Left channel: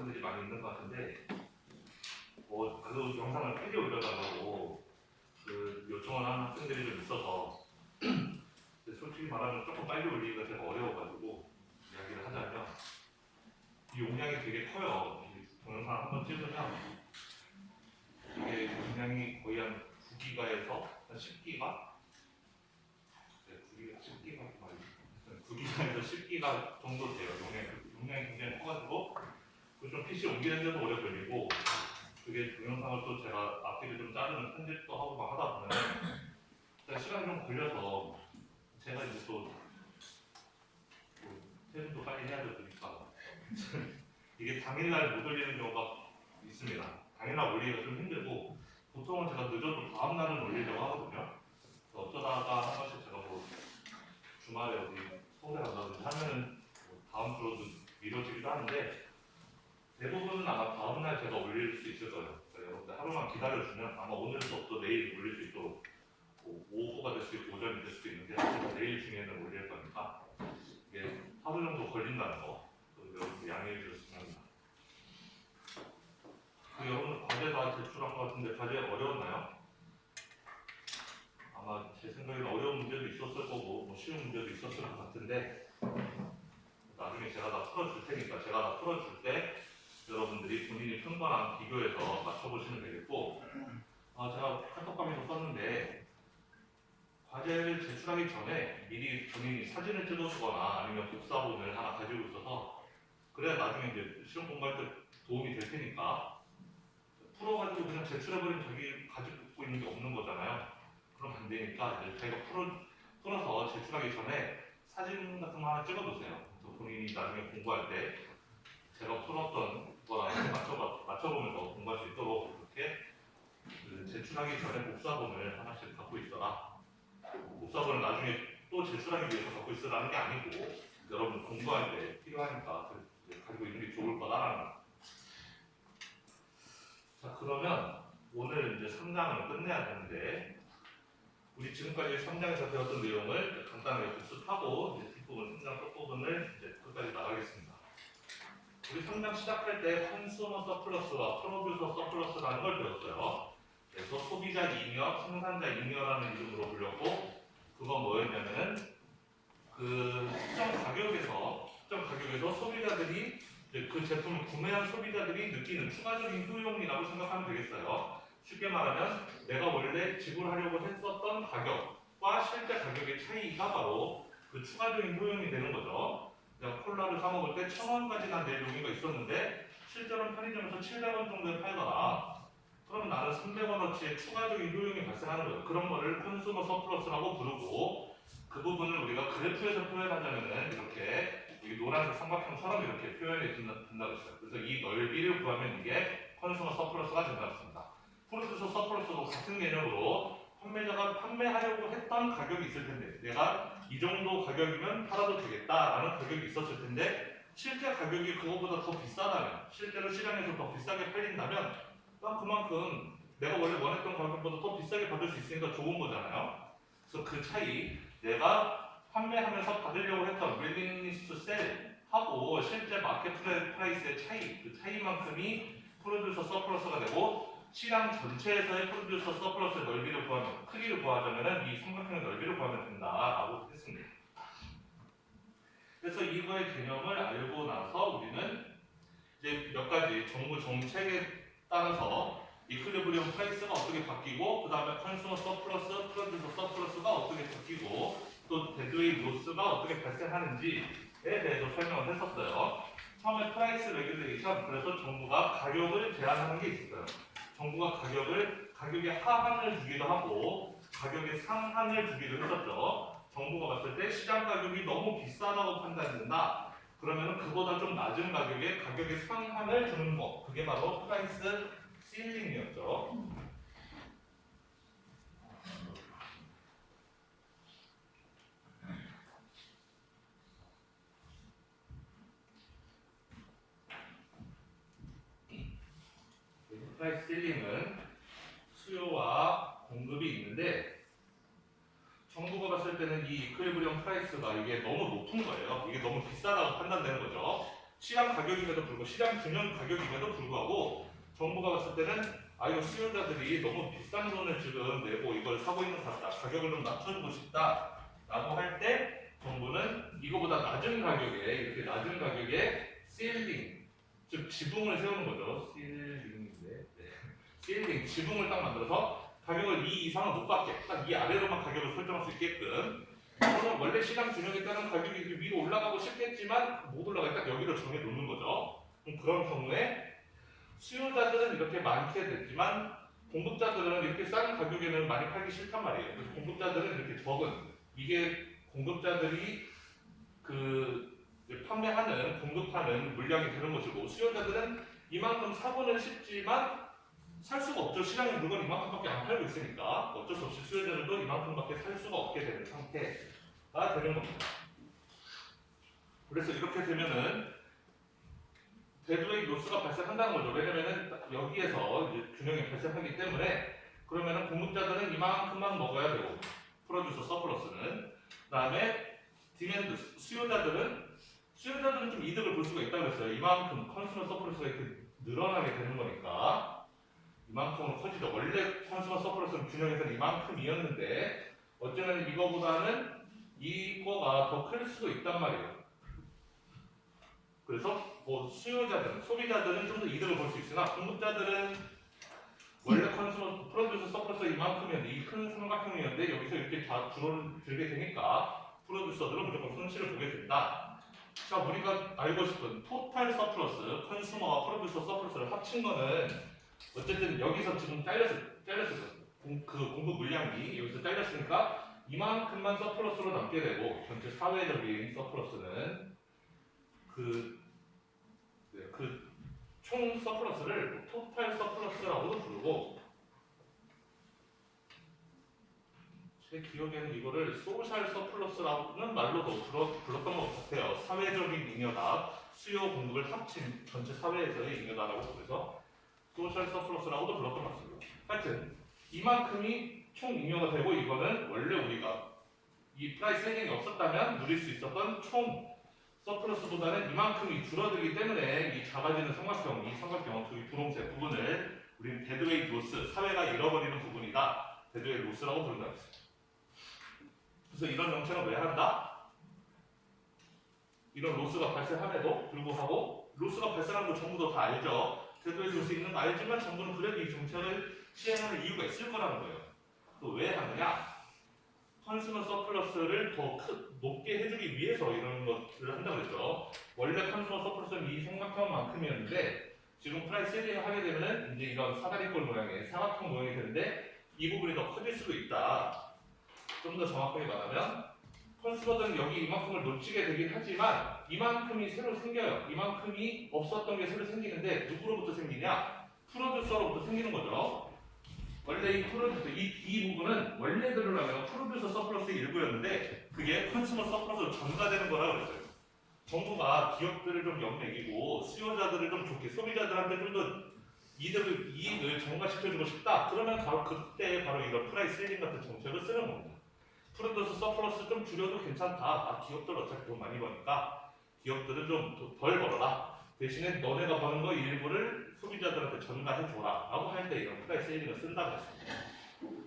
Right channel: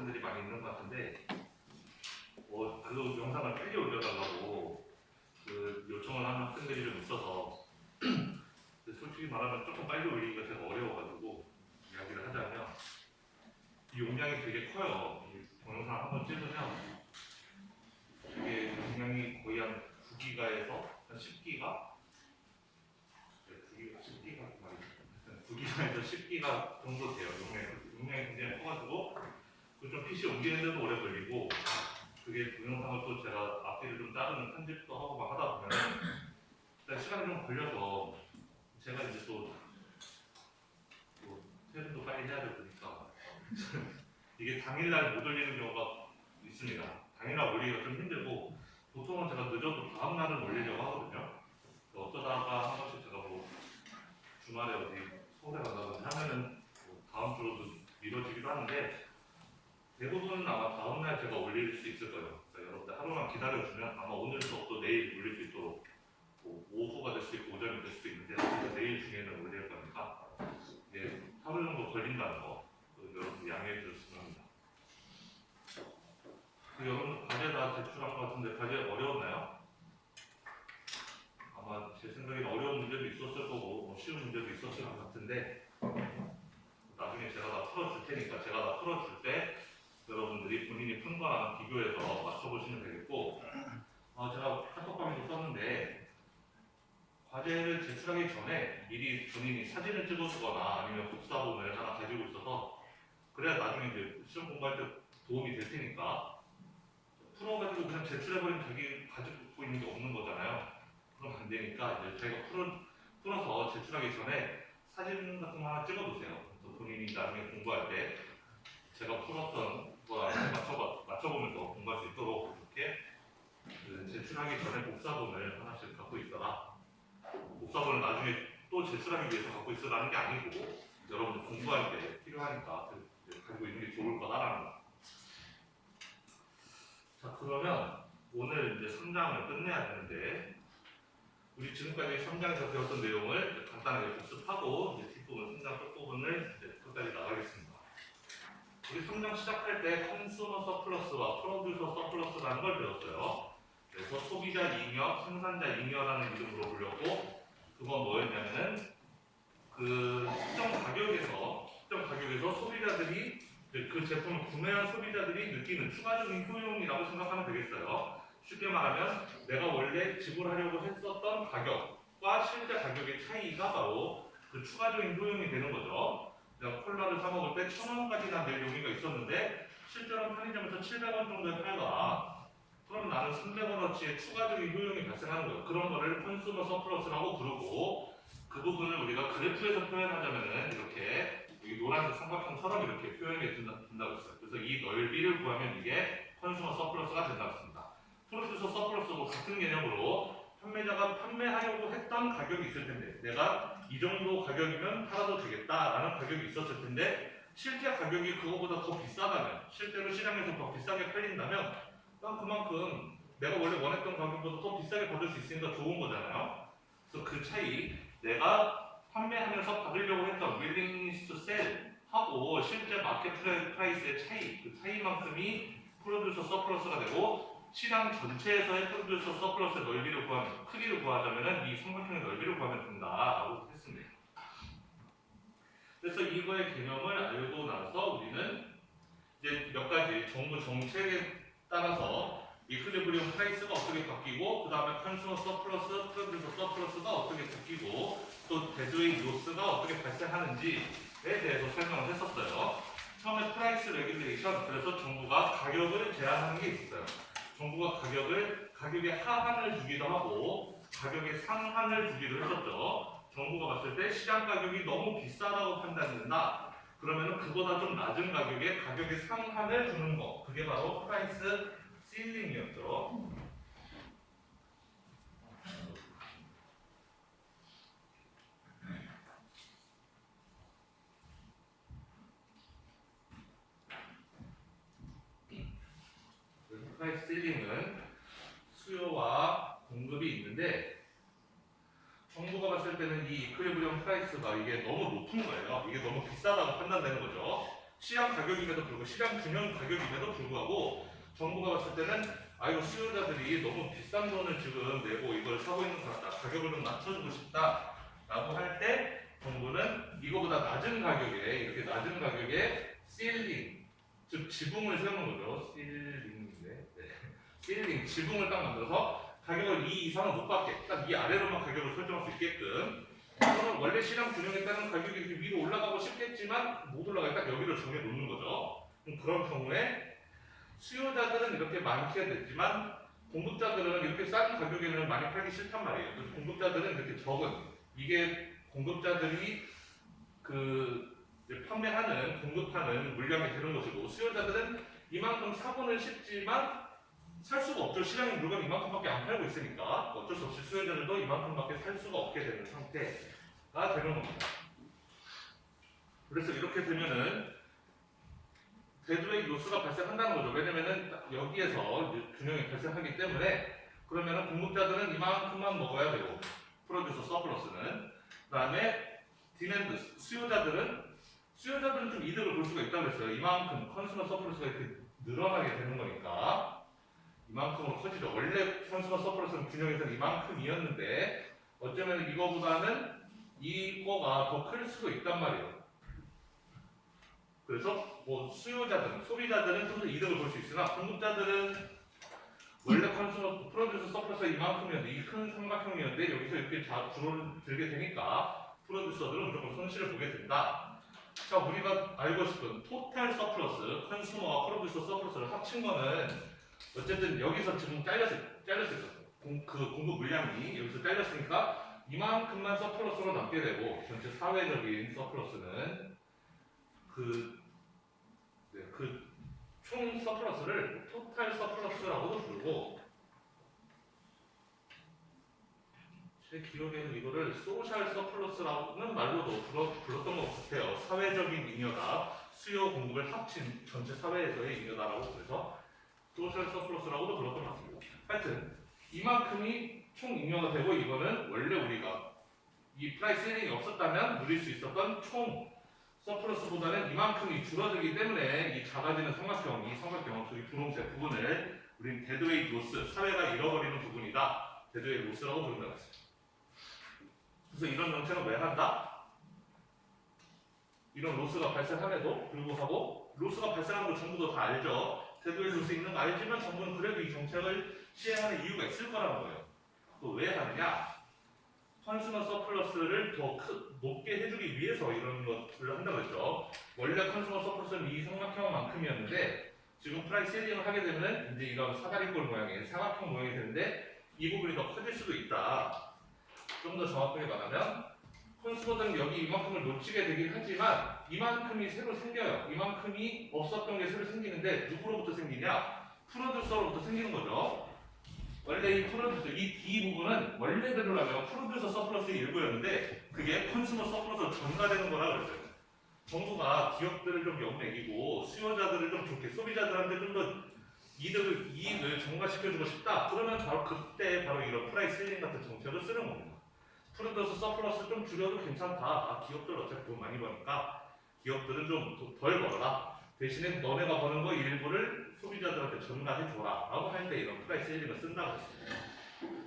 학생들이 많이 있는 것 같은데 그 영상을 빨리 올려달라고 그 요청을 하는 학생들이 좀 있어서 근데 솔직히 말하면 조금 빨리 올리기가 제가 어려워가지고 이야기를 하자면 이 용량이 되게 커요. 이 동영상 한번 찍으면 이게 용량이 거의 한 9기가에서 한 10기가 9기가에서 10기가 정도 돼요. 용량이 굉장히 커가지고 좀 PC 옮기는 데도 오래 걸리고 그게 동영상을 또 제가 앞뒤를 좀 자르는 편집도 하고 막 하다 보면 시간이 좀 걸려서 제가 이제 또 퇴근도 빨리 해야 되니까 이게 당일날 못 올리는 경우가 있습니다. 당일날 올리기가 좀 힘들고 보통은 제가 늦어도 다음날은 올리려고 하거든요. 어쩌다가 한 번씩 제가 뭐 주말에 어디 서울에 간다든지 하면은 다음 주로도 미뤄지기도 하는데 대부분은 아마 다음날 제가 올릴 수 있을 거예요. 그러니까 여러분들 하루만 기다려주면 아마 오늘도 또 내일 올릴 수 있도록 오후가 될 수도 있고 오전이 될 수도 있는데 제가 내일 중에는 올릴 거니까 이게 하루 정도 걸린다는 거 여러분들 양해해 주셨으면 합니다. 여러분 과제 다 제출한 것 같은데 과제 어려웠나요? 아마 제 생각에는 어려운 문제도 있었을 거고 뭐 쉬운 문제도 있었을 것 같은데 나중에 제가 다 풀어줄 테니까 제가 다 풀어줄 때 여러분들이 본인이 푼 거랑 비교해서 맞춰보시면 되겠고 제가 카톡방에도 썼는데 과제를 제출하기 전에 미리 본인이 사진을 찍어주거나 아니면 복사본을 하나 가지고 있어서 그래야 나중에 이제 시험 공부할 때 도움이 될 테니까 풀어가지고 그냥 제출해버리면 자기 가지고 있는 게 없는 거잖아요. 그럼 안 되니까 이제 자기가 풀어서 제출하기 전에 사진 같은 거 하나 찍어두세요. 그래서 본인이 나중에 공부할 때 제가 풀었던 거랑 맞춰보면서 공부할 수 있도록 이렇게 제출하기 전에 복사본을 하나씩 갖고 있어라. 복사본을 나중에 또 제출하기 위해서 갖고 있으라는 게 아니고 여러분 공부할 때 필요하니까 가지고 있는 게 좋을 거다라는 거. 자 그러면 오늘 이제 3장을 끝내야 되는데 우리 지금까지 3장에서 배웠던 내용을 간단하게 복습하고 이제 뒷부분 3장 끝부분을 이제 끝까지 나가겠습니다. 우리 3장 시작할 때 컨슈머 서플러스와 프로듀서 서플러스라는 걸 배웠어요. 그래서 소비자 잉여, 생산자 잉여라는 이름으로 불렸고 그건 뭐였냐면은 그 특정 가격에서 소비자들이 그 제품을 구매한 소비자들이 느끼는 추가적인 효용이라고 생각하면 되겠어요. 쉽게 말하면 내가 원래 지불하려고 했었던 가격과 실제 가격의 차이가 바로 그 추가적인 효용이 되는 거죠. 내가 콜라를 사 먹을 때 1,000원까지 낼 용의가 있었는데 실제로는 편의점에서 700원 정도에 팔더라. 그럼 나는 300원어치의 추가적인 효용이 발생하는 거예요. 그런 거를 컨슈머 서플러스라고 부르고 그 부분을 우리가 그래프에서 표현하자면은 이렇게 여기 노란색 삼각형처럼 이렇게 표현이 된다고 했어요. 그래서 이 넓이를 구하면 이게 컨슈머 서플러스가 된다고 했습니다. 프로듀서 서플러스도 같은 개념으로 판매자가 판매하려고 했던 가격이 있을 텐데 내가 이 정도 가격이면 팔아도 되겠다라는 가격이 있었을 텐데 실제 가격이 그거보다 더 비싸다면 실제로 시장에서 더 비싸게 팔린다면 난 그만큼 내가 원래 원했던 가격보다 더 비싸게 받을 수 있으니까 좋은 거잖아요. 그래서 그 차이 내가 판매하면서 받으려고 했던 willingness to sell 하고 실제 마켓 프라이스의 차이 그 차이만큼이 프로듀서 서플러스가 되고 시장 전체에서의 프로듀서 서플러스의 넓이를 구하면 크기를 구하자면 이 삼각형의 넓이를 구하면 된다라고 했습니다. 그래서 이거의 개념을 알고 나서 우리는 이제 몇 가지 정부 정책에 따라서 이퀄리브리엄 프라이스가 어떻게 바뀌고 그 다음에 컨슈머 서플러스, 프로듀서 서플러스가 어떻게 바뀌고 또 대조의 로스가 어떻게 발생하는지에 대해서 설명을 했었어요. 처음에 프라이스 레귤레이션 그래서 정부가 가격을 제한하는 게 있었어요. 정부가 가격의 하한을 주기도 하고 가격의 상한을 주기도 했었죠. 정부가 봤을 때 시장 가격이 너무 비싸다고 판단된다. 그러면 그보다 좀 낮은 가격의 상한을 주는 거. 그게 바로 프라이스 실링이었죠. 프라이스 실링은 수요와 공급이 있는데 정부가 봤을 때는 이 이퀄리브리엄 프라이스가 이게 너무 높은 거예요. 이게 너무 비싸다고 판단되는 거죠. 시장 가격임에도 불구하고 시장 균형 가격임에도 불구하고 정부가 봤을 때는 이거 수요자들이 너무 비싼 돈을 지금 내고 이걸 사고 있는 것 같다. 가격을 좀 낮춰주고 싶다라고 할 때 정부는 이거보다 낮은 가격에 이렇게 낮은 가격에 실링 즉 지붕을 세우는 거죠. 실링인데 실링 지붕을 딱 만들어서 가격을 이 이상은 못 받게 딱 이 아래로만 가격을 설정할 수 있게끔 그러면 원래 시장 균형에 따른 가격이 이렇게 위로 올라가고 싶겠지만 못 올라가 딱 여기를 정해 놓는 거죠. 그런 경우에 수요자들은 이렇게 많게 됐지만 공급자들은 이렇게 싼 가격에는 많이 팔기 싫단 말이에요. 그래서 공급자들은 이렇게 적은 이게 공급자들이 그 판매하는 공급하는 물량이 되는 것이고 수요자들은 이만큼 사고는 싶지만 살 수가 없죠. 시장에 물건 이만큼밖에 안 팔고 있으니까 어쩔 수 없이 수요자들도 이만큼밖에 살 수가 없게 되는 상태가 되는 겁니다. 그래서 이렇게 되면은 대두의 로스가 발생한다는 거죠. 왜냐면은 여기에서 이제 균형이 발생하기 때문에 그러면은 공급자들은 이만큼만 먹어야 되고 프로듀서 서플러스는 그다음에 디맨드 수요자들은 좀 이득을 볼 수가 있다고 했어요. 이만큼 컨슈머 서플러스가 이렇게 늘어나게 되는 거니까 이만큼으로 커지죠. 원래 컨슈머 서플러스는 균형에서는 이만큼이었는데 어쩌면 이거보다는 이거가 더 클 수도 있단 말이에요. 그래서 뭐 수요자들, 소비자들은 좀 더 이득을 볼 수 있으나 공급자들은 원래 컨슈머 프로듀서 서플러스가 이만큼이었는데 이 큰 삼각형이었는데 여기서 이렇게 줄어들게 되니까 프로듀서들은 무조건 손실을 보게 된다. 자, 우리가 알고 싶은 토탈 서플러스, 컨슈머와 프로듀서 서플러스를 합친 거는 어쨌든 여기서 지금 잘렸어요. 그 공급 물량이 여기서 잘렸으니까 이만큼만 서플러스로 남게 되고 전체 사회적인 서플러스는 총 서플러스를 토탈 서플러스라고도 부르고 제 기억에는 이거를 소셜 서플러스라는 말로도 불렀던 것 같아요. 사회적인 잉여다, 수요 공급을 합친 전체 사회에서의 잉여다라고 그래서 소셜 서플러스라고도 불렀던 것 같습니다. 하여튼 이만큼이 총 잉여가 되고 이거는 원래 우리가 이 프라이스 셀링이 없었다면 누릴 수 있었던 총 서플러스보다는 이만큼이 줄어들기 때문에 이 작아지는 삼각형, 이 삼각형, 저기 분홍색 부분을 우린 데드웨이트 로스, 사회가 잃어버리는 부분이다. 데드웨이트 로스라고 부른다고 했어요. 그래서 이런 정책은 왜 한다? 이런 로스가 발생함에도 불구하고 로스가 발생하는 거 정부도 다 알죠. 데드웨이트 로스 있는 거 알지만 정부는 그래도 이 정책을 시행하는 이유가 있을 거라는 거예요. 그 왜 하느냐? 컨슈머 서플러스를 더 높게 해주기 위해서 이런 것들을 한다고 했죠. 원래 컨슈머 서플러스는 이 삼각형만큼이었는데 지금 프라이스 셀링을 하게 되면은 이제 이런 사다리꼴 모양의 사각형 모양이 되는데 이 부분이 더 커질 수도 있다. 좀 더 정확하게 말하면 컨슈머들은 여기 이만큼을 놓치게 되긴 하지만 이만큼이 새로 생겨요. 이만큼이 없었던 게 새로 생기는데 누구로부터 생기냐? 프로듀서로부터 생기는 거죠. 원래 이 프로듀서, 이 D 부분은 원래대로라면 프로듀서 서플러스의 일부였는데 그게 컨슈머 서플러스로 전가되는 거라고 그랬어요. 정부가 기업들을 좀 역매기고 수요자들을 좀 좋게 소비자들한테 좀 더 이익을 전가시켜주고 싶다. 그러면 바로 그때 바로 이런 프라이스 셀링 같은 정책을 쓰는 겁니다. 프로듀서 서플러스 좀 줄여도 괜찮다. 기업들 어차피 돈 많이 버니까 기업들은 좀 덜 벌어라. 대신에 너네가 버는 거 일부를 소비자들한테 전가해줘라 라고 할 때 이런 프라이스 셀링을 쓴다고 했습니다.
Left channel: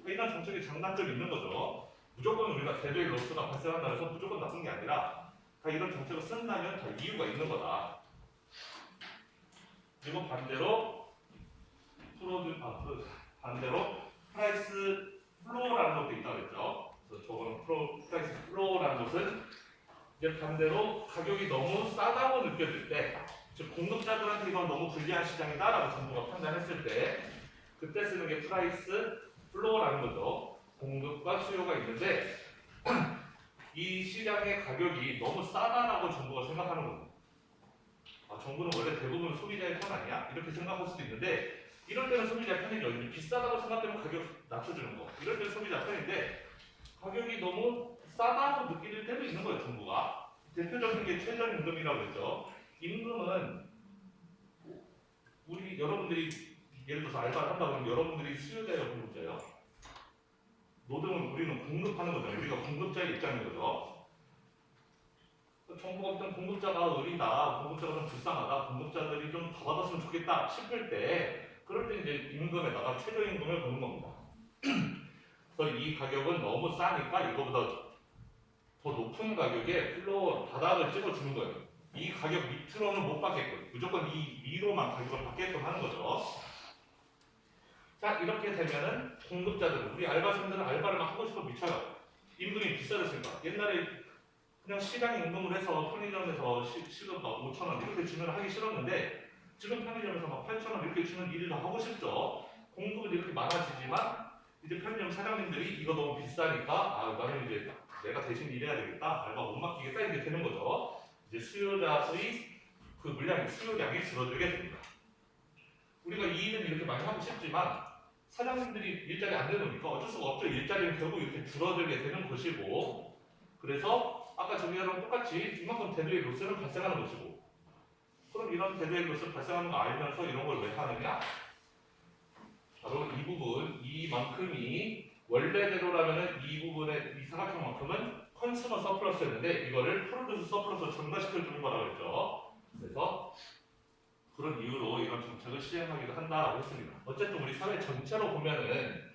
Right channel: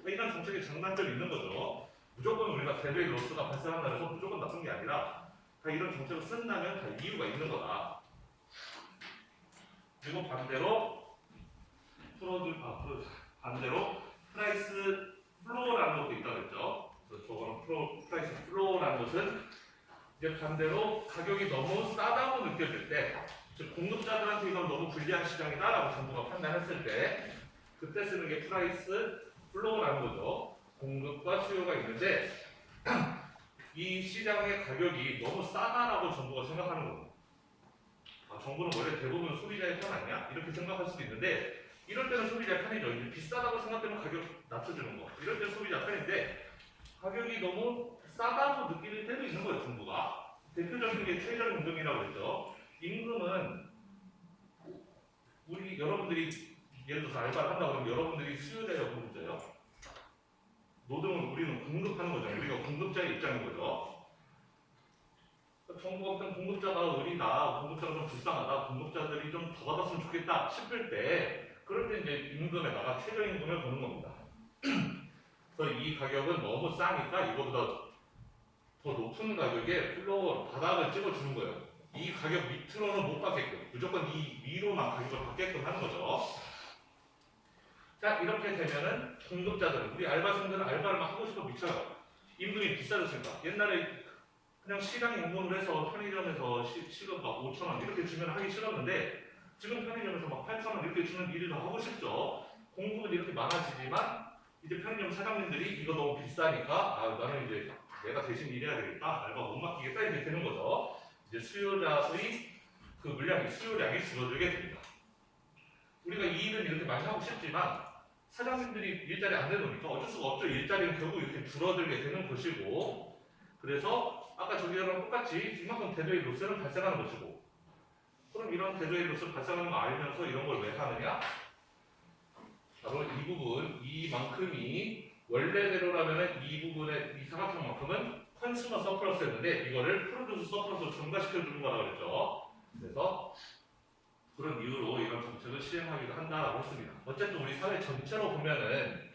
이런 정책이 장단점이 있는 거죠. 무조건 우리가 데드웨이트 로스가 발생한다 해서 무조건 나쁜 게 아니라 다 이런 정책을 쓴다면 다 이유가 있는 거다. 그리고 반대로 프라이스 플로어라는 것도 있다고 했죠. 그래서 저거는 프라이스 플로어라는 것은 이제 반대로 가격이 너무 싸다고 느껴질 때, 즉 공급자들한테 이건 너무 불리한 시장이다라고 정부가 판단했을 때 그때 쓰는 게 프라이스 플로어라는 거죠. 공급과 수요가 있는데 이 시장의 가격이 너무 싸다라고 정부가 생각하는 겁니다. 정부는 원래 대부분 소비자의 편 아니야? 이렇게 생각할 수도 있는데 이럴 때는 소비자의 편이죠. 이제 비싸다고 생각되면 가격 낮춰주는 거. 이럴 때는 소비자 편인데 가격이 너무 싸다고 느낄 때도 있는 거예요. 정부가. 대표적인 게 최저임금이라고 했죠. 임금은 우리 여러분들이 예를 들어서 알바를 한다고 그러면 여러분들이 수요자예요, 공급자예요? 노동을 우리는 공급하는 거죠. 우리가 공급자의 입장인 거죠. 정부가 어떤 공급자가 의리다, 공급자가 좀 불쌍하다, 공급자들이 좀 더 받았으면 좋겠다 싶을 때 그럴 때 이제 임금에다가 최저임금을 거는 겁니다. 그래서 이 가격은 너무 싸니까 이거보다 더 높은 가격에 플로어 바닥을 찍어주는 거예요. 이 가격 밑으로는 못 받게끔 무조건 이 위로만 가격을 받게끔 하는 거죠. 자, 이렇게 되면은 공급자들은 우리 알바생들은 알바를 막 하고 싶어 미쳐요. 임금이 비싸졌으니까. 옛날에 그냥 시간 임금을 해서 편의점에서 시급 막 5,000원 이렇게 주면 하기 싫었는데 지금 편의점에서 막 8,000원 이렇게 주는 일을 더 하고 싶죠. 공급은 이렇게 많아지지만 이제 편의점 사장님들이 이거 너무 비싸니까 아 나는 이제 내가 대신 일해야 되겠다, 알바 못 맡기겠다 이렇게 되는 거죠. 이제 수요자의 그 물량이 수요량이 줄어들게 됩니다. 우리가 이 일은 이렇게 많이 하고 싶지만 사장님들이 일자리 안 내놓으니까 어쩔 수가 없죠. 일자리는 결국 이렇게 줄어들게 되는 것이고, 그래서 아까 전제랑 똑같이 이만큼 대도의 로스는 발생하는 것이고, 그럼 이런 대도의 로스 발생하는 거 알면서 이런 걸 왜 하느냐? 바로 이 부분, 이만큼이 원래대로라면은 이 부분의 이 사각형만큼은 컨슈머 서플러스였는데 이거를 프로듀스 서플러스로 전가시켜 주는 거라고 그랬죠. 그래서 그런 이유로 이런 정책을 시행하기도 한다라고 했습니다. 어쨌든 우리 사회 전체로 보면은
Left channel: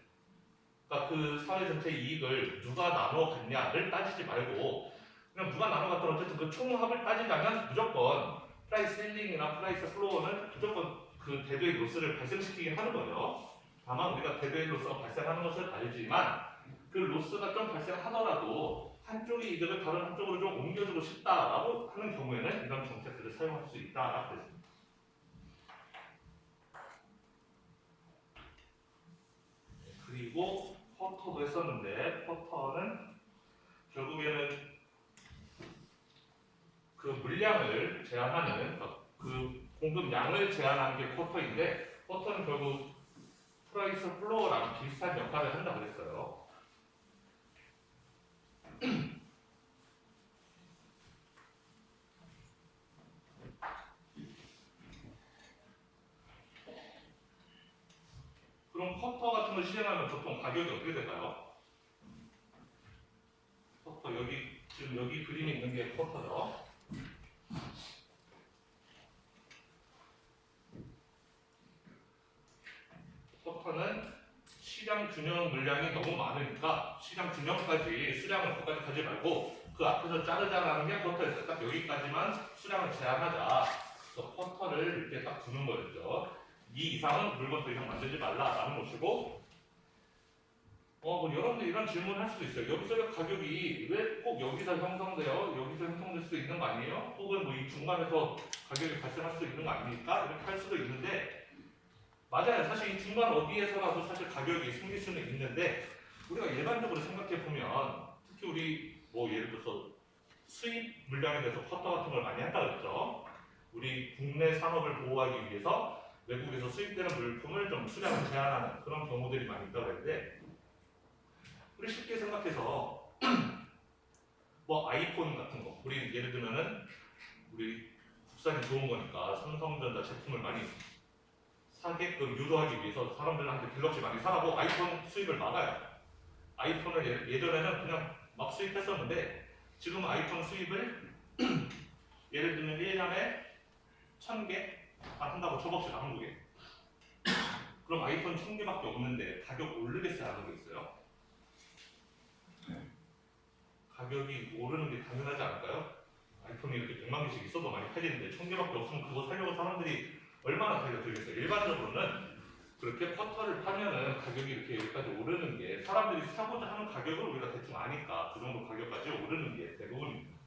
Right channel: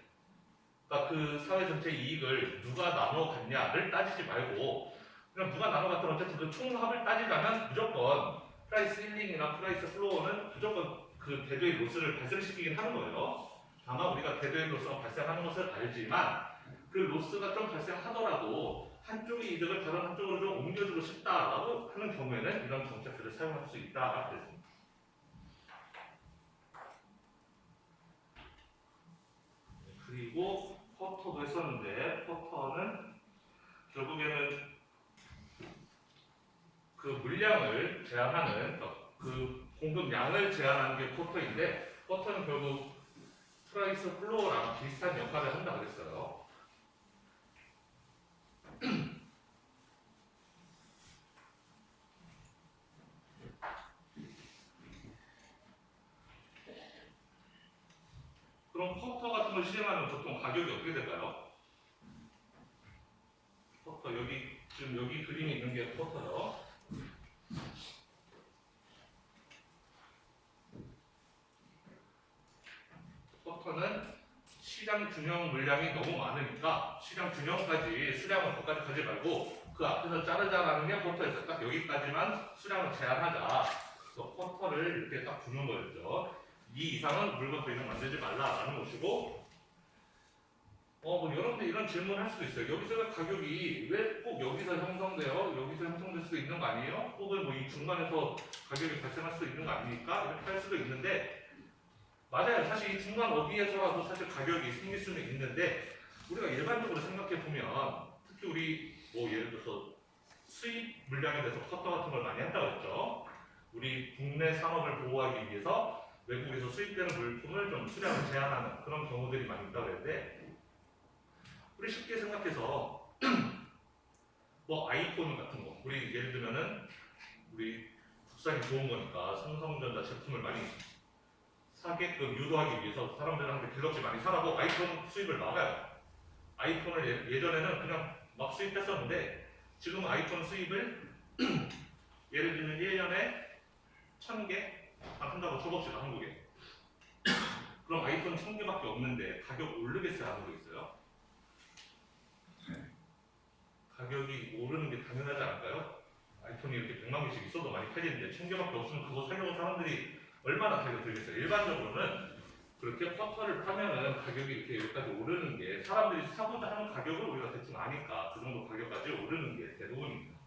그러니까 그 사회 전체의 이익을 누가 나눠 갔냐를 따지지 말고 그냥 누가 나눠 갔든 어쨌든 그 총합을 따지자면 무조건 프라이스 힐링이나 프라이스 플로어는 무조건 그 대도의 로스를 발생시키긴 하는 거예요. 다만 우리가 대도의 로스가 발생하는 것을 알지만 그 로스가 좀 발생하더라도 한쪽의 이득을 다른 한쪽으로 좀 옮겨주고 싶다라고 하는 경우에는 이런 정책들을 사용할 수 있다라고 했습니다. 그리고 포터도 했었는데 포터는 결국에는 그 물량을 제한하는 그 공급량을 제한하는 게 포터인데 포터는 결국 프라이스 플로어랑 비슷한 역할을 한다 그랬어요. 그럼 포터 같은 걸 시행하면 보통 가격이 어떻게 될까요? 포터 여기 지금 여기 그림이 있는 게 포터죠. 포터는 시장 균형 물량이 너무 많으니까 시장 균형까지 수량을 거기까지 가지 말고 그 앞에서 자르자라는 게 포터였어요. 딱 여기까지만 수량을 제한하자. 그래서 포터를 이렇게 딱 주는 거였죠. 이 이상은 물건 더 이상 만들지 말라라는 것이고, 뭐 여러분들 이런 질문을 할 수도 있어요. 여기서 가격이 왜 꼭 여기서 형성돼요? 여기서 형성될 수도 있는 거 아니에요? 혹은 뭐 이 중간에서 가격이 발생할 수도 있는 거 아닙니까? 이렇게 할 수도 있는데 맞아요. 사실 이 중간 어디에서라도 사실 가격이 생길 수는 있는데 우리가 일반적으로 생각해 보면 특히 우리 뭐 예를 들어서 수입 물량에 대해서 쿼터 같은 걸 많이 한다 그랬죠. 우리 국내 산업을 보호하기 위해서 외국에서 수입되는 물품을 좀 수량을 제한하는 그런 경우들이 많이 있다 그랬는데 우리 쉽게 생각해서 뭐 아이폰 같은 거 우리 예를 들면은 우리 국산이 좋은 거니까 삼성전자 제품을 많이 사게끔 유도하기 위해서 사람들한테 갤럭시 많이 사라고 아이폰 수입을 막아요. 아이폰을 예전에는 그냥 막 수입했었는데 지금 아이폰 수입을 예를 들면 1년에 1000개 한다고 쳐봅시다. 한국에. 그럼 아이폰 1000개밖에 없는데 가격 오르겠어요? 안 오르겠어요? 가격이 오르는 게 당연하지 않을까요? 아이폰이 이렇게 100만 개씩 있어도 많이 팔리는데 1000개밖에 없으면 그거 사려고 사람들이 얼마나 달려들겠어요? 일반적으로는 그렇게 쿼터를 파면은 가격이 이렇게 여기까지 오르는 게 사람들이 사고자 하는 가격을 우리가 대충 아니까 그 정도 가격까지 오르는 게 대부분입니다.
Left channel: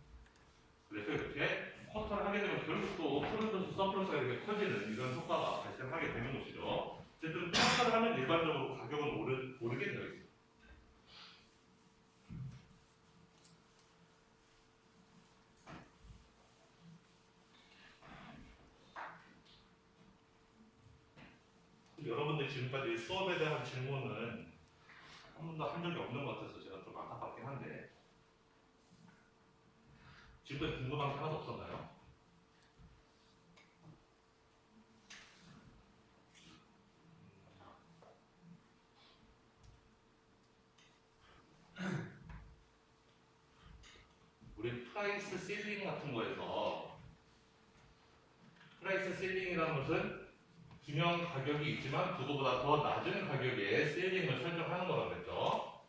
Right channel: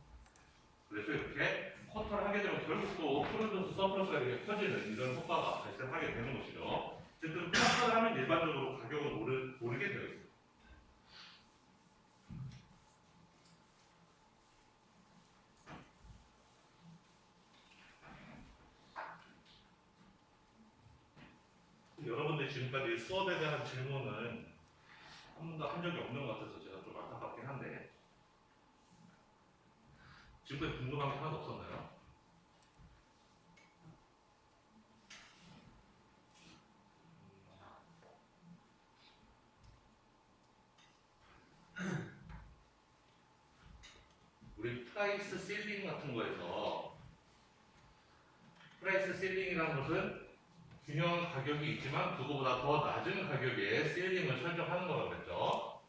그래서 이렇게 쿼터를 하게 되면 결국 또 프로듀스 서플러스가 이렇게 커지는 이런 효과가 발생하게 되는 것이죠. 어쨌든 쿼터를 하면 일반적으로 가격은 오르게 되어 있습니다. 여러분들 지금까지 수업에 대한 질문은 한 번도 한 적이 없는 것 같아서 제가 좀 안타깝긴 한데 지금까지 궁금한 게 하나도 없었나요? 우리 프라이스 실링 같은 거에서 프라이스 실링이라는 것은 균형 가격이 있지만 그거보다 더 낮은 가격에 실링을 설정하는 거라고 그랬죠.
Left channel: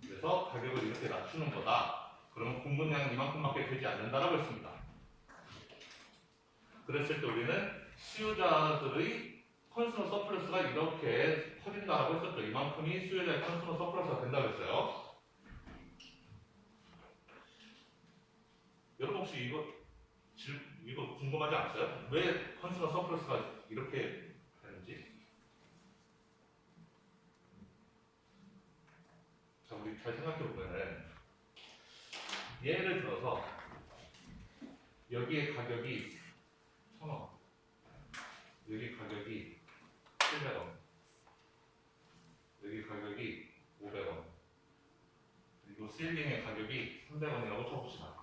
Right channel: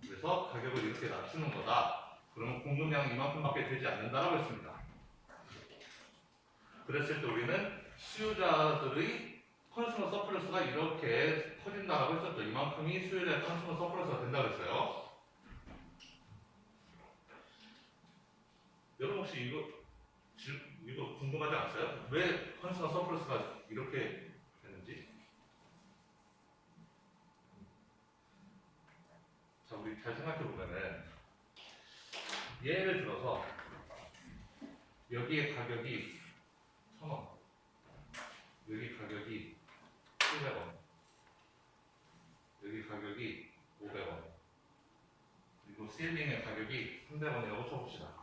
그래서 가격을 이렇게 낮추는 거다. 그러면 공급량이 이만큼밖에 되지 않는다라고 했습니다. 그랬을 때 우리는 수요자들의 컨슈머 서플러스가 이렇게 커진다라고 했었죠. 이만큼이 수요자의 컨슈머 서플러스가 된다고 했어요. 여러분 혹시 이거 궁금하지 않으세요? 왜 컨슈머 서플러스가 이렇게 되는지? 자, 우리 잘 생각해 보면은 예를 들어서 여기에 가격이 1,000원, 여기 가격이 700원, 여기 가격이 500원, 그리고 실링의 가격이 300원이라고 쳐봅시다.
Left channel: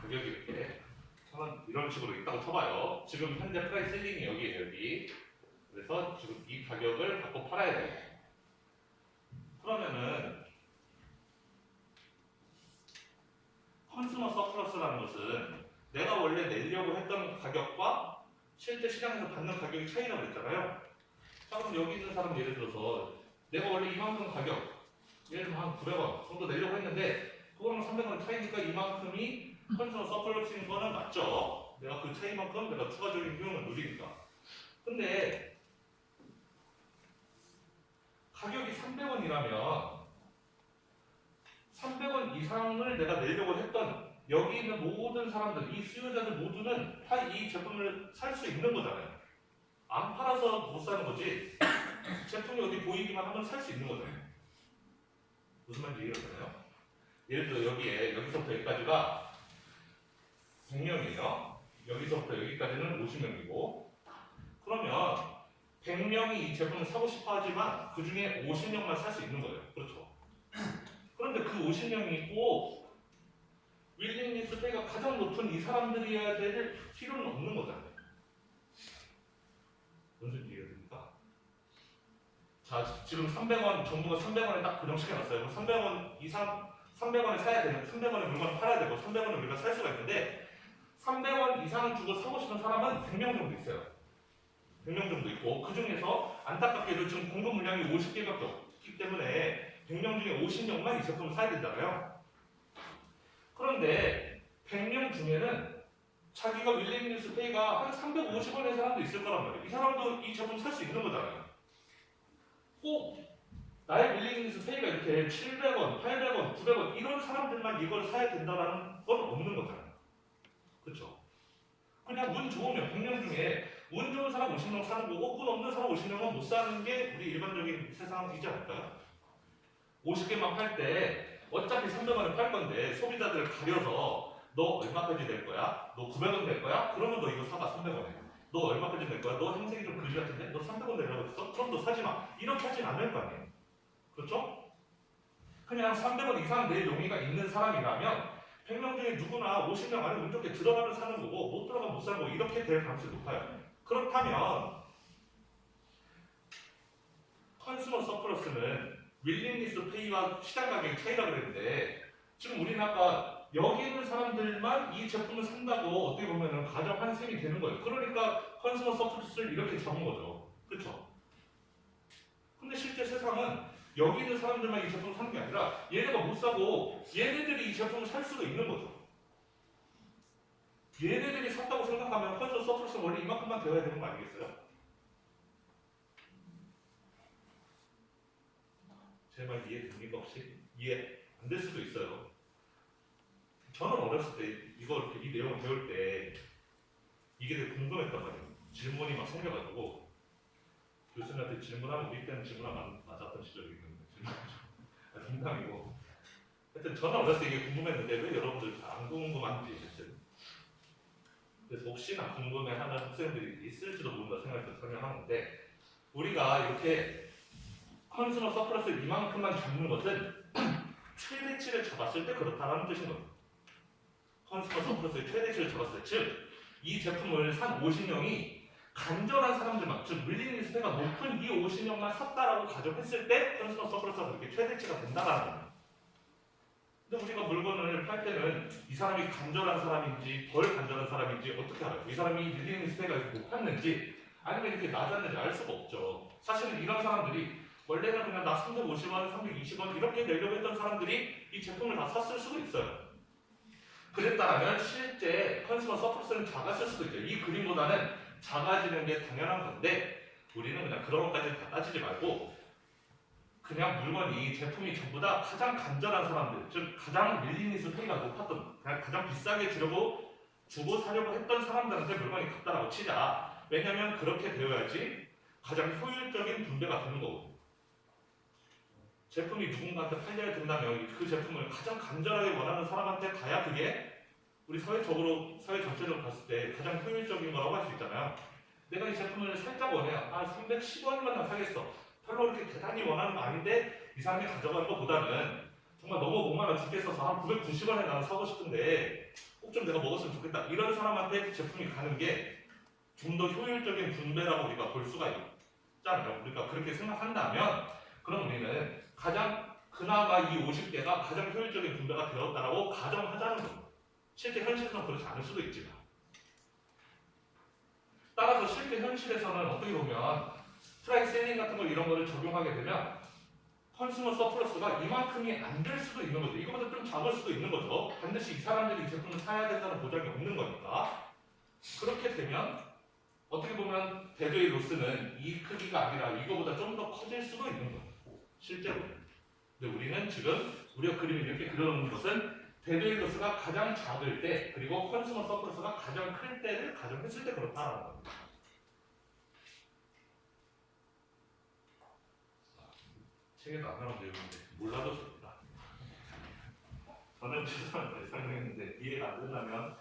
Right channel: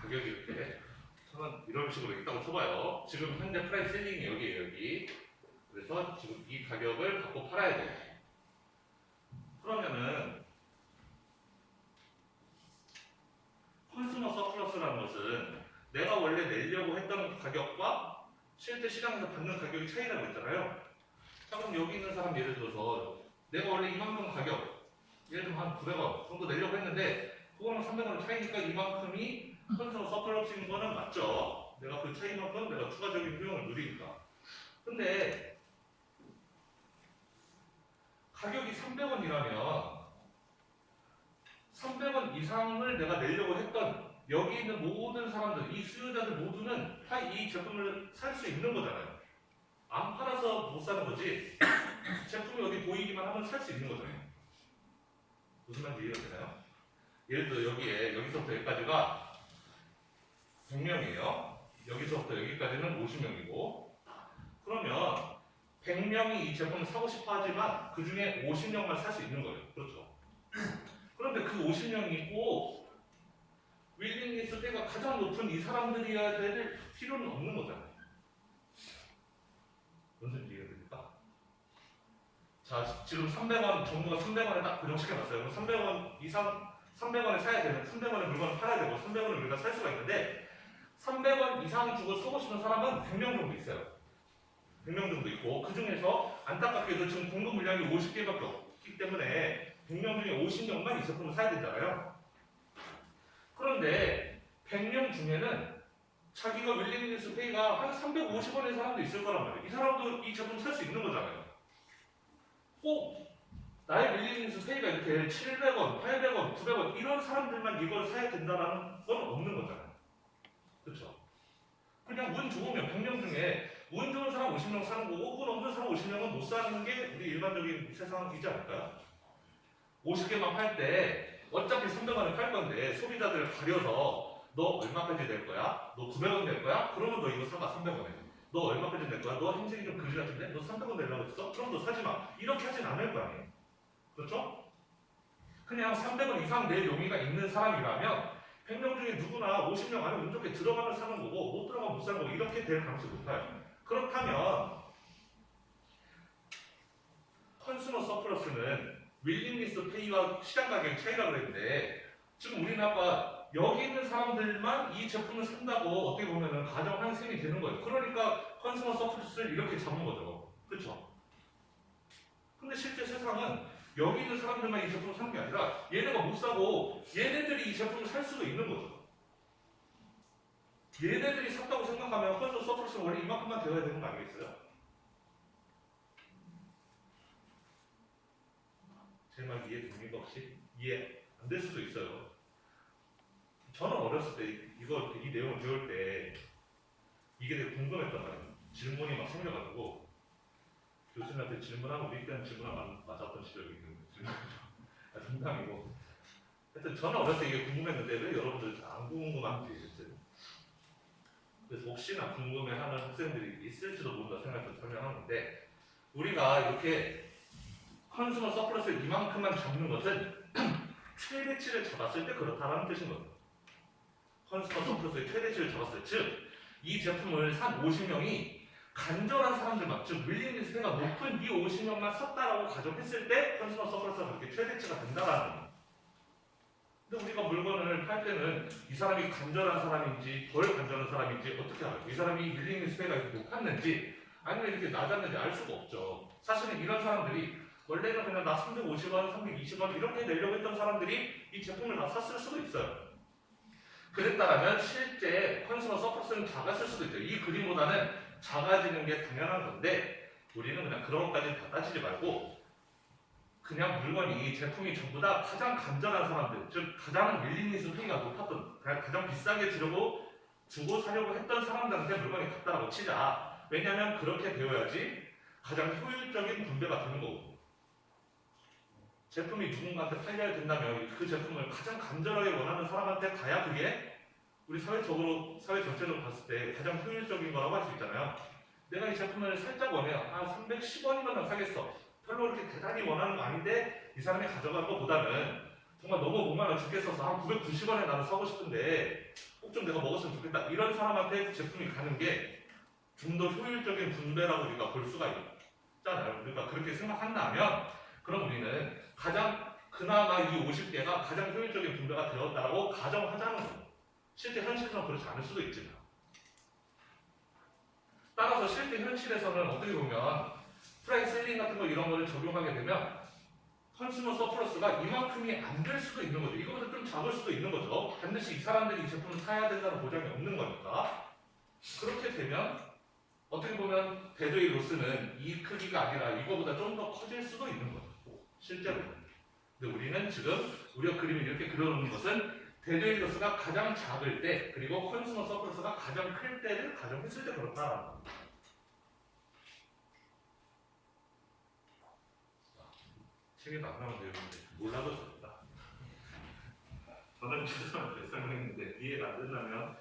가격이 이렇게 1,000원 이런 식으로 있다고 쳐봐요. 지금 현재 프라이스 실링이 여기에요, 여기. 그래서 지금 이 가격을 갖고 팔아야 돼요. 그러면은 컨슈머 서플러스라는 것은 내가 원래 내려고 했던 가격과 실제 시장에서 받는 가격이 차이라고 했잖아요. 자, 그럼 여기 있는 사람 예를 들어서 내가 원래 이만큼 가격, 예를 들면 한 900원 정도 내려고 했는데 그거랑 300원 차이니까 이만큼이 컨슈머 서플러스인 거는 맞죠. 내가 그 차이만큼 내가 추가적인 효용을 누리니까. 근데 가격이 300원이라면 300원 이상을 내가 내려고 했던 여기 있는 모든 사람들, 이 수요자들 모두는 다 이 제품을 살 수 있는 거잖아요. 안 팔아서 못 사는 거지. 제품이 어디 보이기만 하면 살 수 있는 거잖아요. 무슨 말인지 이해가 되나요? 예를 들어 여기서부터 여기까지가 100명이에요. 여기서부터 여기까지는 50명이고 그러면 100명이 이 제품을 사고 싶어 하지만 그 중에 50명만 살 수 있는 거예요. 그렇죠? 그런데 그 50명이 꼭 윌링리스 페이가 가장 높은 이 사람들이어야 될 필요는 없는 거잖아요. 무슨 이해가 됩니까? 자, 지금 300원, 정부가 300원에 딱 고정시켜놨어요. 그럼 300원 이상, 300원에 사야 되는, 300원에 물건을 팔아야 되고 300원을 우리가 살 수가 있는데 300원 이상 주고 사고 싶은 사람은 100명 정도 있어요. 100명 정도 있고 그 중에서 안타깝게도 지금 공급 물량이 50개밖에 없기 때문에 100명 중에 50명만 이 제품을 사야 되잖아요. 그런데 100명 중에는 자기가 윌링리스 페이가 한 350원의 사람도 있을 거란 말이에요. 이 사람도 이 제품 살 수 있는 거잖아요. 꼭 나의 윌링리스 페이가 이렇게 700원, 800원, 900원 이런 사람들만 이걸 사야 된다는 건 없는 거잖아요. 그렇죠? 그냥 운 좋으면 100명 중에 운 좋은 사람 50명 사는 거고 운 없는 사람 50명은 못 사는 게 우리 일반적인 세상이지 않을까요? 50개만 팔 때 어차피 300원에 팔 건데 소비자들을 가려서 너 얼마까지 낼 거야? 너 900원 낼 거야? 그러면 너 이거 사가 300원에. 너 얼마까지 낼 거야? 너 행색이 좀 그지 같은데? 너 300원 내려고 했어? 그럼 너 사지 마. 이렇게 하진 않을 거 아니에요. 그렇죠? 그냥 300원 이상 낼 용의가 있는 사람이라면 100명 중에 누구나 50명 안에 운 좋게 들어가면 사는 거고 못 들어가면 못 사는 거고 이렇게 될 가능성이 높아요. 그렇다면 컨슈머 서플러스는 윌링리스 페이와 시장 가격의 차이라고 그랬는데 지금 우리는 아까 여기 있는 사람들만 이 제품을 산다고 어떻게 보면은 가정한 셈이 되는 거예요. 그러니까 컨슈머 서플러스를 이렇게 잡은 거죠. 그렇죠? 근데 실제 세상은 여기 있는 사람들만 이 제품을 사는 게 아니라 얘네가 못 사고 얘네들이 이 제품을 살 수도 있는 거죠. 얘네들이 샀다고 생각하면 컨슈머 서플러스는 원래 이만큼만 되어야 되는 거 아니겠어요? 제 말 이해됩니까 혹시? 이해 안 될 수도 있어요. 저는 어렸을 때 이 내용을 배울 때 이게 되게 궁금했단 말이에요. 질문이 막 생겨가지고 교수님한테 질문하고 우리 때는 질문 맞았던 시절이 있는데 질문이죠. 농담이고. 하여튼 저는 어렸을 때 이게 궁금했는데 왜 여러분들 안 궁금한지 했어요. 그래서 혹시나 궁금해하는 학생들이 있을지도 모른다 생각해서 설명하는데 우리가 이렇게 컨슈머 서플러스를 이만큼만 잡는 것은 최대치를 잡았을 때 그렇다라는 뜻인 거예요. 컨슈머 서플러스의 최대치를 잡았을 때, 즉 이 제품을 산 50명이 간절한 사람들만, 즉 윌링리스가 높은 이 50명만 샀다라고 가정했을 때 컨슈머 서플러스가 그렇게 최대치가 된다라는 거예요. 근데 우리가 물건을 팔 때는 이 사람이 간절한 사람인지 덜 간절한 사람인지 어떻게 알아요? 이 사람이 릴링 스페가 이렇게 높았는지 아니면 이렇게 낮았는지 알 수가 없죠. 사실은 이런 사람들이 원래는 그냥 나 350원, 320원 이렇게 내려고 했던 사람들이 이 제품을 다 샀을 수도 있어요. 그랬다면 실제 컨슈머 서플러스는 작았을 수도 있어요. 이 그림보다는 작아지는 게 당연한 건데 우리는 그냥 그런 것까지 다 따지지 말고 그냥 물건이 제품이 전부 다 가장 간절한 사람들, 즉 가장 윌리니스 페이가 높았던, 가장 비싸게 주고 사려고 했던 사람들한테 물건이 갔다라고 치자. 왜냐하면 그렇게 되어야지 가장 효율적인 분배가 되는 거거든요. 제품이 누군가한테 팔려야 된다면 그 제품을 가장 간절하게 원하는 사람한테 가야 그게 우리 사회 전체로 봤을 때 가장 효율적인 거라고 할 수 있잖아요. 내가 이 제품을 살짝 원해요. 310원이면 사겠어. 별로 그렇게 대단히 원하는 거 아닌데 이 사람이 가져가는 것보다는 정말 너무 목말라 죽겠어서 한 990원에 나는 사고 싶은데 꼭 좀 내가 먹었으면 좋겠다. 이런 사람한테 제품이 가는 게 좀 더 효율적인 분배라고 우리가 볼 수가 있잖아요. 우리가 그렇게 생각한다면 그럼 우리는 그나마 이 50개가 가장 효율적인 분배가 되었다라고 가정하자는 거예요. 실제 현실에서는 그렇지 않을 수도 있지만 따라서 실제 현실에서는 어떻게 보면 프라이스 셀링 같은 거 이런 거를 적용하게 되면 컨슈머 서플러스가 이만큼이 안 될 수도 있는 거죠. 이거보다 좀 작을 수도 있는 거죠. 반드시 이 사람들이 이 제품을 사야 된다는 보장이 없는 거니까. 그렇게 되면 어떻게 보면 데드웨이 로스는 이 크기가 아니라 이거보다 좀 더 커질 수도 있는 거예요. 실제로는. 근데 우리는 지금 우리가 그림을 이렇게 그려놓는 것은 데드웨이 로스가 가장 작을 때 그리고 컨슈머 서플러스가 가장 클 때를 가정했을 때 그렇다라는 겁니다. 책에도 안 나온 내용인데 몰라도 됩니다. 저는 죄송한데 설명했는데 이해가 안 된다면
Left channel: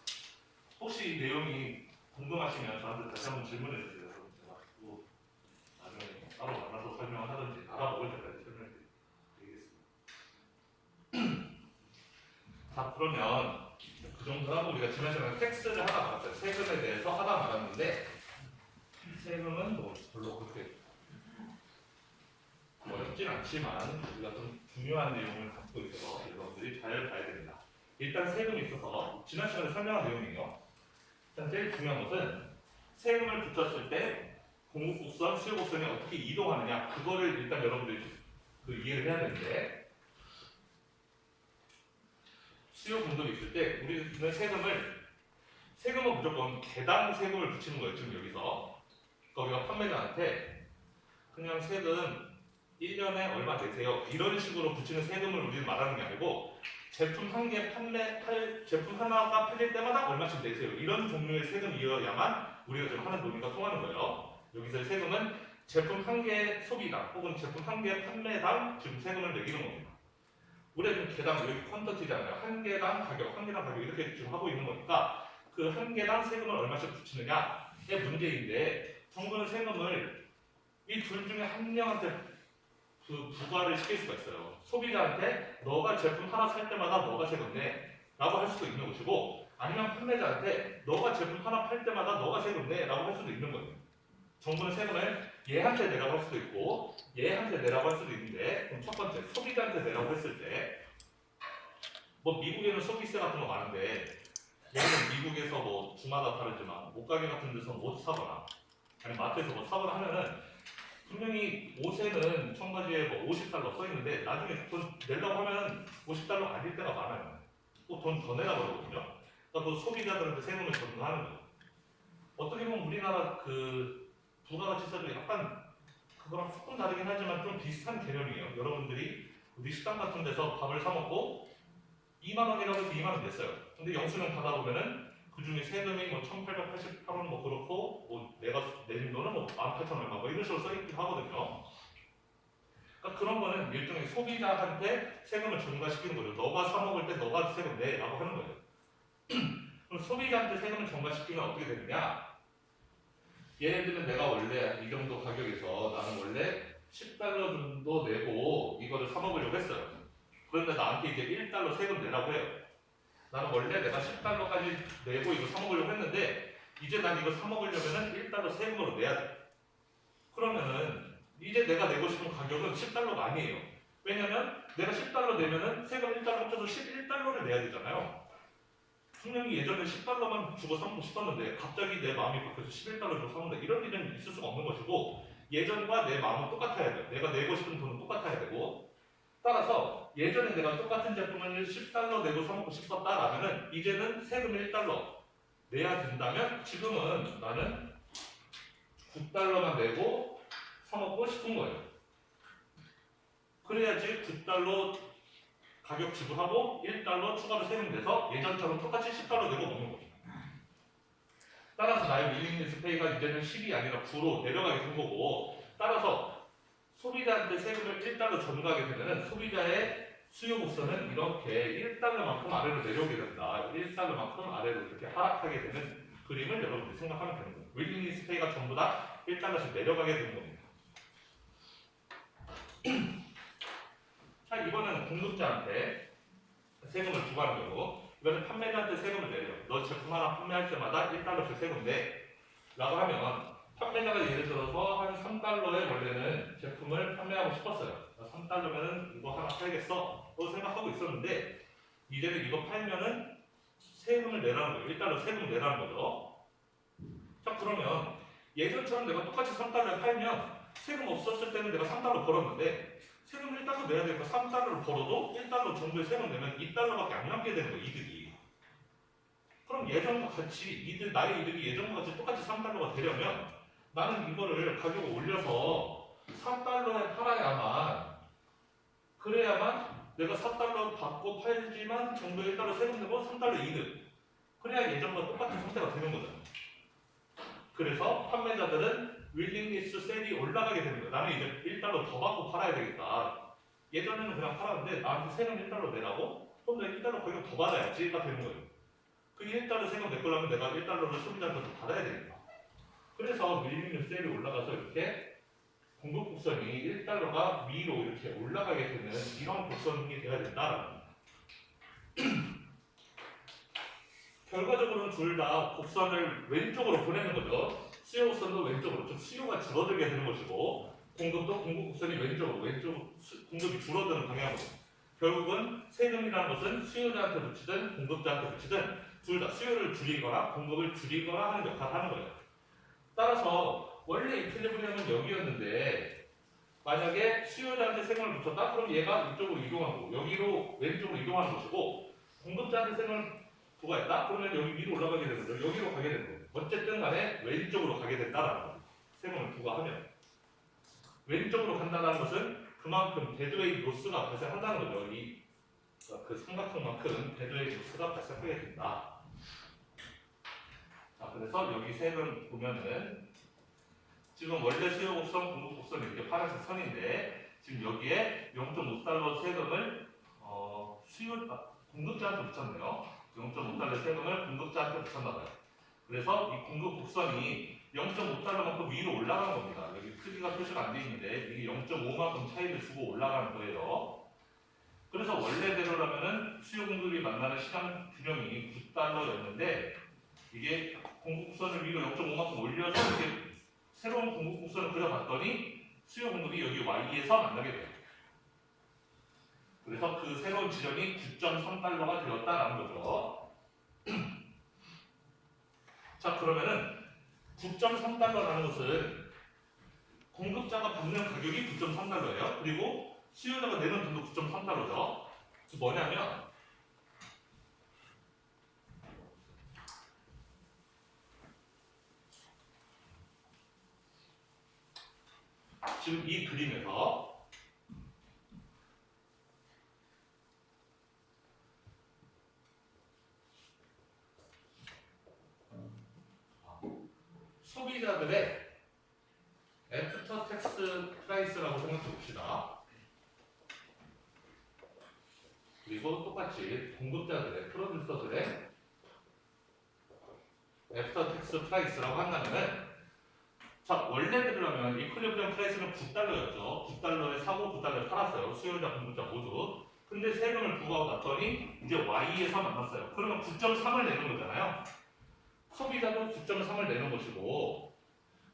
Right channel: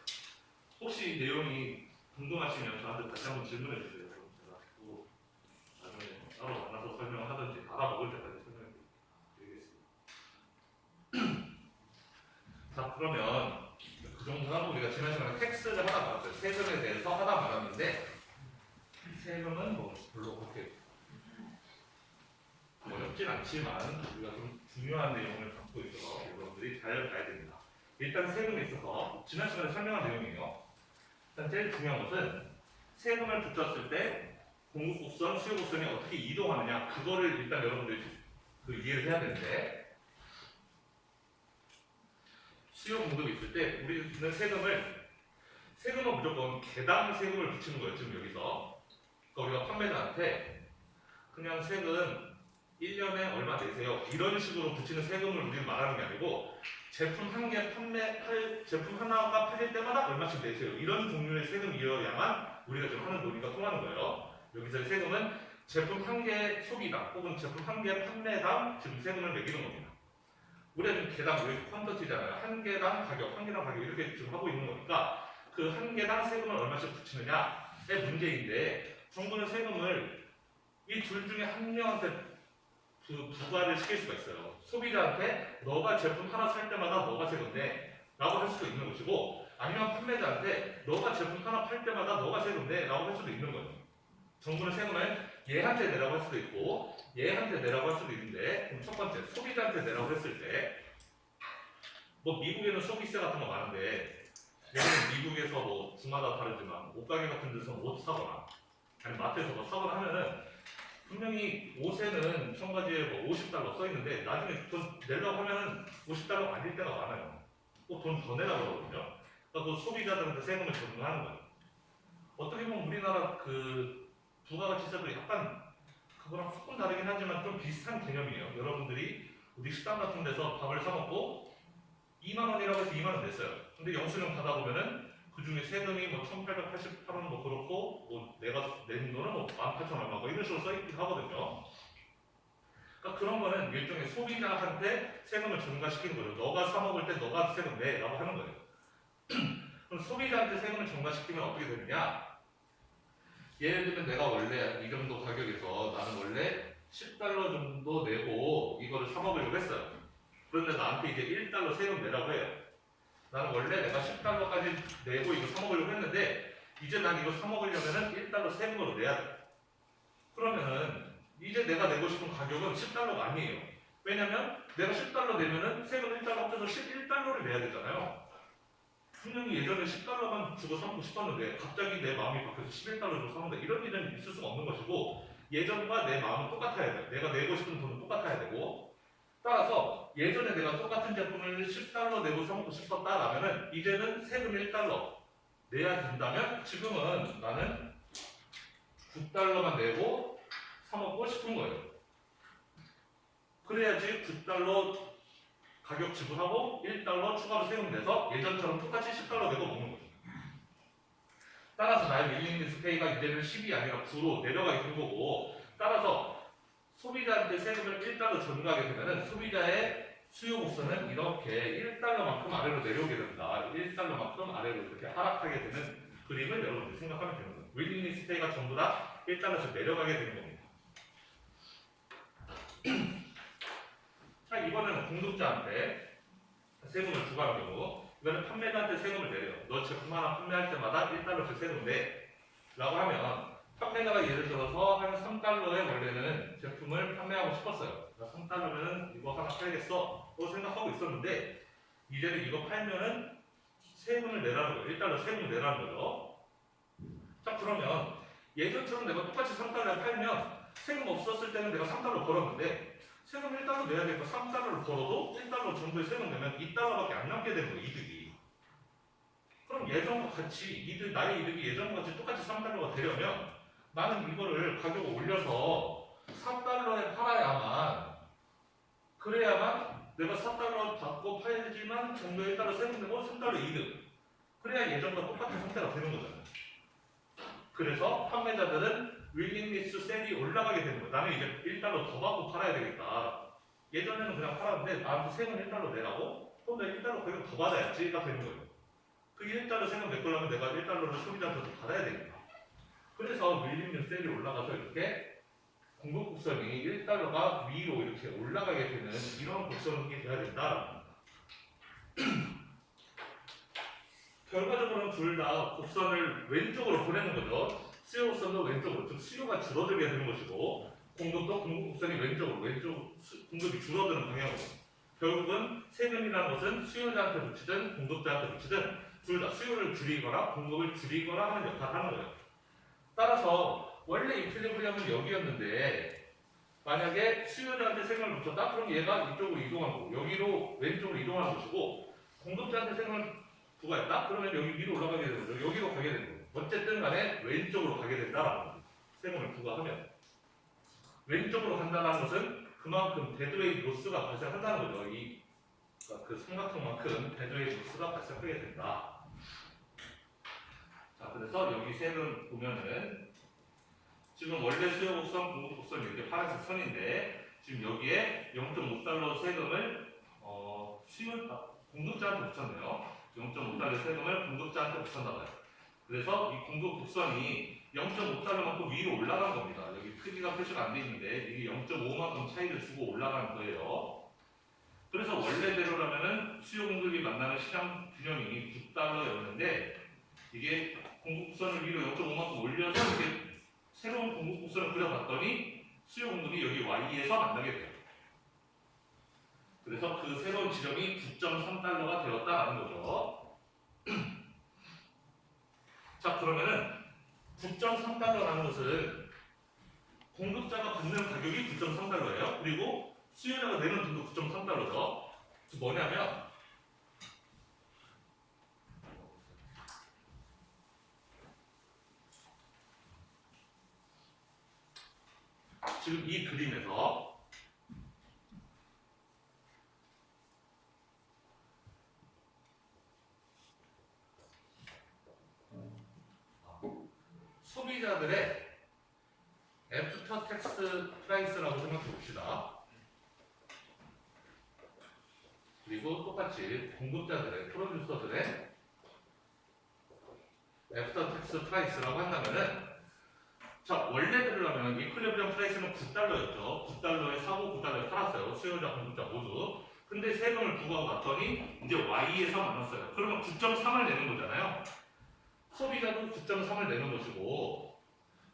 혹시 내용이 궁금하시면 저한테 다시 한번 질문해 주세요. 그럼 제가 또 나중에 따로 만나서 설명을 하든지 알아먹을 때까지 설명해 드리겠습니다. 자, 그러면 그 정도 하고 우리가 지난 시간에 텍스를 하나 말았어요. 세금에 대해서 하나 말았는데 세금은 뭐 별로 그렇게 어렵진 않지만 우리가 좀 중요한 내용을 갖고 있어서 여러분들이 잘 봐야 됩니다. 일단 세금에 있어서 지난 시간에 설명한 내용이에요. 일단 제일 중요한 것은 세금을 붙였을 때 공급곡선, 수요곡선이 어떻게 이동하느냐 그거를 일단 여러분들이 이해를 해야 되는데 수요 공급이 있을 때 우리는 세금은 무조건 개당 세금을 붙이는 거예요. 지금 여기서 거기가 판매자한테 그냥 세금 1년에 얼마 내세요. 이런 식으로 붙이는 세금을 우리는 말하는 게 아니고 제품 제품 하나가 팔릴 때마다 얼마씩 내세요. 이런 종류의 세금이어야만 우리가 지금 하는 논의가 통하는 거예요. 여기서의 세금은 제품 한 개 소비당 혹은 제품 한 개 판매당 지금 세금을 매기는 겁니다. 우리는 개당 여기 퀀터티잖아요. 한 개당 가격 이렇게 지금 하고 있는 거니까 그 한 개당 세금을 얼마씩 붙이느냐의 문제인데 정부는 세금을 이 둘 중에 한 명한테 부과를 시킬 수가 있어요. 소비자한테 너가 제품 하나 살 때마다 너가 세금 내 라고 할 수도 있는 것이고 아니면 판매자한테 너가 제품 하나 팔 때마다 너가 세금 내 라고 할 수도 있는 거예요. 정부는 세금을 얘한테 내라고 할 수도 있고 얘한테 내라고 할 수도 있는데 그럼 첫 번째 소비자한테 내라고 했을 때 뭐 미국에는 소비세 같은 거 많은데 예를 미국에서 뭐 주마다 다르지만 옷가게 같은 데서 옷 사거나 아니 마트에서 뭐 사거나 하면은 분명히 옷에는 첨가지에 뭐 $50 써 있는데 나중에 돈 내려고 하면은 $50 아닐 때가 많아요. 꼭 돈 더 내라 그러거든요. 그러니까 그 소비자들한테 세금을 적용하는 거예요. 어떻게 보면 우리나라 그 부가가치세도 약간 그거랑 조금 다르긴 하지만 좀 비슷한 개념이에요. 여러분들이 우리 식당 같은 데서 밥을 사 먹고 2만 원이라고 해서 2만 원 냈어요. 근데 영수증 받아보면은 그 중에 세금이 뭐 1,888원 뭐 그렇고 뭐 내가 낸 돈은 뭐 18,000원 뭐 이런 식으로 써있긴 하거든요. 그러니까 그런 거는 일종의 소비자한테 세금을 전가시키는 거죠. 너가 사 먹을 때 너가 세금 내라고 하는 거예요. 그럼 소비자한테 세금을 전가시키면 어떻게 되느냐? 예를 들면 내가 원래 이 정도 가격에서 나는 원래 $10 정도 내고 이거를 사 먹으려고 했어요. 그런데 나한테 이제 $1 세금 내라고 해요. 나는 원래 내가 $10까지 내고 이거 사 먹으려고 했는데 이제 난 이거 사 먹으려면은 $1 세금으로 내야 돼. 그러면은 이제 내가 내고 싶은 가격은 $10가 아니에요. 왜냐면 내가 10달러 내면은 세금 1달러 합쳐서 11달러를 내야 되잖아요. 분명히 예전에 10달러만 주고 사고 싶었는데 갑자기 내 마음이 바뀌어서 11달러 주고 사는데 이런 일은 있을 수가 없는 것이고 예전과 내 마음은 똑같아야 돼요. 내가 내고 싶은 돈은 똑같아야 되고 따라서 예전에 내가 똑같은 제품을 10달러 내고 사먹고 싶었다라면은 이제는 세금 1달러 내야 된다면 지금은 나는 9달러만 내고 사먹고 싶은 거예요. 그래야지 9달러 가격 지불하고 1달러 추가로 세금 내서 예전처럼 똑같이 10달러 내고 먹는 거죠. 따라서 나의 윌링니스 페이가 이제는 10이 아니라 9로 내려가게 된 거고 따라서 소비자한테 세금을 1달러 전가하게 되면 소비자의 수요 곡선은 이렇게 1달러만큼 아래로 내려오게 된다. 1달러만큼 아래로 이렇게 하락하게 되는 그림을 여러분들 생각하면 되는 거예요. 윌링니스 페이가 전부 다 1달러씩 내려가게 되는 겁니다. 자, 이번에는 공급자한테 세금을 부과하는 경우 이번엔 판매자한테 세금을 내려요. 너 제품 하나 판매할 때마다 1달러씩 세금 내 라고 하면 판매자가 예를 들어서 한 3달러에 원래는 제품을 판매하고 싶었어요. 3달러면은 이거 하나 팔겠어 라고 생각하고 있었는데 이제는 이거 팔면은 세금을 내라는 거예요. 1달러 세금을 내라는 거죠. 자, 그러면 예전처럼 내가 똑같이 3달러에 팔면 세금 없었을 때는 내가 3달러 벌었는데 세금 1달러 내야 되니까 3달러를 벌어도 1달러 정도의 세금 내면 2달러밖에 안 남게 되는 거예요. 이득이. 그럼 예전과 같이 나의 이득이 예전과 같이 똑같이 3달러가 되려면 나는 이거를 가격을 올려서 4달러에 팔아야만 그래야만 내가 4달러 받고 팔지만 정도의 1달러 세금 내고 3달러 이득 그래야 예전과 똑같은 상태가 되는 거잖아요. 그래서 판매자들은 윌링리스 셀이 올라가게 되는 거예요. 나는 이제 1달러 더 받고 팔아야 되겠다. 예전에는 그냥 팔았는데 나한테 세금 1달러 내라고? 그럼 내가 1달러 가격 더 받아야지가 되는 거예요. 그 1달러 세금 내거려면 내가 1달러를 소비자한테 받아야 되니까. 그래서 윌링리스 셀이 올라가서 이렇게 공급 곡선이 1달러가 위로 이렇게 올라가게 되는 이런 곡선이 돼야 된다. 결과적으로는 둘 다 곡선을 왼쪽으로 보내는 거죠. 수요 곡선도 왼쪽으로, 즉 수요가 줄어들게 되는 것이고 공급도 공급 곡선이 왼쪽으로, 공급이 줄어드는 방향으로. 결국은 세금이라는 것은 수요자한테 붙이든 공급자한테 붙이든 둘 다 수요를 줄이거나 공급을 줄이거나 하는 역할을 하는 거예요. 따라서 원래 이퀄리브리엄은 여기였는데 만약에 수요자한테 세금을 붙였다? 그럼 얘가 이쪽으로 이동하는 거고 여기로 왼쪽으로 이동하는 것이고 공급자한테 세금을 부과했다? 그러면 여기 위로 올라가게 되는 거죠. 여기로 가게 되는 거예요. 어쨌든 간에 왼쪽으로 가게 된다라는 거예요. 세금을 부과하면. 왼쪽으로 간다는 것은 그만큼 데드웨이 로스가 발생한다는 거죠. 그 삼각형만큼 데드웨이 로스가 발생하게 된다. 자, 그래서 여기 세금 보면은 지금 원래 수요 곡선, 공급 곡선 이렇게 파란색 선인데 지금 여기에 0.5달러 세금을 공급자한테 붙였네요. 0.5달러 세금을 공급자한테 붙였나봐요. 그래서 이 공급 곡선이 0.5달러만큼 위로 올라간 겁니다. 여기 크기가 표시가 안 돼 있는데 이게 0.5만큼 차이를 주고 올라가는 거예요. 그래서 원래대로라면은 수요 공급이 만나는 시장 균형이 9달러였는데 이게 공급 곡선을 위로 0.5만큼 올려서 이렇게 새로운 공급 곡선을 그려봤더니 수요 공급이 여기 Y에서 만나게 돼요. 그래서 그 새로운 지점이 9.3달러가 되었다라는 거죠. 자, 그러면은 9.3달러라는 것은 공급자가 받는 가격이 9.3달러예요. 그리고 수요자가 내는 돈도 9.3달러죠. 뭐냐면 지금 이 그림에서 소비자들의 애프터 텍스 프라이스라고 생각해 봅시다. 그리고 똑같이 공급자들의 프로듀서들의 애프터 텍스 프라이스라고 한다면은 자, 원래대로라면 이퀄리브리엄 프라이스는 9달러였죠. 9달러에 사고 9달러에 팔았어요. 수요자 공급자 모두. 근데 세금을 부과하고 났더니 이제 Y에서 만났어요. 그러면 9.3을 내는 거잖아요. 소비자도 9.3을 내는 것이고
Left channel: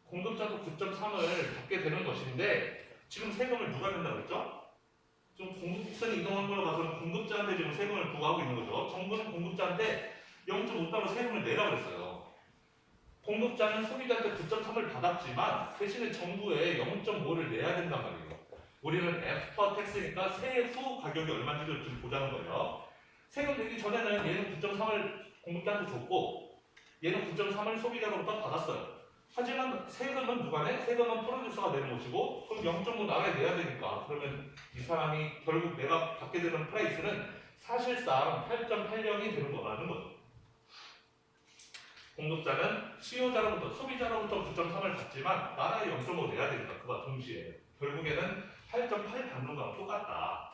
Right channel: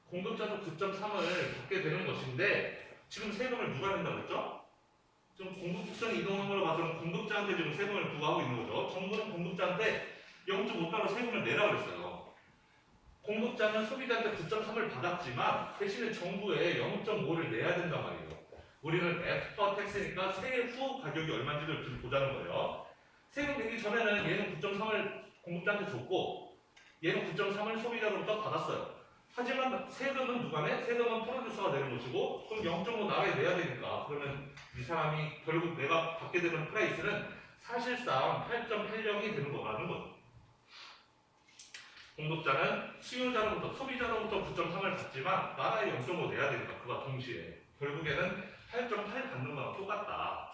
공급자도 9.3을 받게 되는 것인데 지금 세금을 누가 낸다고 했죠? 좀 공급선이 이동한 걸로 봐서는 공급자한테 지금 세금을 부과하고 있는 거죠. 정부는 공급자한테 0.5달러 세금을 내라 그랬어요. 공급자는 소비자한테 9.3을 받았지만 대신에 정부에 0.5를 내야 된단 말이에요. 우리는 애프터 텍스니까 세후 가격이 얼마인지를 보자는 거예요. 세금 내기 전에는 얘는 9.3을 공급자한테 줬고 얘는 9.3을 소비자로부터 받았어요. 하지만 세금은 누가 내? 세금은 프로듀서가 내는 것이고 그럼 0.5 나라에 내야 되니까 그러면 이 사람이 결국 내가 받게 되는 프라이스는 사실상 8.80이 되는 거라는 거죠. 공급자는 수요자로부터 소비자로부터 9.3을 받지만 나라에 0.5 내야 되니까 그와 동시에 결국에는 8.8 받는 거랑 똑같다.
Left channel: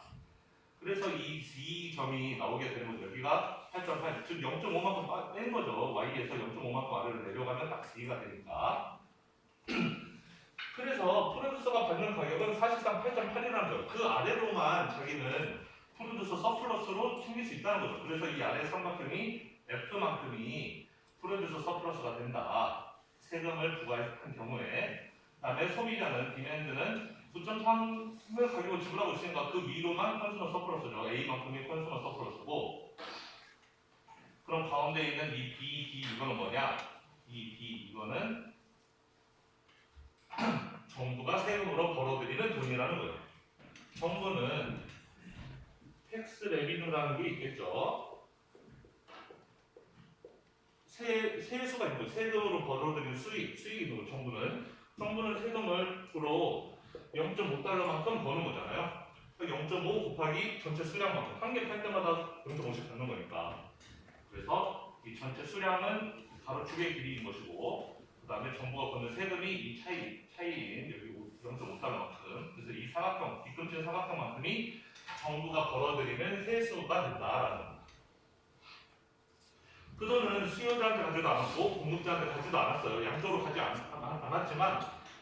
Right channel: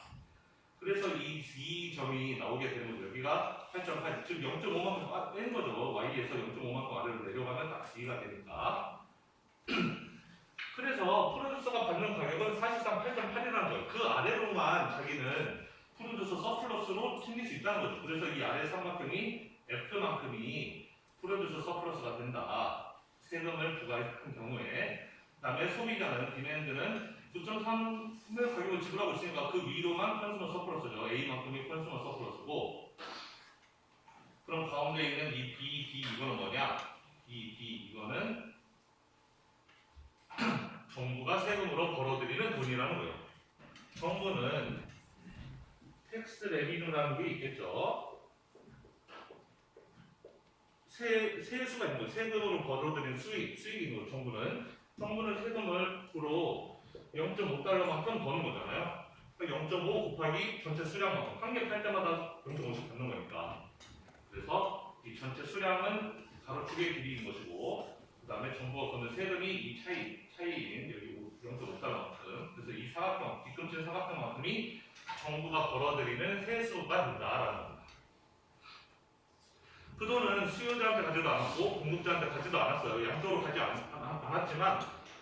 그래서 이 점이 나오게 되는 거죠. 여기가 8.8 지금 0.5만큼 빼는 거죠. Y에서 0.5만큼 아래로 내려가면 딱 C가 되니까. 그래서 프로듀서가 받는 가격은 사실상 8.8이라는 거예요. 그 아래로만 자기는 프로듀서 서플러스로 챙길 수 있다는 거죠. 그래서 이 아래 삼각형이 F만큼이 프로듀서 서플러스가 된다. 세금을 부과한 경우에. 그다음에 소비자는 디맨드는 9.3을 가격을 지불하고 있으니까 그 위로만 컨슈머 서플러스죠. A만큼이 컨슈머 서플러스고. 그럼 가운데 있는 이 B, D 이거는 뭐냐? 이 D 이거는 정부가 세금으로 벌어들이는 돈이라는 거예요. 정부는 텍스 레비뉴라는 게 있겠죠. 세수가 있는 거예요. 세금으로 벌어들인 수익이고 정부는 세금으로 0.5달러만큼 버는 거잖아요. 0.5 곱하기 전체 수량만큼 한 개 팔 때마다 0.5씩 받는 거니까. 그래서 이 전체 수량은 가로축의 길이인 것이고 그 다음에 정부가 거는 세금이 이 차이인 여기 0.5달러만큼 그래서 이 사각형, 뒤꿈치 사각형만큼이 정부가 벌어들이는 세수가 된다라는 겁니다. 그 돈은 수요자한테 가지도 않았고 공급자한테 가지도 않았어요. 양쪽으로 가지 않았지만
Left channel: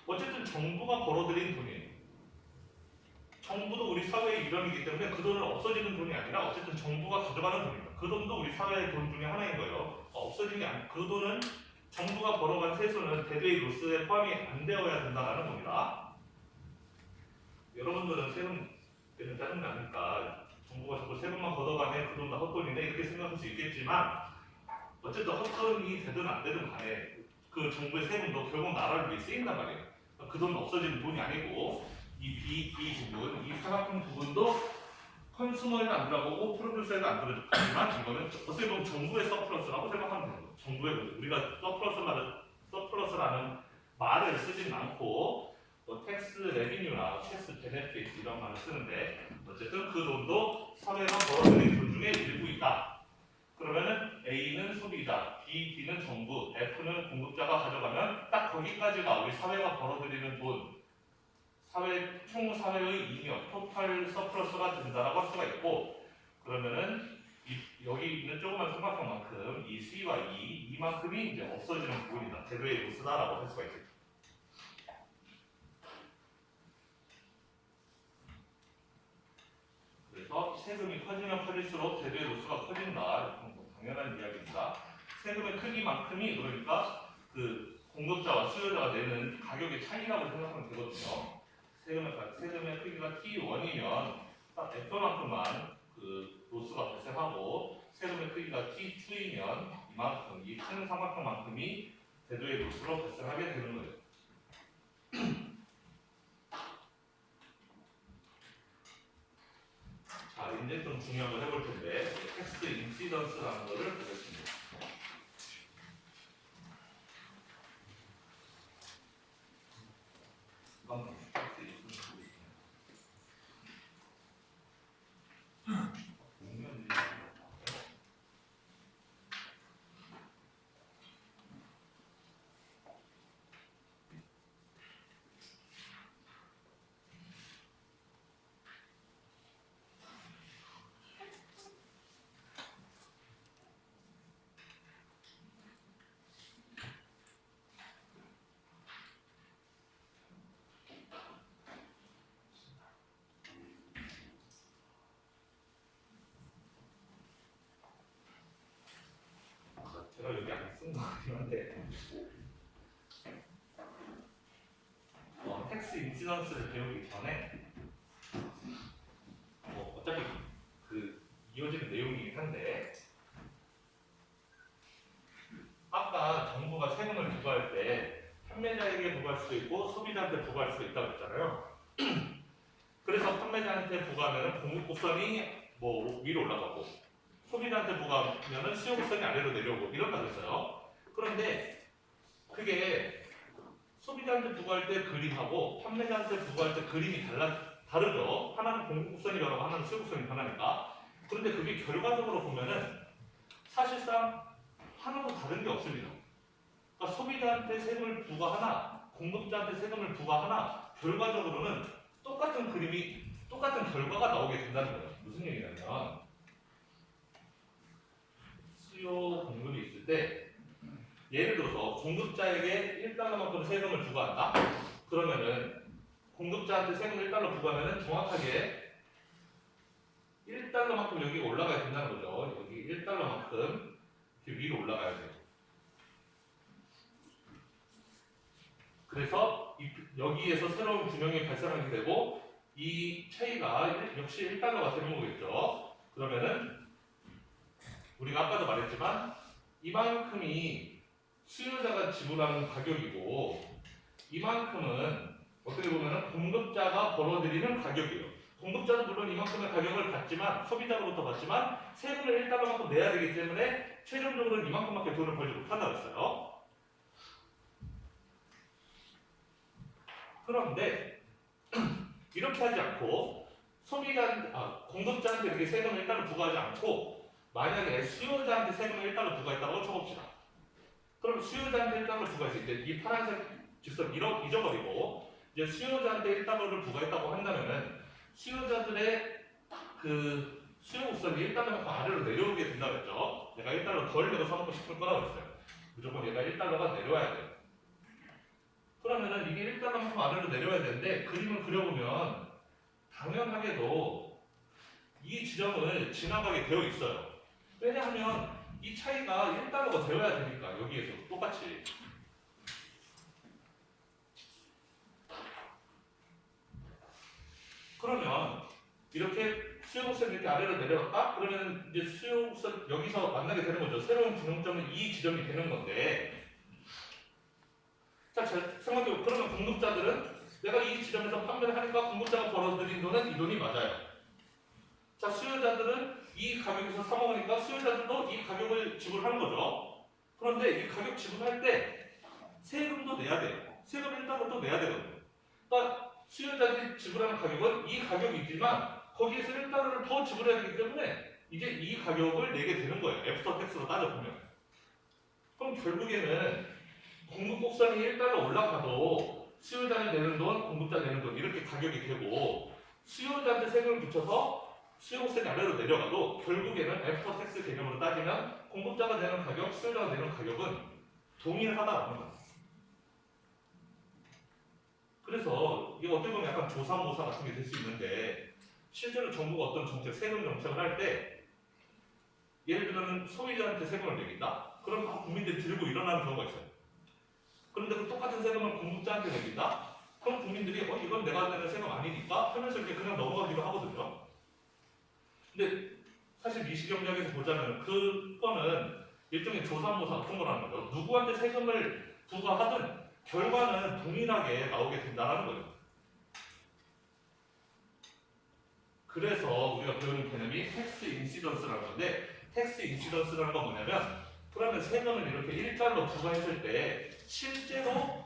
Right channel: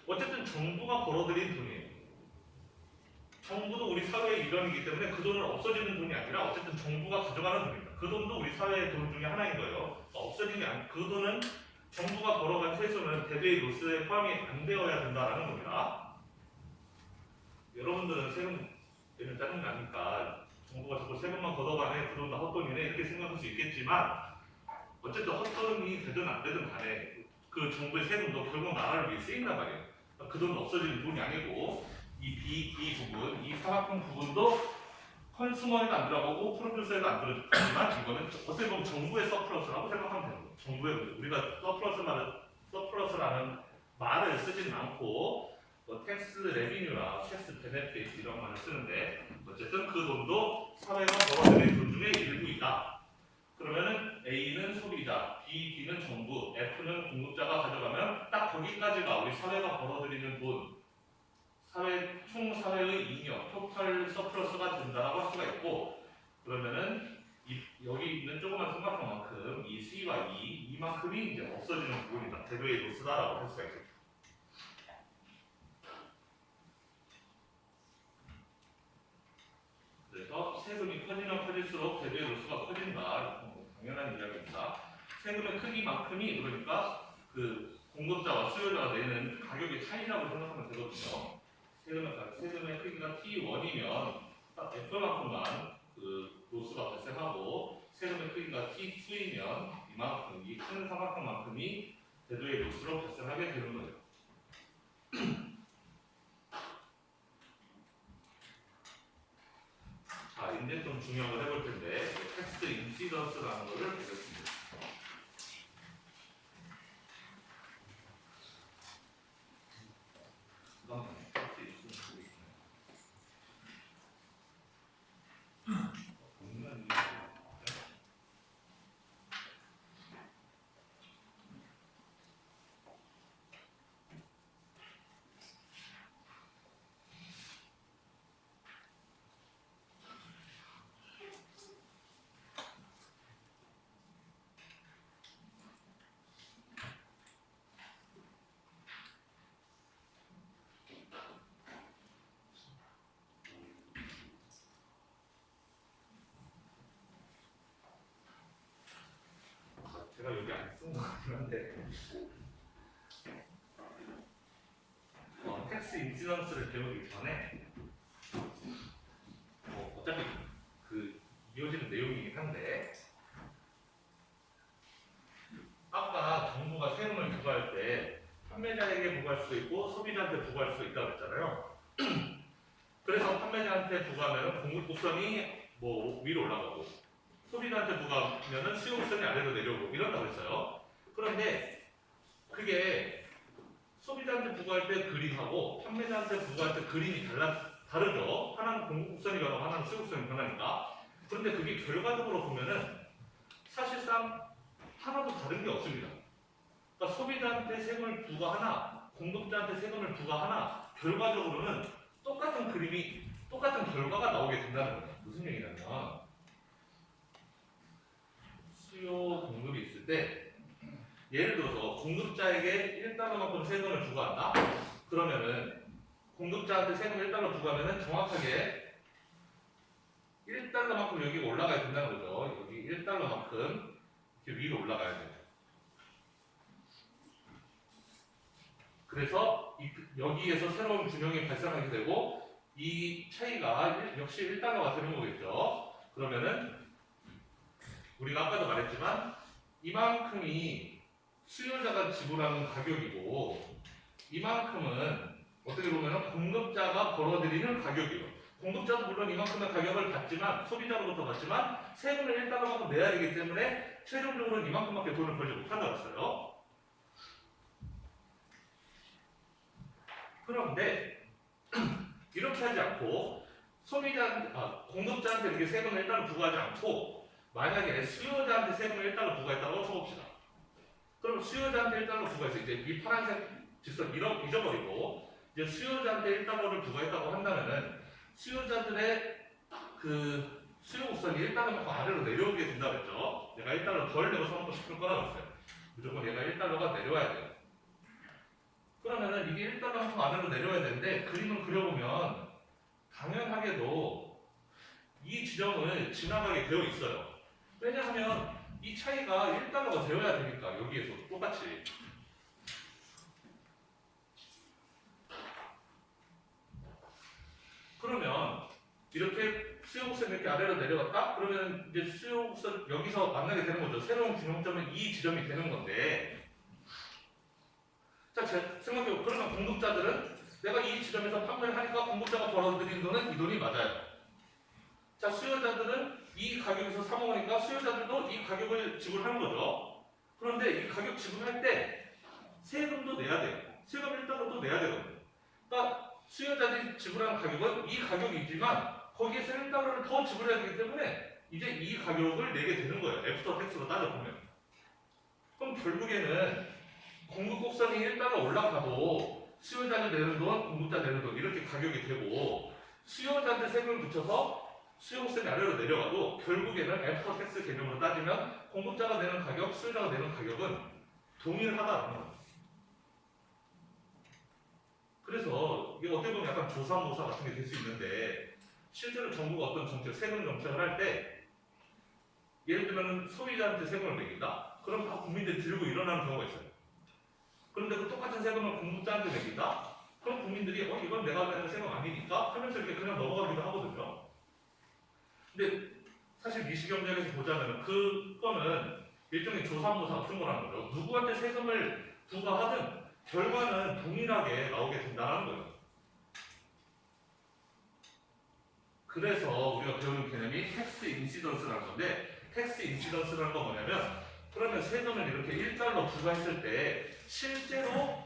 어쨌든 정부가 벌어들인 돈이에요. 정부도 우리 사회의 일원이기 때문에 그 돈은 없어지는 돈이 아니라 어쨌든 정부가 가져가는 돈입니다. 그 돈도 우리 사회의 돈 중에 하나인 거예요. 없어진 게 아니고 그 돈은 정부가 벌어간 세수는 대외의 로스에 포함이 안 되어야 된다라는 겁니다. 여러분들은 세금 내면 짜증 나니까 정부가 자꾸 세금만 걷어가네 그 돈 다 헛돈이네 이렇게 생각할 수 있겠지만 어쨌든 헛돈이 되든 안 되든 간에 그 정부의 세금도 결국 나라를 위해 쓰인단 말이에요. 그 돈은 없어지는 돈이 아니고 이 부분, 이 사각형 부분도 컨슈머에도 안 들어가고 프로듀서에도 안 들어가지만 이거는 어떻게 보면 정부의 서플러스라고 생각하면 되는 거예요. 정부의 우리가 서플러스라는 말을 쓰진 않고 뭐 텍스 레비뉴나 텍스 베네핏 이런 말을 쓰는데 어쨌든 그 돈도 사회가 벌어들인 돈 중에 일부이다. 그러면은 A는 소비자, B, D는 정부, F는 공급자가 가져가면 딱 거기까지가 우리 사회가 벌어들이는 돈, 총 사회의 잉여, 토탈 서플러스가 된다라고 할 수가 있고, 그러면은 여기 있는 조그만 삼각형만큼 이 C와 이만큼이 이제 없어지는 부분이다. 대외의 로스다라고 할 수가 있겠죠. 그래서 세금이 커지면 커질수록 대외의 로스가 커진다. 당연한 이야기입니다. 세금의 크기만큼이 그러니까 그 공급자와 수요자가 내는 가격의 차이라고 생각하면 되거든요. 세금의 크기가 T1이면 딱 F만큼만 그 로스가 발생하고 세금의 크기가 T2이면 이만큼 이 큰 삼각형만큼이 대도의 로스로 발생하게 되는 거예요. 자, 이제 좀 중요한 걸 해볼 텐데 텍스트 인시던스라는 거를 보겠습니다. 제가 여기 안 쓴 거 같긴 한데 텍스 인시던스를 배우기 전에 어차피 그 이어지는 내용이긴 한데 아까 정부가 세금을 부과할 때 판매자에게 부과할 수도 있고 소비자한테 부과할 수도 있다고 했잖아요. 그래서 판매자한테 부과하면 공급곡선이 뭐 위로 올라가고 소비자한테 부과하면 수요곡선이 아래로 내려오고 이런다고 했어요. 그런데 그게 소비자한테 부과할 때 그림하고 판매자한테 부과할 때 그림이 다르죠. 하나는 공급곡선이 변하고 하나는 수요곡선이 변하니까. 그런데 그게 결과적으로 보면은 사실상 하나도 다른 게 없습니다. 그러니까 소비자한테 세금을 부과하나 공급자한테 세금을 부과하나 결과적으로는 똑같은 그림이 똑같은 결과가 나오게 된다는 거예요. 무슨 얘기냐면 수요 공급이 있을 때 예를 들어서 공급자에게 1달러만큼 세금을 부과한다? 그러면은 공급자한테 세금 1달러 부과하면은 정확하게 1달러만큼 여기 올라가야 된다는 거죠. 여기 1달러만큼 이렇게 위로 올라가야 돼요. 그래서 여기에서 새로운 균형이 발생하게 되고 이 차이가 역시 1달러가 되는 거겠죠. 그러면은 우리가 아까도 말했지만 이만큼이 수요자가 지불하는 가격이고 이만큼은 어떻게 보면 공급자가 벌어들이는 가격이에요. 공급자도 물론 이만큼의 가격을 받지만 소비자로부터 받지만 세금을 1달러만큼 내야 되기 때문에 최종적으로는 이만큼밖에 돈을 벌지 못한다고 했어요. 그런데 이렇게 하지 않고 공급자한테 이렇게 세금을 1달러 부과하지 않고 만약에 수요자한테 세금을 1달러 부과했다고 쳐봅시다. 그럼 수요자한테 1달러 부과해서 이제 이 파란색 직선 잊어버리고 이제 수요자한테 1달러를 부과했다고 한다면은 수요자들의 그 수요곡선이 1달러만큼 아래로 내려오게 된다고 했죠. 내가 1달러 덜 내고 사먹고 싶을 거라고 했어요. 무조건 얘가 1달러가 내려와야 돼요. 그러면은 이게 1달러만큼 아래로 내려와야 되는데 그림을 그려보면 당연하게도 이 지점을 지나가게 되어 있어요. 왜냐하면 이 차이가 1달러가 되어야 되니까 여기에서 똑같이. 그러면 이렇게 수요곡선이 이렇게 아래로 내려갔다? 그러면 이제 수요곡선 여기서 만나게 되는 거죠. 새로운 균형점은 이 지점이 되는 건데 자, 생각해보고 그러면 공급자들은 내가 이 지점에서 판매를 하니까 공급자가 벌어들인 돈은 이 돈이 맞아요. 자, 수요자들은 이 가격에서 사 먹으니까 수요자들도 이 가격을 지불하는 거죠. 그런데 이 가격 지불할 때 세금도 내야 돼요. 세금 1달러도 내야 되거든요. 그러니까 수요자들이 지불하는 가격은 이 가격이지만 거기에서 1달러를 더 지불해야 되기 때문에 이제 이 가격을 내게 되는 거예요. 애프터 텍스로 따져보면. 그럼 결국에는 공급곡선이 1달러 올라가도 수요자는 내는 돈, 공급자 내는 돈 이렇게 가격이 되고 수요자한테 세금을 붙여서 수요곡선이 아래로 내려가도 결국에는 애프터 텍스 개념으로 따지면 공급자가 내는 가격, 수요자가 내는 가격은 동일하다는 거예요. 그래서 이게 어떻게 보면 약간 조사모사 같은 게 될 수 있는데 실제로 정부가 어떤 정책, 세금 정책을 할 때 예를 들면 소비자한테 세금을 매긴다? 그럼 다 국민들이 들고 일어나는 경우가 있어요. 그런데 그 똑같은 세금을 공급자한테 매긴다? 그럼 국민들이 이건 내가 내는 세금 아니니까 하면서 이렇게 그냥 넘어가기도 하거든요. 근데 사실 미시경제학에서 보자면 그거는 일종의 조삼모사 같은 거라는 거죠. 누구한테 세금을 부과하든 결과는 동일하게 나오게 된다는 거예요. 그래서 우리가 배우는 개념이 텍스 인시던스라는 건데 텍스 인시던스라는 건 뭐냐면 그러면 세금을 이렇게 1달러 부과했을 때 실제로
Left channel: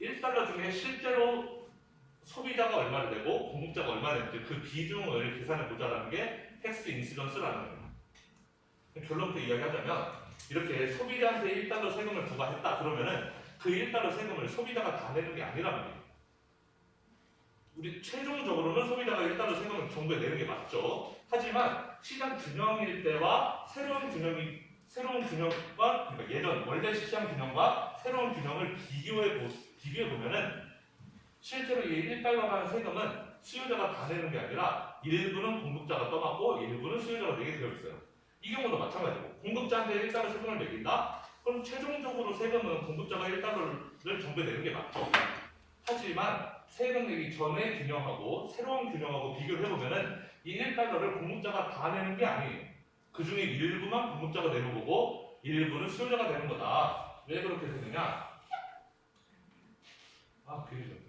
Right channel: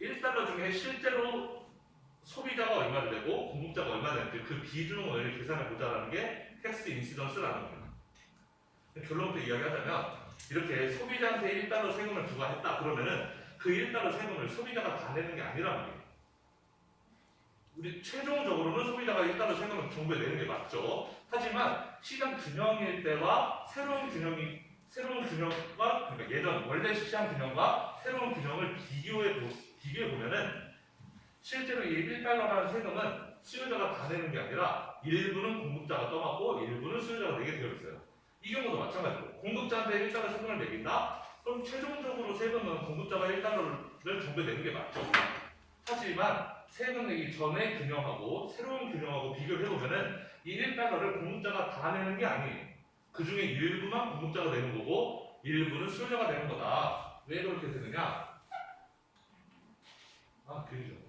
1달러 중에 실제로 소비자가 얼마를 내고 공급자가 얼마를 내는지 그 비중을 계산해 보자라는 게 텍스 인시던스라는 거예요. 결론부터 이야기하자면 이렇게 소비자한테 1달러 세금을 부과했다 그러면은 그 1달러 세금을 소비자가 다 내는 게 아니란 말이에요. 우리 최종적으로는 소비자가 1달러 세금을 정부에 내는 게 맞죠. 하지만 시장 균형일 때와 새로운 균형과 그러니까 예전 원래 시장 균형과 새로운 균형을 비교해 보면은 실제로 이 1달러라는 세금은 수요자가 다 내는 게 아니라 일부는 공급자가 떠받고 일부는 수요자가 내게 되어 있어요. 이 경우도 마찬가지로 공급자한테 1달러 세금을 매긴다? 그럼 최종적으로 세금은 공급자가 1달러를 정부에 내는 게 맞죠. 하지만 세금 내기 전의 균형하고 새로운 균형하고 비교를 해보면은 이 1달러를 공급자가 다 내는 게 아니에요. 그 중에 일부만 공급자가 내는 거고 일부는 수요자가 내는 거다. 왜 그렇게 되느냐? 아, 괜히 좀.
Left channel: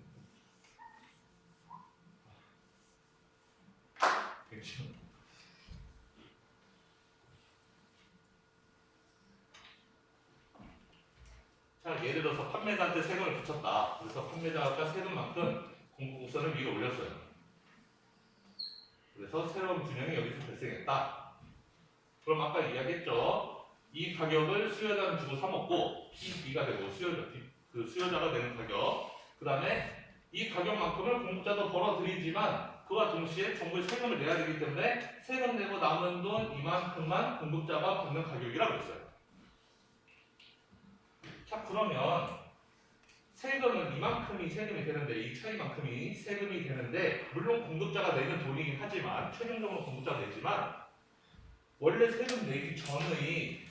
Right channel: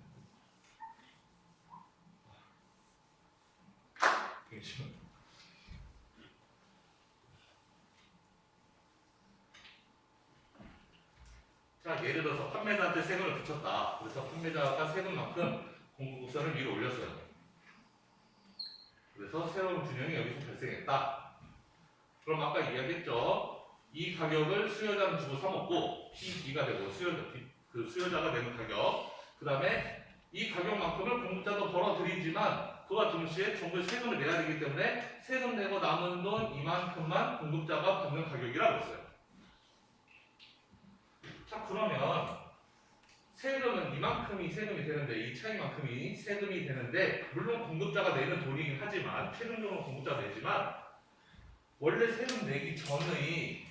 괜찮아. 자, 예를 들어서 판매자한테 세금을 붙였다. 그래서 판매자가 세금만큼 공급국선을 위로 올렸어요. 그래서 새로운 균형이 여기서 발생했다. 그럼 아까 이야기했죠. 이 가격을 수요자는 주고 사 먹고 PB가 되고 수요자가 내는 가격. 그 다음에 이 가격만큼을 공급자도 벌어들이지만 그와 동시에 정부에 세금을 내야 되기 때문에 세금 내고 남은 돈 이만큼만 공급자가 받는 가격이라고 했어요. 자, 그러면 세금은 이만큼이 세금이 되는데 이 차이만큼이 세금이 되는데 물론 공급자가 내는 돈이긴 하지만 최종적으로 공급자가 내지만 원래 세금 내기 전의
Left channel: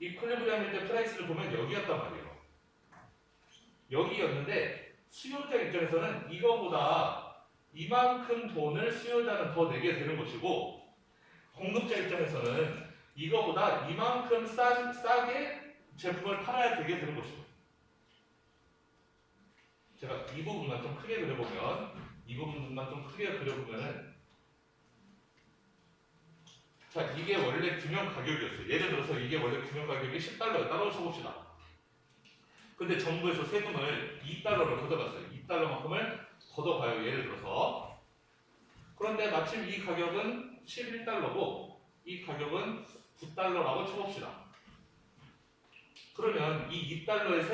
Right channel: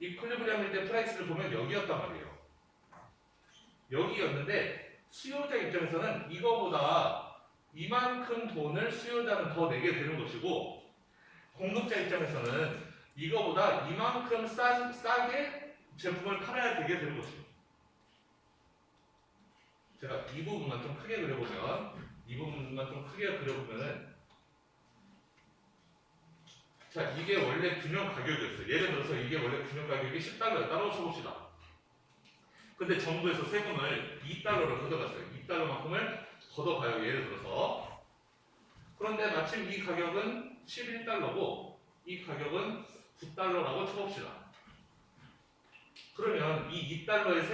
이퀄리브리엄일 때 프라이스를 보면 여기였단 말이에요. 여기였는데 수요자 입장에서는 이거보다 이만큼 돈을 수요자는 더 내게 되는 것이고 공급자 입장에서는 이거보다 이만큼 싸게 제품을 팔아야 되게 되는 것이죠. 제가 이 부분만 좀 크게 그려보면은 자, 이게 원래 균형 가격이었어요. 예를 들어서 이게 원래 균형 가격이 10달러였다고 쳐봅시다. 근데 정부에서 세금을 2달러로 걷어갔어요. 2달러만큼을 걷어가요. 예를 들어서. 그런데 마침 이 가격은 11달러고 이 가격은 9달러라고 쳐봅시다. 그러면 이 2달러의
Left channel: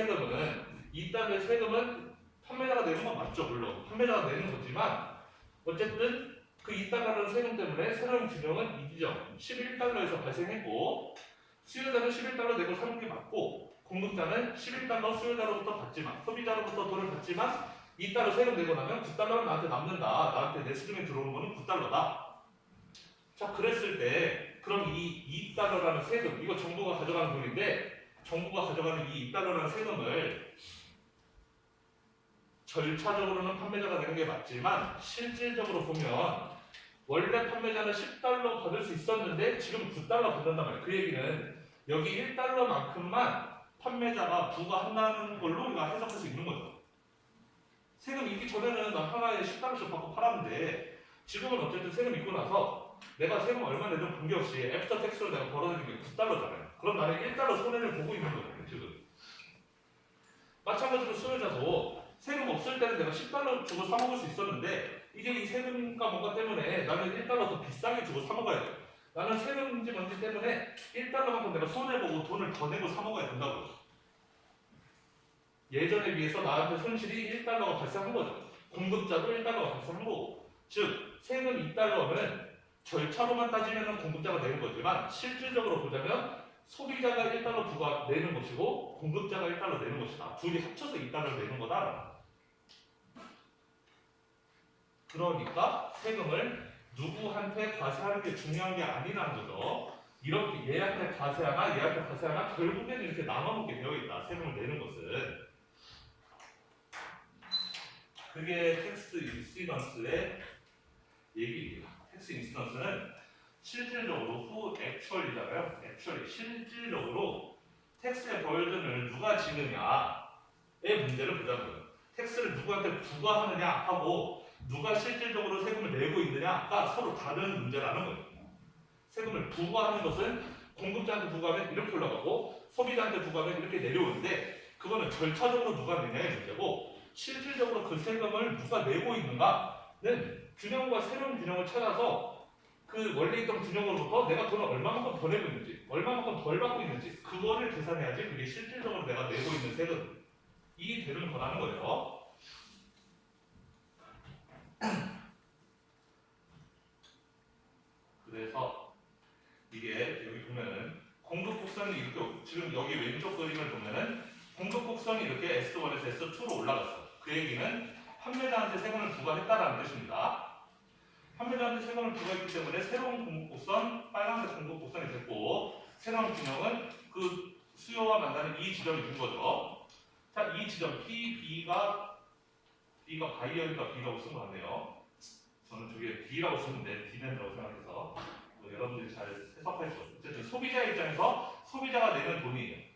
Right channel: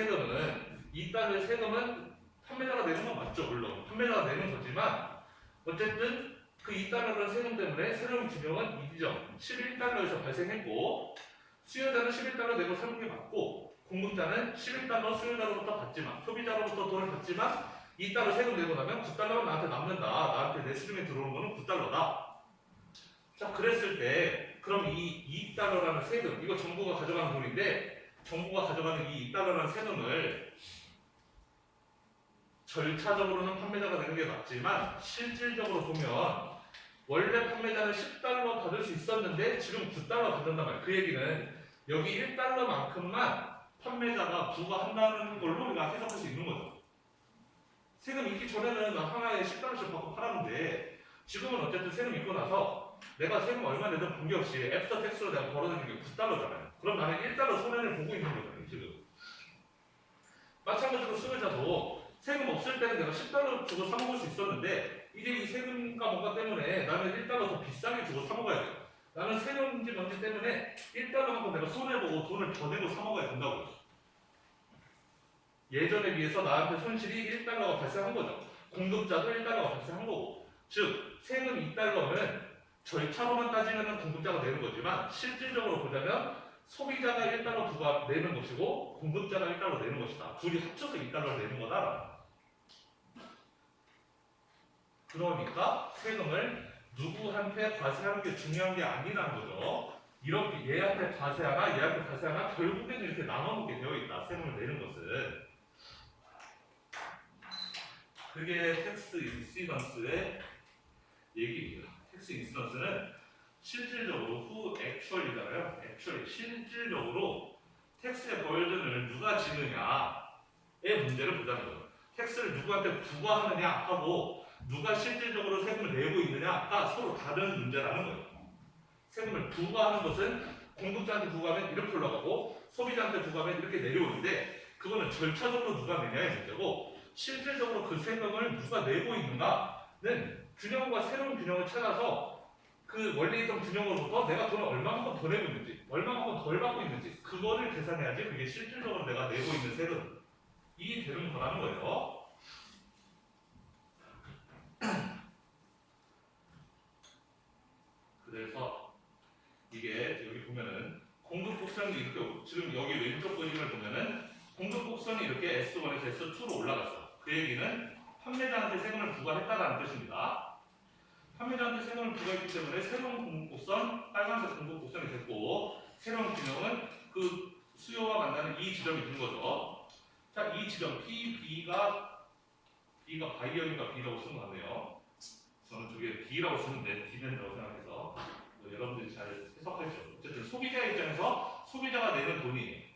세금은 판매자가 내는 건 맞죠. 물론 판매자가 내는 거지만 어쨌든 그 2달러라는 세금 때문에 새로운 균형은 이 지점 11달러에서 발생했고 수요자는 11달러 내고 사는 게 맞고 공급자는 11달러 수요자로부터 받지만 소비자로부터 돈을 받지만 2달러 세금 내고 나면 9달러가 나한테 남는다. 나한테 내 수중에 들어오는 거는 9달러다. 자, 그랬을 때 그럼 이 2달러라는 세금 이거 정부가 가져가는 돈인데 정부가 가져가는 이 2달러라는 세금을 절차적으로는 판매자가 내는 게 맞지만 실질적으로 보면 원래 판매자는 10달러 받을 수 있었는데 지금 9달러 받는단 말이에요. 그 얘기는 여기 1달러만큼만 판매자가 부과한다는 걸로 우리가 해석할 수 있는 거죠. 세금 있기 전에는 나 하나에 10달러씩 받고 팔았는데 지금은 어쨌든 세금 있고 나서 내가 세금 얼마 내든 관계없이 애프터 텍스로 내가 벌어들인 게 9달러잖아요. 그럼 나는 1달러 손해를 보고 있는 거잖아요. 지금. 마찬가지로 수요자도 세금 없을 때는 내가 10달러 주고 사 먹을 수 있었는데 이제 이 세금과 뭔가 때문에 나는 1달러 더 비싸게 주고 사 먹어야 돼요. 나는 세금인지 뭔지 때문에 1달러만큼 내가 손해보고 돈을 더 내고 사 먹어야 된다고요. 예전에 비해서 나한테 손실이 1달러가 발생한 거죠. 공급자도 1달러가 발생한 거고. 즉 세금 2달러는 절차로만 따지면 공급자가 내는 거지만 실질적으로 보자면 소비자가 1달러 부과 내는 것이고 공급자가 1달러 내는 것이다. 둘이 합쳐서 2달러 내는 거다. 그러니까 세금을 누구한테 과세하는 게 중요한 게 아니라는 거죠. 이렇게 얘한테 과세하나 결국에는 이렇게 나눠먹게 되어 있다. 세금을 내는 것은. 그게 텍스 인시던스의 얘기입니다. 텍스 인시던스는 실질적으로 후 액츄얼이잖아요. 액츄얼이 실질적으로 텍스에 보여주는 누가 지느냐의 문제를 보자는 거예요. 텍스를 누구한테 부과하느냐 하고 누가 실질적으로 세금을 내고 있느냐가 서로 다른 문제라는 거예요. 세금을 부과하는 것은 공급자한테 부과하면 이렇게 올라가고 소비자한테 부과하면 이렇게 내려오는데 그거는 절차적으로 누가 내냐의 문제고 실질적으로 그 세금을 누가 내고 있는가는 균형과 새로운 균형을 찾아서 그 원래 있던 균형으로부터 내가 돈을 얼마만큼 더 내고 있는지 얼마만큼 덜 받고 있는지 그거를 계산해야지 그게 실질적으로 내가 내고 있는 세금이 되는 거라는 거예요. 그래서 이게 여기 보면은 공급 곡선이 이렇게 지금 여기 왼쪽 그림을 보면은 공급 곡선이 이렇게 S1에서 S2로 올라갔어. 그 얘기는 판매자한테 세금을 부과했다라는 뜻입니다. 판매자한테 세금을 부과했기 때문에 새로운 공급 곡선, 빨간색 공급 곡선이 됐고 새로운 균형은 그 수요와 만나는 이 지점이 된 거죠. 자, 이 지점 P, B가 바이어인가 B라고 쓴 거 같네요. 저는 저게 B라고 쓰는데 B된다고 생각해서 뭐 여러분들이 잘 해석할 수 없어요. 어쨌든 소비자 입장에서 소비자가 내는 돈이에요.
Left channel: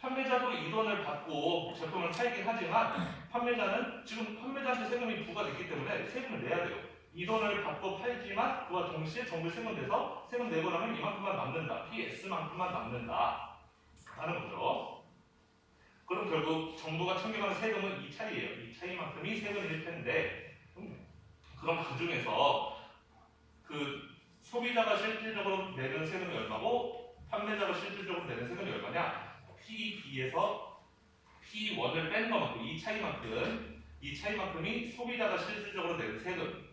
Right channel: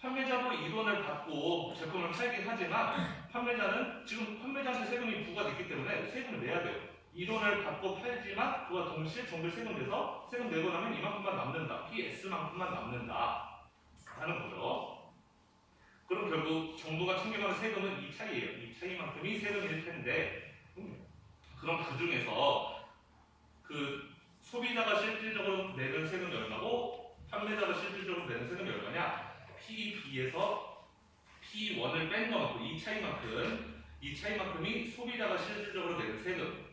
판매자도 이 돈을 받고 제품을 팔긴 하지만 판매자는 지금 판매자한테 세금이 부과됐기 때문에 세금을 내야 돼요. 이 돈을 받고 팔지만 그와 동시에 정부에 세금 내서 세금 내고 나면 이만큼만 남는다. PS만큼만 남는다 하는 거죠. 그럼 결국 정부가 챙겨가는 세금은 이 차이예요. 이 차이만큼이 세금일 텐데 그럼 그 중에서 그 소비자가 실질적으로 내는 세금이 얼마고 판매자가 실질적으로 내는 세금이 얼마냐? P2B에서 P1을 뺀 것만큼 이 차이만큼이 소비자가 실질적으로 내는 세금.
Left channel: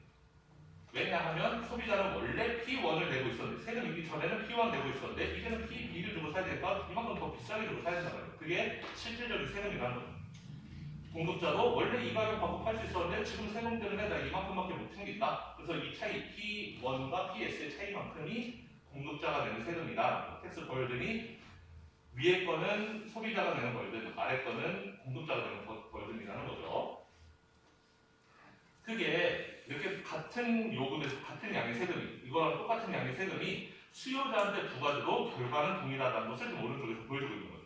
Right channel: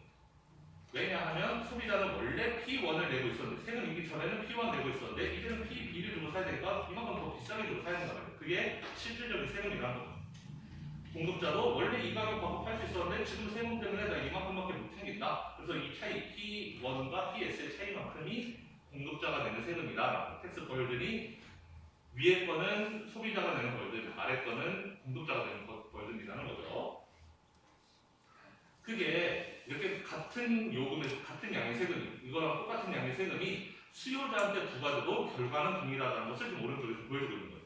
왜냐하면 소비자는 원래 P1을 내고 있었는데 세금 있기 전에는 P1 내고 있었는데 이제는 P2를 주고 사야 되니까 이만큼 더 비싸게 주고 사야 된다는 거예요. 그게 실질적인 세금이라는 거예요. 공급자도 원래 이 가격 받고 팔 수 있었는데 지금 세금 때문에 나 이만큼밖에 못 챙긴다. 그래서 이 차이 P1과 PS의 차이만큼이 공급자가 내는 세금이다. 텍스 벌든이 위에 거는 소비자가 내는 벌든, 아래 거는 공급자가 내는 벌든이라는 거죠. 그게 이렇게 같은 요금에서 같은 양의 세금이 이거랑 똑같은 양의 세금이 수요자한테 부과돼도 결과는 동일하다는 것을 지금 오른쪽에서 보여주고 있는 거예요.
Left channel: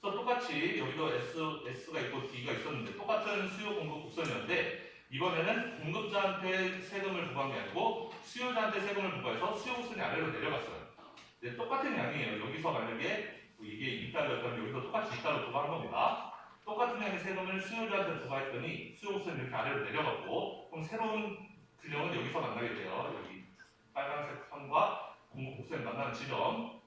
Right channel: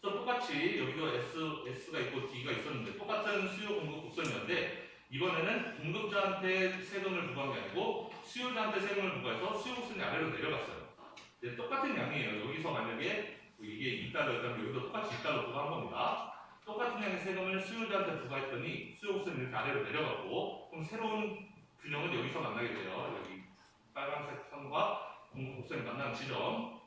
그래서 똑같이 여기도 S가 있고 D가 있었는데 똑같은 수요 공급 곡선이었는데 이번에는 공급자한테 세금을 부과한 게 아니고 수요자한테 세금을 부과해서 수요 곡선이 아래로 내려갔어요. 네, 똑같은 양이에요. 여기서 만약에 이게 2달러였다면 여기도 똑같이 2달러 부과한 겁니다. 똑같은 양의 세금을 수요자한테 부과했더니 수요 곡선이 이렇게 아래로 내려갔고 그럼 새로운 균형은 여기서 만나게 돼요. 여기 빨간색 선과 공급 곡선이 만나는 지점.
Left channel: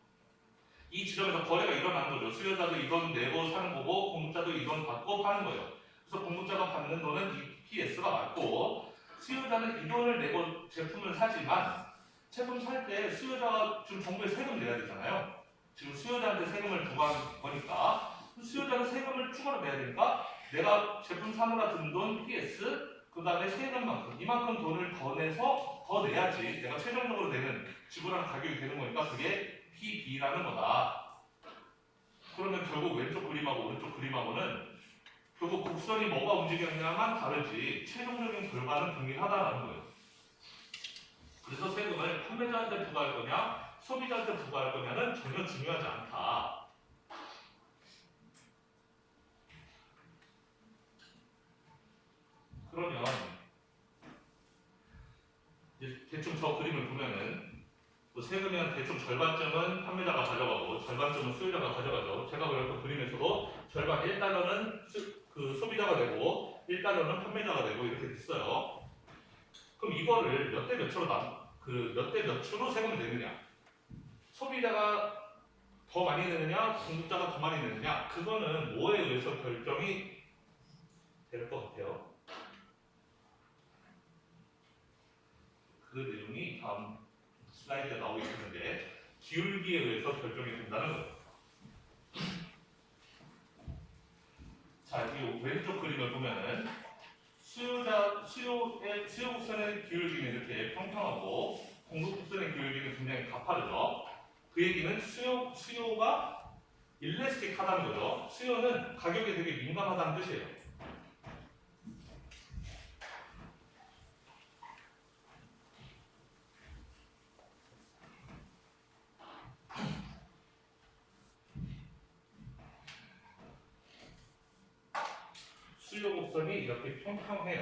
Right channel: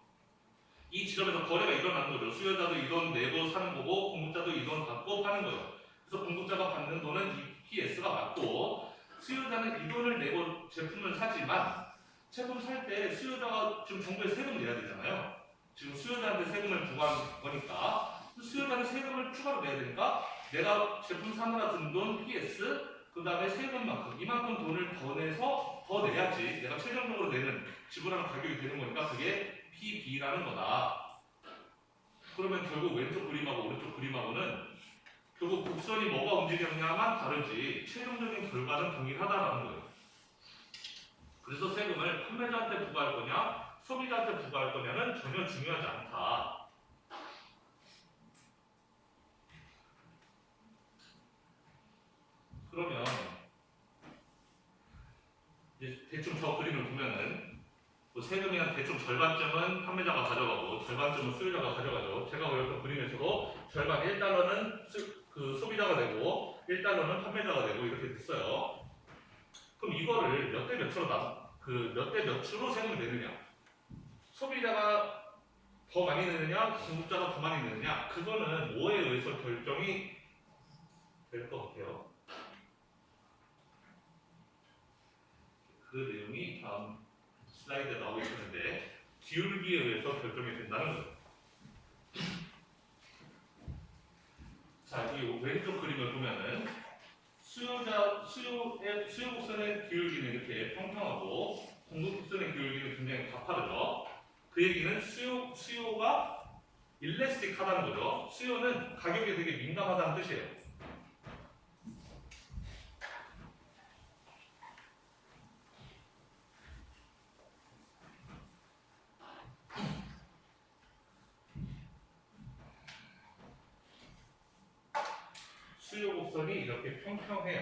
이 지점에서 거래가 일어나는 거죠. 수요자도 이 돈 내고 사는 거고 공급자도 이 돈 받고 파는 거예요. 그래서 공급자가 받는 돈은 이 PS가 맞고 수요자는 이 돈을 내고 제품을 사지만 제품 살 때 수요자가 지금 정부에 세금 내야 되잖아요. 지금 수요자한테 세금을 부과한 거니까 수요자는 세금을 추가로 내야 되니까 내가 제품 사느라 든 돈 PS 그 다음에 세금만큼 이만큼 돈을 더 내서 더 내야지 내가 최종적으로 내는 지불하는 가격이 되는 거니까 그게 PB라는 거다. 그러면 결국 왼쪽 그림하고 오른쪽 그림하고는 결국 곡선이 뭐가 움직였냐만 다르지 최종적인 결과는 동일하다라는 거예요. 그래서 세금을 판매자한테 부과할 거냐 소비자한테 부과할 거냐는 전혀 중요하지 않다. 그러면 이제 대충 저 그림을 보면은 세금이 한 대충 절반쯤은 판매자가 가져가고 절반쯤은 수요자가 가져가죠. 제가 그렸던 그림에서도 절반 1달러는 그 소비자가 내고 1달러는 판매자가 내고 이렇게 됐어요. 그럼 이거를 몇 대 몇으로 몇 대 몇으로 세금을 내느냐? 소비자가 더 많이 내느냐, 공급자가 더 많이 내느냐? 그거는 뭐에 의해서 결정이 될 것 같아요. 그 내용이 다음 슬라이드에 나오고 있었는데 기울기에 의해서 결정이 된다는 거예요. 자, 이 왼쪽 그림을 보면은 수요 곡선의 기울기는 이렇게 평평하고 공급 곡선의 기울기는 굉장히 가파르죠. 그 얘기는 수요가 일레스틱하다는 거죠. 수요는 가격에 되게 민감하다는 뜻이에요. 수요 곡선이 이렇게 평평해요.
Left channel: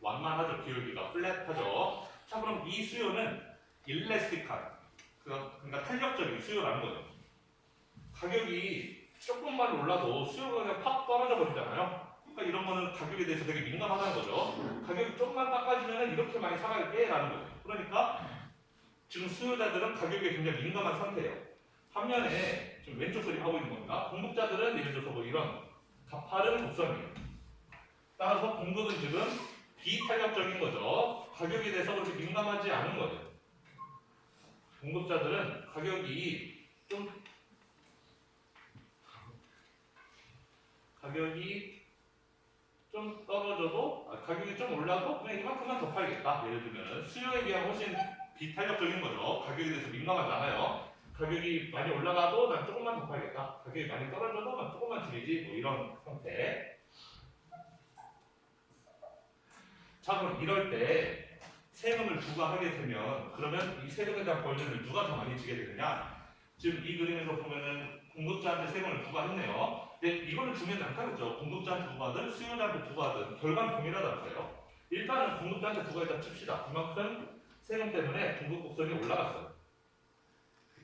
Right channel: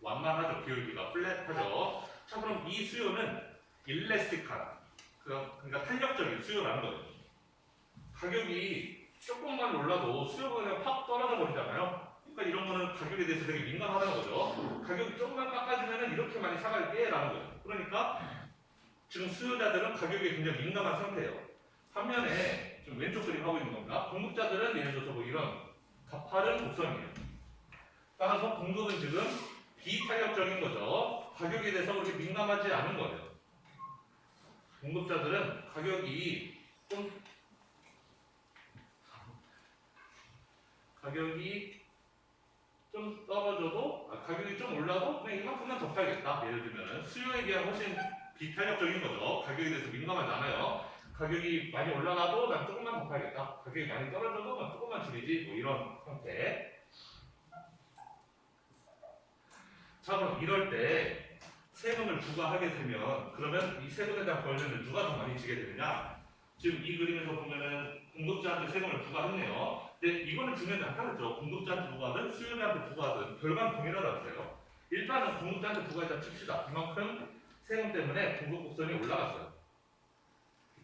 완만하죠. 기울기가 플랫하죠. 자, 그럼 이 수요는 일레스틱한 그러니까 탄력적인 수요라는 거예요. 가격이 조금만 올라도 수요가 그냥 팍 떨어져 버리잖아요. 그러니까 이런 거는 가격에 대해서 되게 민감하다는 거죠. 가격이 조금만 깎아지면 이렇게 많이 사갈게 라는 거예요. 그러니까 지금 수요자들은 가격에 굉장히 민감한 상태예요. 반면에 지금 왼쪽 그림 하고 있는 겁니다. 공급자들은 예를 들어서 뭐 이런 가파른 곡선이에요. 따라서 공급은 지금 비탄력적인 거죠. 가격에 대해서 그렇게 민감하지 않은 거죠. 공급자들은 가격이 좀 떨어져도 가격이 좀 올라도 그냥 이만큼만 더 팔겠다. 예를 들면은 수요에 비하면 훨씬 비탄력적인 거죠. 가격에 대해서 민감하지 않아요. 가격이 많이 올라가도 난 조금만 더 팔겠다. 가격이 많이 떨어져도 난 조금만 줄이지. 뭐 이런 형태. 자, 그럼 이럴 때 세금을 부과하게 되면 그러면 이 세금에 대한 벌금을 누가 더 많이 지게 되느냐? 지금 이 그림에서 보면은 공급자한테 세금을 부과했네요. 근데 이거는 중요하지 않다겠죠. 공급자한테 부과하든 수요자한테 부과하든 결과는 동일하다면서요. 일단은 공급자한테 부과했다 칩시다. 이만큼 세금 때문에 공급 곡선이 올라갔어요.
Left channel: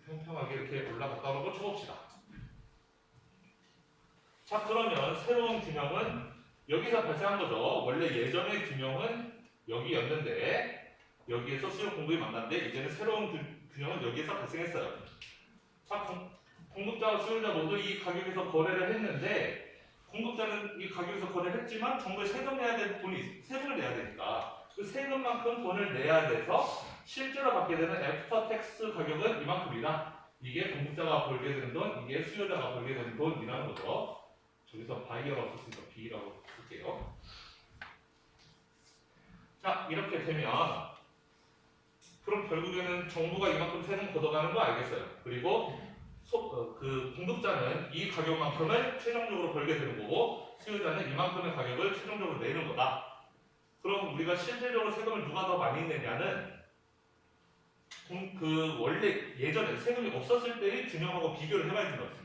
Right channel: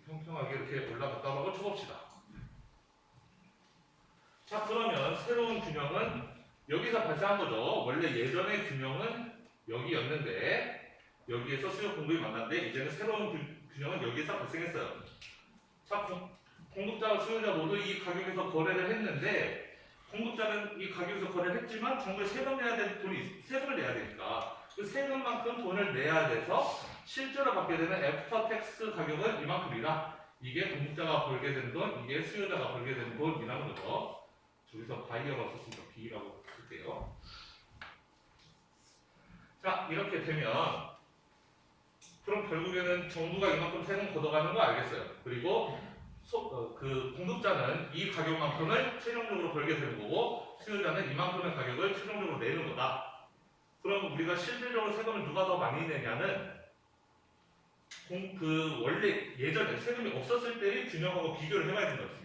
평평하게 이렇게 올라갔다고 하고 쳐봅시다. 자, 그러면 새로운 균형은 여기서 발생한 거죠. 원래 예전의 균형은 여기였는데 여기에서 수요 공급이 만났는데 이제는 새로운 균형은 여기에서 발생했어요. 자, 공급자와 수요자 모두 이 가격에서 거래를 했는데 공급자는 이 가격에서 거래를 했지만 정부에 세금 내야 될 돈이 세금을 내야 되니까 그 세금만큼 돈을 내야 돼서 실제로 받게 되는 애프터 텍스 가격은 이만큼이다. 이게 공급자가 벌게 되는 돈, 이게 수요자가 벌게 되는 돈이라는 거죠. 저기서 바이어가 없었으니까 B라고 쓸게요. 자, 이렇게 되면 그럼 결국에는 정부가 이만큼 세금 걷어가는 거 알겠어요. 그리고 그 공급자는 이 가격만큼을 최종적으로 벌게 되는 거고 수요자는 이만큼의 가격을 최종적으로 내는 거다. 그럼 우리가 실질적으로 세금을 누가 더 많이 내냐는 그 원래 예전에 세금이 없었을 때의 균형하고 비교를 해봐야 된다고.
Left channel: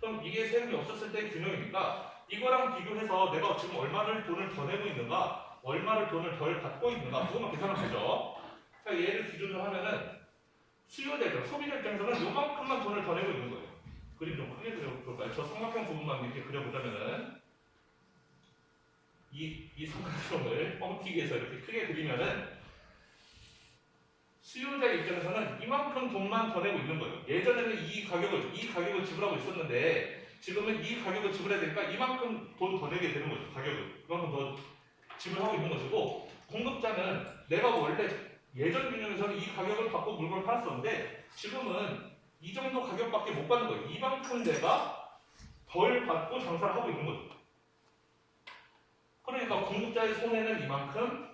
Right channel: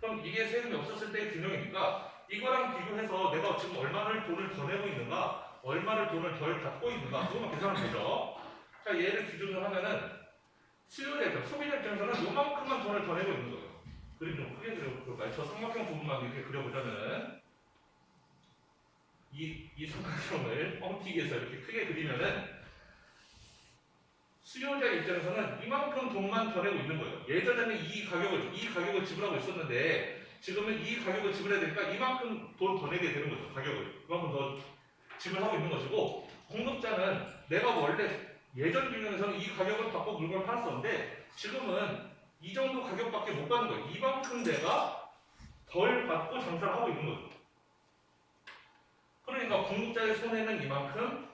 그럼 이게 세금이 없었을 때의 균형이니까 이거랑 비교해서 내가 지금 얼마를 돈을 더 내고 있는가, 얼마를 돈을 덜 받고 있는가 그것만 계산하면 되죠. 자, 얘를 기준으로 하면은 수요자, 소비자 입장에서는 요만큼만 돈을 더 내고 있는 거예요. 그림 좀 크게 그려볼까요? 저 삼각형 부분만 이렇게 그려보자면은 이 삼각형을 뻥튀기 해서 이렇게 크게 그리면은 수요자 입장에서는 이만큼 돈만 더 내고 있는 거예요. 예전에는 이 가격을 지불하고 있었는데 지금은 이 가격을 지불해야 되니까 이만큼 돈 더 내게 되는 거죠. 가격을 이만큼 더 지불하고 있는 것이고 공급자는 내가 원래 예전 균형에서는 이 가격을 받고 물건을 팔았었는데 지금은 이 정도 가격밖에 못 받는 거예요. 이만큼 내가 덜 받고 장사를 하고 있는 거죠. 그러니까 공급자의 손해는 이만큼,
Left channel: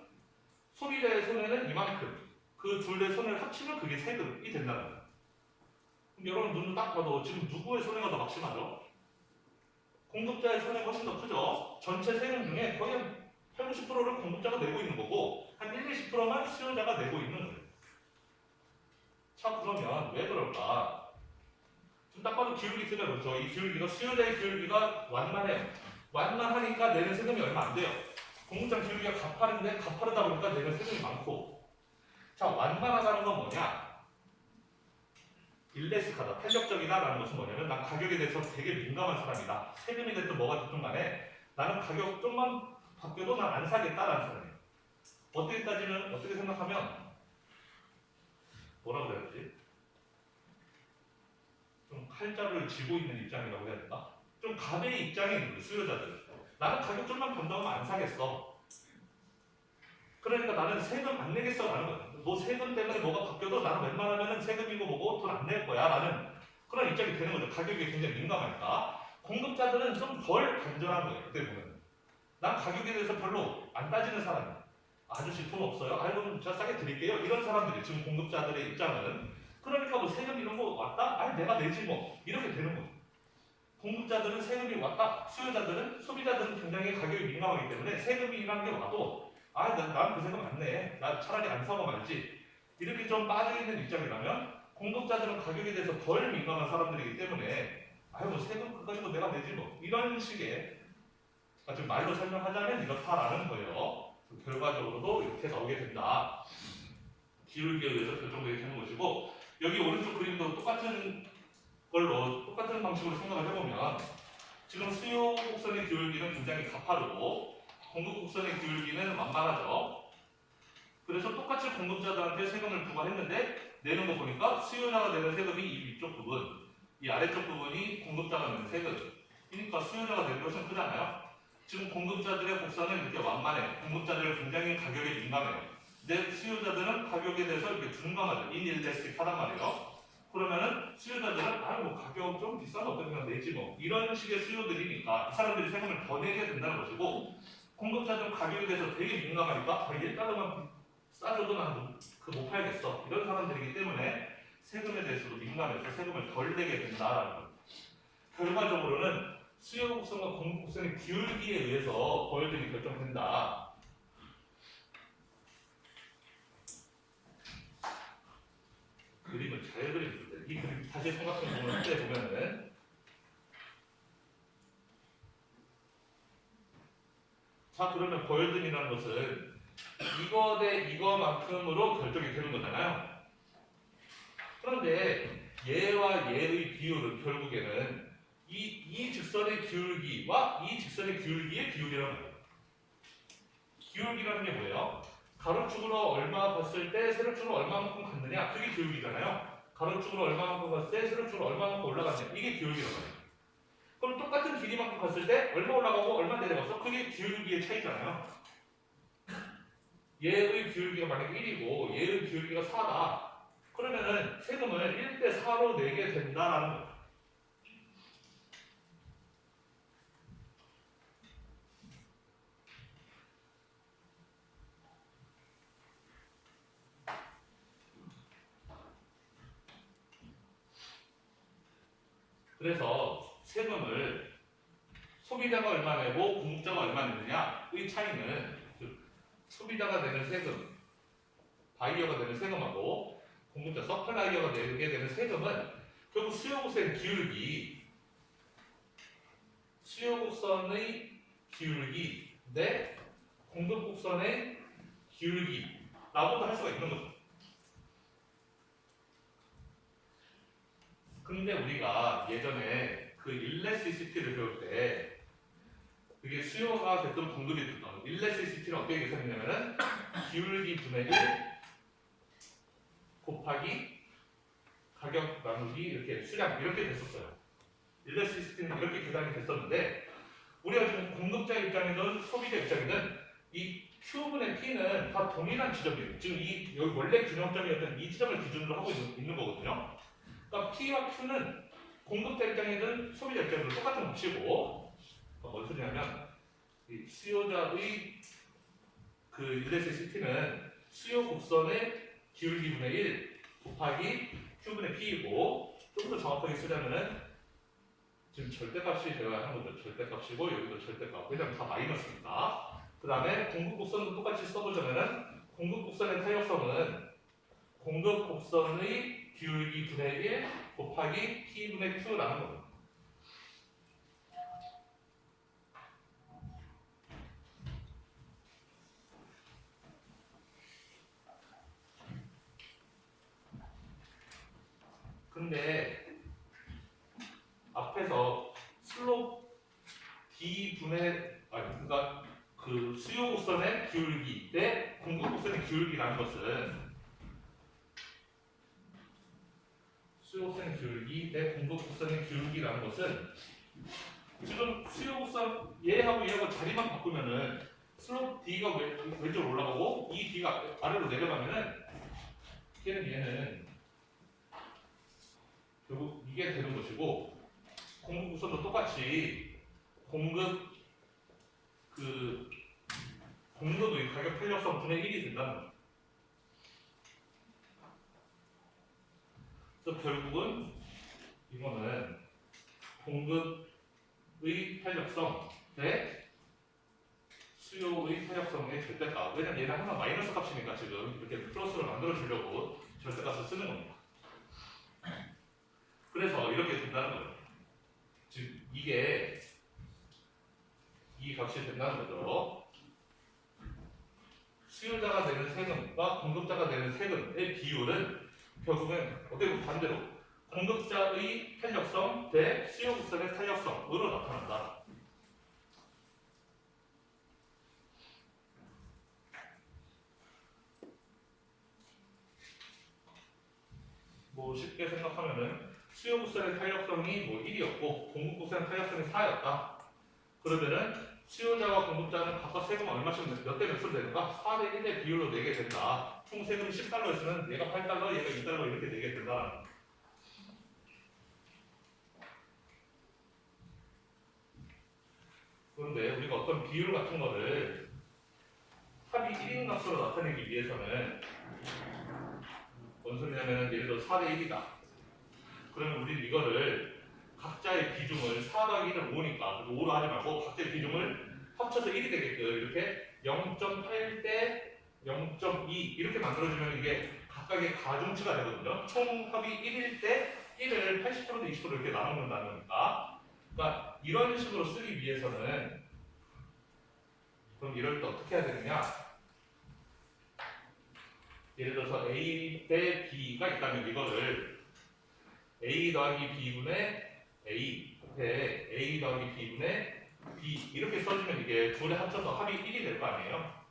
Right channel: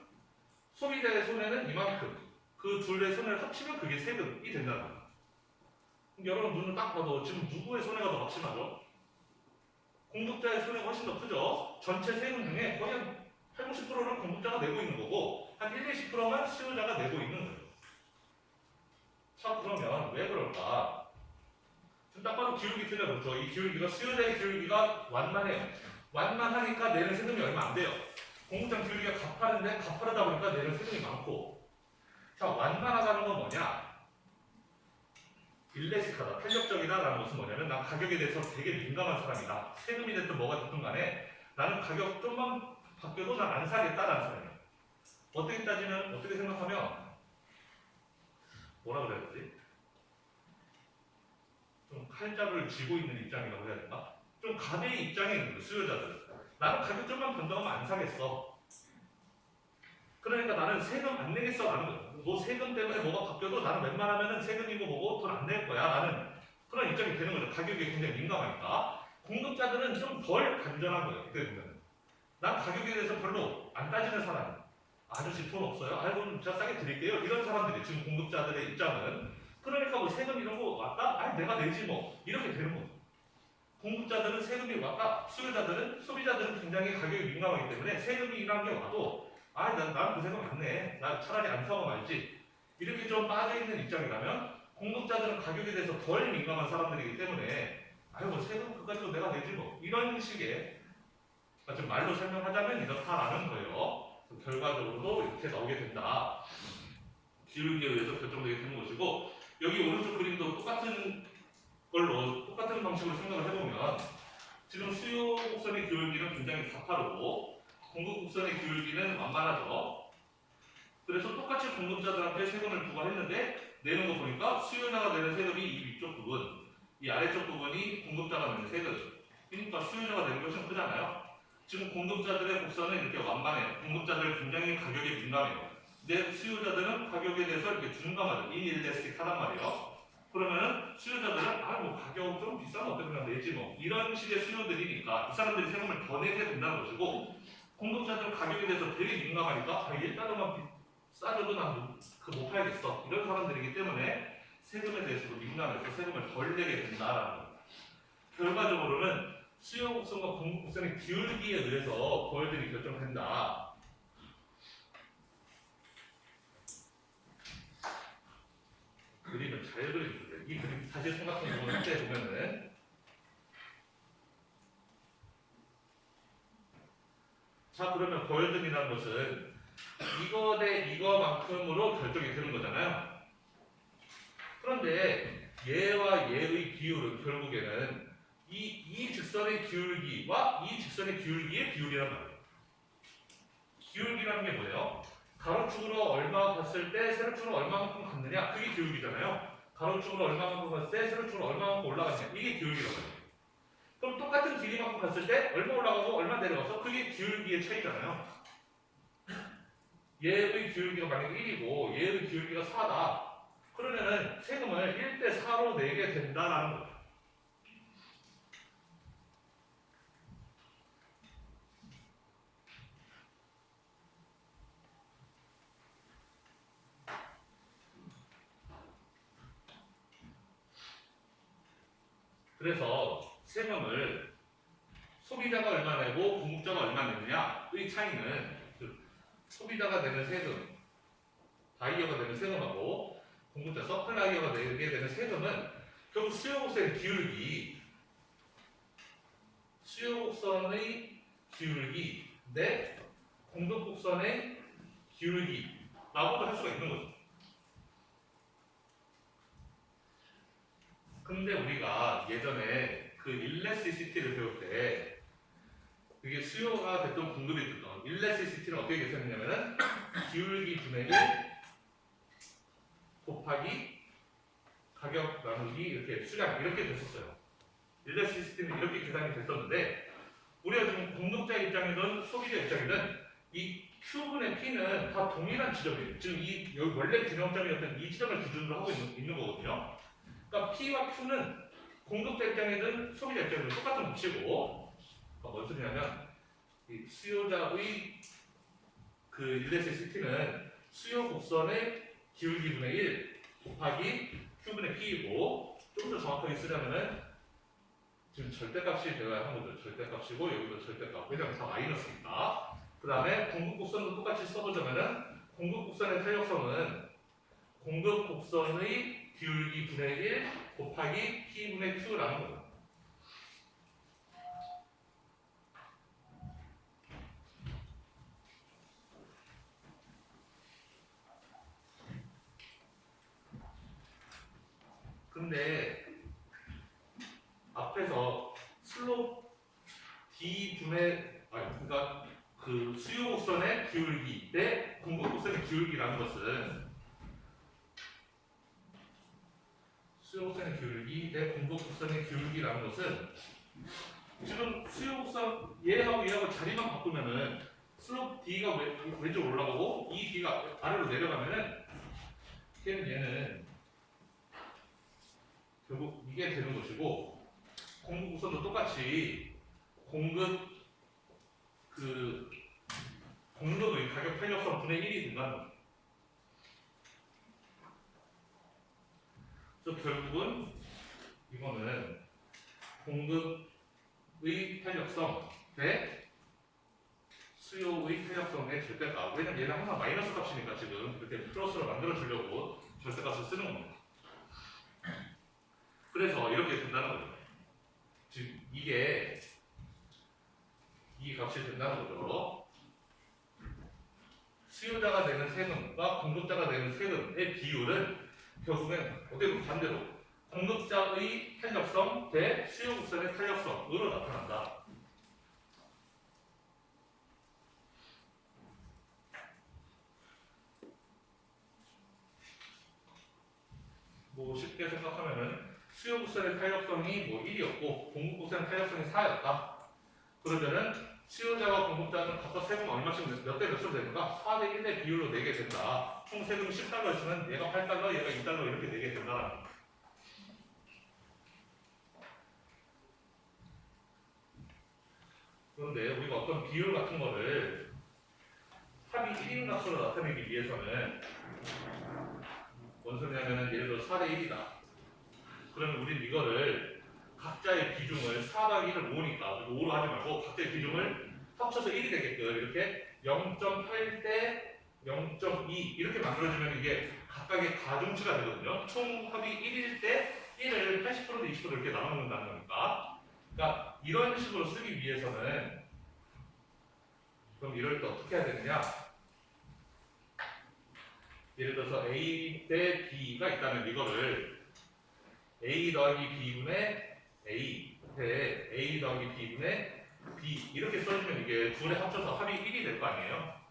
소비자의 손해는 이만큼. 그 둘의 손해를 합치면 그게 세금이 된다는 거예요. 여러분 눈을 딱 봐도 지금 누구의 손해가 더 막심하죠? 공급자의 손해가 훨씬 더 크죠? 전체 세금 중에 거의 한 8, 90%를 공급자가 내고 있는 거고 한 1, 20%만 수요자가 내고 있는 거예요. 자, 그러면 왜 그럴까? 지금 딱 봐도 기울기 틀려놓죠. 이 기울기가 수요자의 기울기가 완만해요. 완만하니까 내는 세금이 얼마 안 돼요. 공급자 기울기가 가파른데 가파르다 보니까 내는 세금이 많고 자, 완만하다는 건 뭐냐? 일레스하다, 탄력적이다라는 것은 뭐냐면 난 가격에 대해서 되게 민감한 사람이다. 세금이 됐든 뭐가 됐든 간에 나는 가격 좀만 바뀌어도 난 안 사겠다라는 사람이에요. 어떻게 따지면, 어떻게 생각하면 뭐라고 해야 되지? 좀 칼자루를 쥐고 있는 입장이라고 해야 되나? 좀 갑의 입장에 있는 거예요, 수요자들. 나는 가격 좀만 변동하면 안 사겠어. 그러니까 나는 세금 안 내겠어라는 거야. 너 세금 때문에 뭐가 바뀌어도 나는 웬만하면은 세금이고 뭐고 돈 안 낼 거야. 라는 그런 입장이 되는 거죠. 가격에 굉장히 민감하니까. 공급자들은 좀 덜 간절한 거예요. 그때 보면은. 난 가격에 대해서 별로 안 따지는 사람이야. 아저씨 돈 없어요? 그럼 제가 싸게 드릴게요. 이런 사람들이 지금 공급자들의 입장은. 그러니까 뭐 세금 이런 거 왔다? 내가 내지 뭐. 이렇게 되는 거죠. 공급자들은 세금이 왔다. 수요자들은, 소비자들은 굉장히 가격이 민감하기 때문에 세금이란 게 와도 난 그 세금 안 내. 나 차라리 안 사고 말지. 이렇게 좀 빠져있는 입장이라면 공급자들은 가격에 대해서 덜 민감한 사람들이기 때문에 뭐 세금 그거 가지고 내가 내지 뭐. 이런 식의 좀 말로 설명하자면 이렇다라는 거예요. 결과적으로도 이렇게 나오게 된다. 기울기에 의해서 결정되게 되는 것이고 여기 오른쪽 그림도 똑같은 방식으로 생각을 해보면 지금 수요 곡선의 기울기는 굉장히 가파르고 공급 곡선의 기울기는 완만하죠. 그래서 똑같이 공급자들한테 세금을 부과했는데 내는 거 보니까 수요자가 내는 세금이 이 위쪽 부분, 이 아래쪽 부분이 공급자가 내는 세금. 그러니까 수요자가 내는 것은 크잖아요. 지금 공급자들의 곡선은 이렇게 완만해요. 공급자들은 굉장히 가격에 민감해요. 근데 수요자들은 가격에 대해서 이렇게 둔감하죠. 인일레스틱하단 말이에요. 그러면은 수요자들은 뭐 가격 좀 비싸면 어떻게나 내지 뭐 이런 식의 수요들이니까 이 사람들이 세금을 더 내게 된다는 것이고 공급자들은 가격에 대해서 되게 민감하니까 1달러만 싸줘도 난 못 팔겠어 이런 사람들이기 때문에 세금에 대해서도 민감해서 세금을 덜 내게 된다라는 거예요. 결과적으로는 수요 곡선과 공급 곡선의 기울기에 의해서 벌들이 결정된다. 그림을 잘 그리면 돼요. 이 그림 다시 삼각형 부분을 때 보면은 자 그러면 고열등이라는 것은 이거 대 이거만큼으로 결정이 되는 거잖아요. 그런데 얘와 얘의 비율은 결국에는 이 직선의 기울기와 이 직선의 기울기의 비율이란 말이에요. 기울기라는 게 뭐예요? 가로축으로 얼마 봤을 때 세로축으로 얼마만큼 갔느냐 그게 기울기잖아요. 가로축으로 얼마만큼 갔을 때 세로축으로 얼마만큼 올라갔냐 이게 기울기란 말이에요. 그럼 똑같은 길이만큼 갔을 때 얼마 올라가고 얼마 내려가서 그게 기울기의 차이잖아요. 얘의 기울기가 만약에 1이고 얘의 기울기가 4다. 그러면은 세금을 1대 4로 내게 된다라는 거예요. 그래서 세금을 소비자가 얼마 내고 공급자가 얼마 내느냐의 차이는 소비자가 내는 세금, 바이어가 내는 세금하고 공급자, 서플라이어가 내게 되는 세금은 결국 수요곡선의 기울기, 수요곡선의 기울기 내 공급곡선의 기울기라고도 할 수가 있는 거죠. 근데 우리가 예전에 그 일레시시티를 배울 때 그게 수요가 됐던 공급이 됐던 일레시시티는 어떻게 계산했냐면은 기울기 분의 1 곱하기 가격 나누기 이렇게 수량 이렇게 됐었어요. 일레시시티는 이렇게 계산이 됐었는데 우리가 지금 공급자 입장이든 소비자 입장이든 이 Q분의 P는 다 동일한 지점이에요. 지금 이 여기 원래 균형점이었던 이 지점을 기준으로 하고 있는 거거든요. 그러니까 P와 Q는 공급자 입장이든 소비자 입장이든 똑같은 값이고 뭔 소리냐면 이 수요자의 그 일레시시티는 수요 곡선의 기울기분의 1 곱하기 Q분의 P이고 좀 더 정확하게 쓰려면은 지금 절대값이 되어야 하는 거죠. 절대값이고 여기도 절대값. 왜냐면 다 마이너스니까. 그 다음에 공급 곡선도 똑같이 써보자면은 공급 곡선의 탄력성은 공급 곡선의 기울기 분의 1 곱하기 P분의 Q라는 거죠. 근데 앞에서 슬롭 D분의 그러니까 그 수요 곡선의 기울기 대 공급 곡선의 기울기라는 것은 수요 곡선의 기울기 대 공급 곡선의 기울기라는 것은 지금 수요 곡선 얘하고 얘하고 자리만 바꾸면은 슬롭 D가 왼쪽으로 올라가고 이 D가 아래로 내려가면은 얘는 결국 이게 되는 것이고 공급 곡선도 똑같이 공급의 가격 탄력성 분의 1이 된다는 거예요. 그래서 결국은 이거는 공급의 탄력성 대 수요의 탄력성의 절대값. 왜냐면 얘는 항상 마이너스 값이니까 지금 이렇게 플러스로 만들어 주려고 절대값을 쓰는 겁니다. 그래서 이렇게 된다는 거예요. 즉 이게 이 값이 된다는 거죠. 수요자가 내는 세금과 공급자가 내는 세금의 비율은 결국엔 어떻게 보면 반대로 공급자의 탄력성 대 수요국선의 탄력성으로 나타난다. 뭐 쉽게 생각하면은 수요국선의 탄력성이 뭐 1이었고 공급국선의 탄력성이 4였다. 그러면은 수요자와 공급자는 각각 세금 얼마씩 몇 대 몇으로 되는가? 4대 1대 비율로 내게 된다. 총 세금이 10달러였으면 얘가 8달러, 얘가 2달러 이렇게 내게 된다라는 거예요. 그런데 우리가 어떤 비율 같은 거를 합이 1인 값으로 나타내기 위해서는 뭔 소리냐면은 예를 들어 4대 1이다. 그러면 우리는 이거를 각자의 비중을 4 더하기 1은 5니까 5로 하지 말고 각자의 비중을 합쳐서 1이 되게끔 이렇게 0.8 대 0.2 이렇게 만들어주면 이게 각각의 가중치가 되거든요. 총 합이 1일 때 1을 80%, 20% 이렇게 나눠놓는다는 거니까. 그러니까 이런 식으로 쓰기 위해서는 그럼 이럴 때 어떻게 해야 되느냐? 예를 들어서 A 대 B가 있다면 이거를 A 더하기 B분의 A 대 A 더하기 B분의 B 이렇게 써주면 이게 둘에 합쳐서 합이 1이 될 거 아니에요?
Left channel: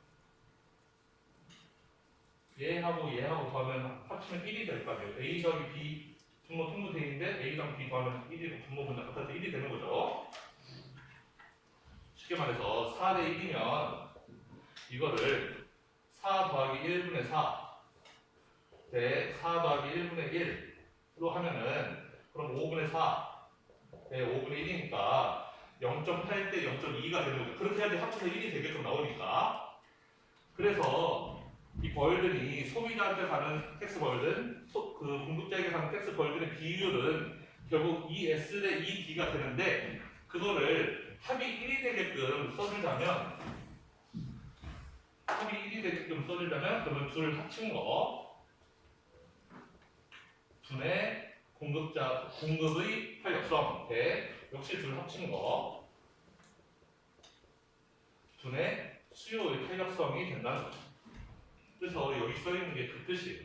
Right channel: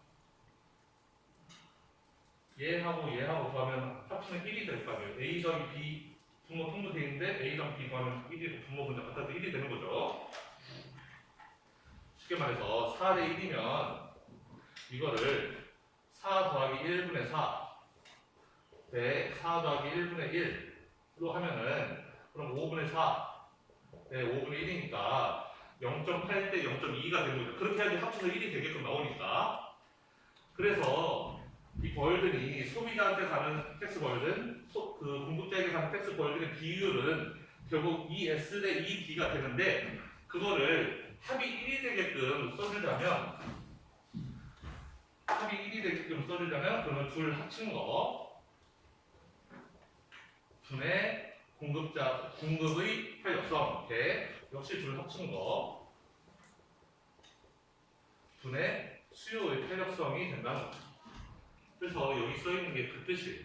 얘하고 얘하고 더하면 합치면 1이 될 거 아니에요? A 더하기 B 분모 통분되는데 A랑 B 더하면 1이 분모 분자 같아서 1이 되는 거죠. 쉽게 말해서 4 대 1이면 이거를 4 더하기 1분의 4 대 4 더하기 1분의 1로 하면은 그럼 5분의 4 네, 5분의 1이니까 0.8 대 0.2가 되는 거죠. 그렇게 해야지 합쳐서 1이 되게끔 나오니까. 그래서 이 벌든이 소비자한테 가는 텍스 벌든, 그 공급자에게 가는 텍스 벌든의 비율은 결국 2S 대 2B가 되는데 그거를 합이 1이 되게끔 써주자면 그러면 둘 합친 거 분의 공급의 탄력성 역시 둘 합친 거 분의 수요의 탄력성이 된다는 거죠. 그래서 여기 써 있는 게 그 뜻이에요.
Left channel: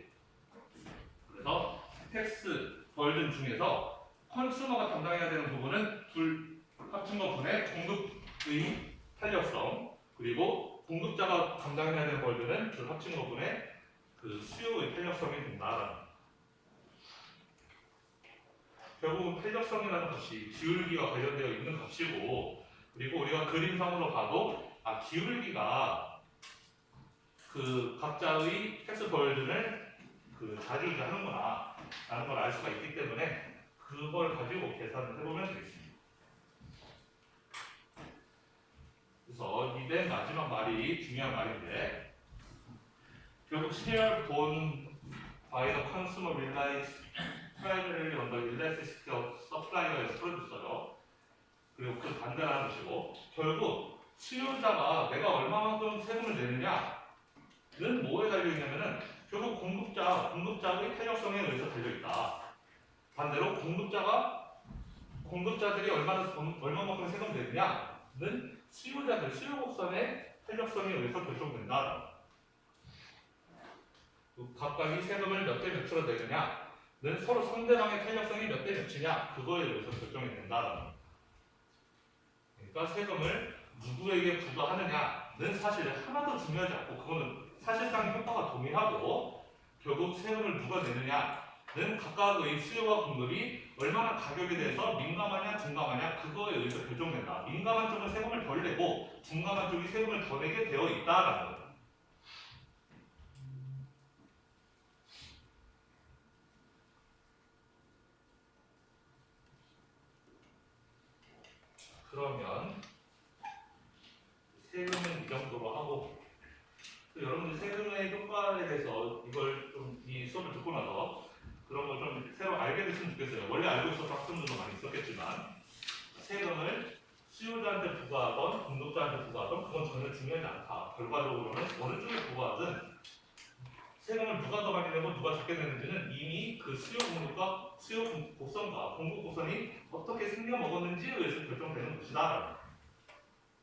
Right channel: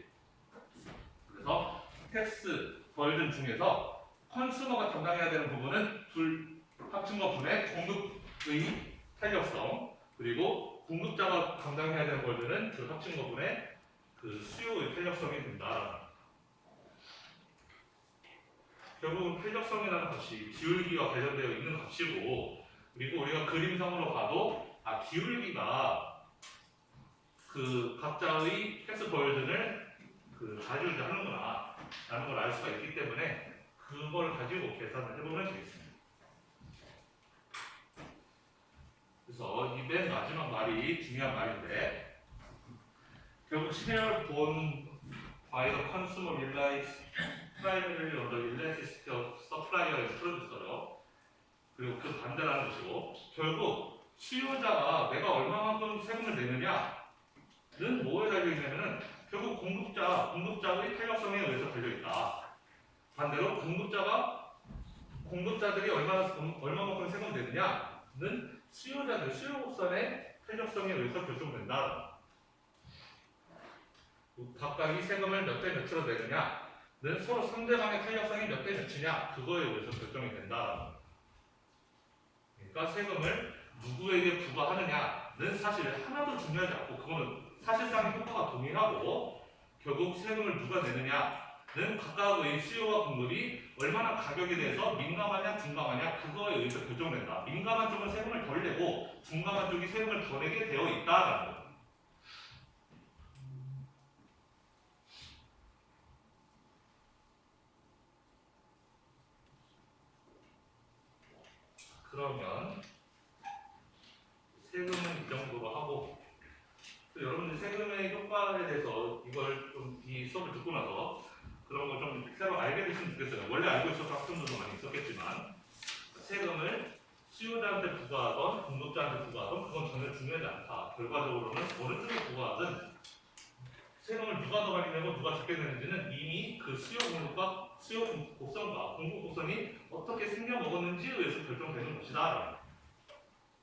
그래서 텍스 벌든 중에서 컨슈머가 담당해야 되는 부분은 둘 합친 거 분의 공급의 탄력성 그리고 공급자가 감당해야 되는 벌든은 둘 합친 거 분의 그 수요의 탄력성이 된다. 결국은 탄력성이라는 것이 기울기와 관련되어 있는 값이고 그리고 우리가 그림상으로 봐도 기울기가 그 각자의 텍스 벌든을 그 좌지우지하는구나 라는 걸 알 수가 있기 때문에 그걸 가지고 계산을 해보면 되겠습니다. 그래서 이 맨 마지막 말이 중요한 말인데 결국 share borne by the consumer relies primarily on the elasticity of supplier and producer죠. 그리고 그 반대라는 것이고 결국 수요자가 내가 얼마만큼 세금을 내느냐는 뭐에 달려있냐면은 결국 공급자의 탄력성에 의해서 달려있다. 반대로 공급자들이 얼마만큼 세금 내느냐는 수요 곡선의 탄력성에 의해서 결정된다. 각각이 세금을 몇 대 몇으로 내느냐는 서로 상대방의 탄력성이 몇 대 몇이냐 그거에 의해서 결정이 된다. 그러니까 세금을 누구에게 부과하느냐는 사실 하나도 중요하지 않고 그거는 사실상 효과가 동일하고 결국 세금을 누가 내느냐는 각각의 수요와 공급이 얼마나 가격에 대해서 민감하냐 둔감하냐 그거에 의해서 결정된다. 민감한 쪽은 세금을 덜 내고 둔감한 쪽이 세금을 더 내게 되어 있다라는 거예요. 그러면 세금은 이 정도로 하고 또 여러분들 세금의 효과에 대해서 이걸 좀 이 수업을 듣고 나서 그런 걸 좀 새로 알게 됐으면 좋겠어요. 원래 알고 있어서 학생들도 많이 있었겠지만 세금을 수요자한테 부과하던 공급자한테 부과하던 그건 전혀 중요하지 않다. 결과적으로는 어느 쪽에 부과하든 세금을 누가 더 많이 내고 누가 적게 내는지는 이미 그 수요 곡선과 공급 곡선이 어떻게 생겨 먹었는지에 의해서 결정되는 것이다.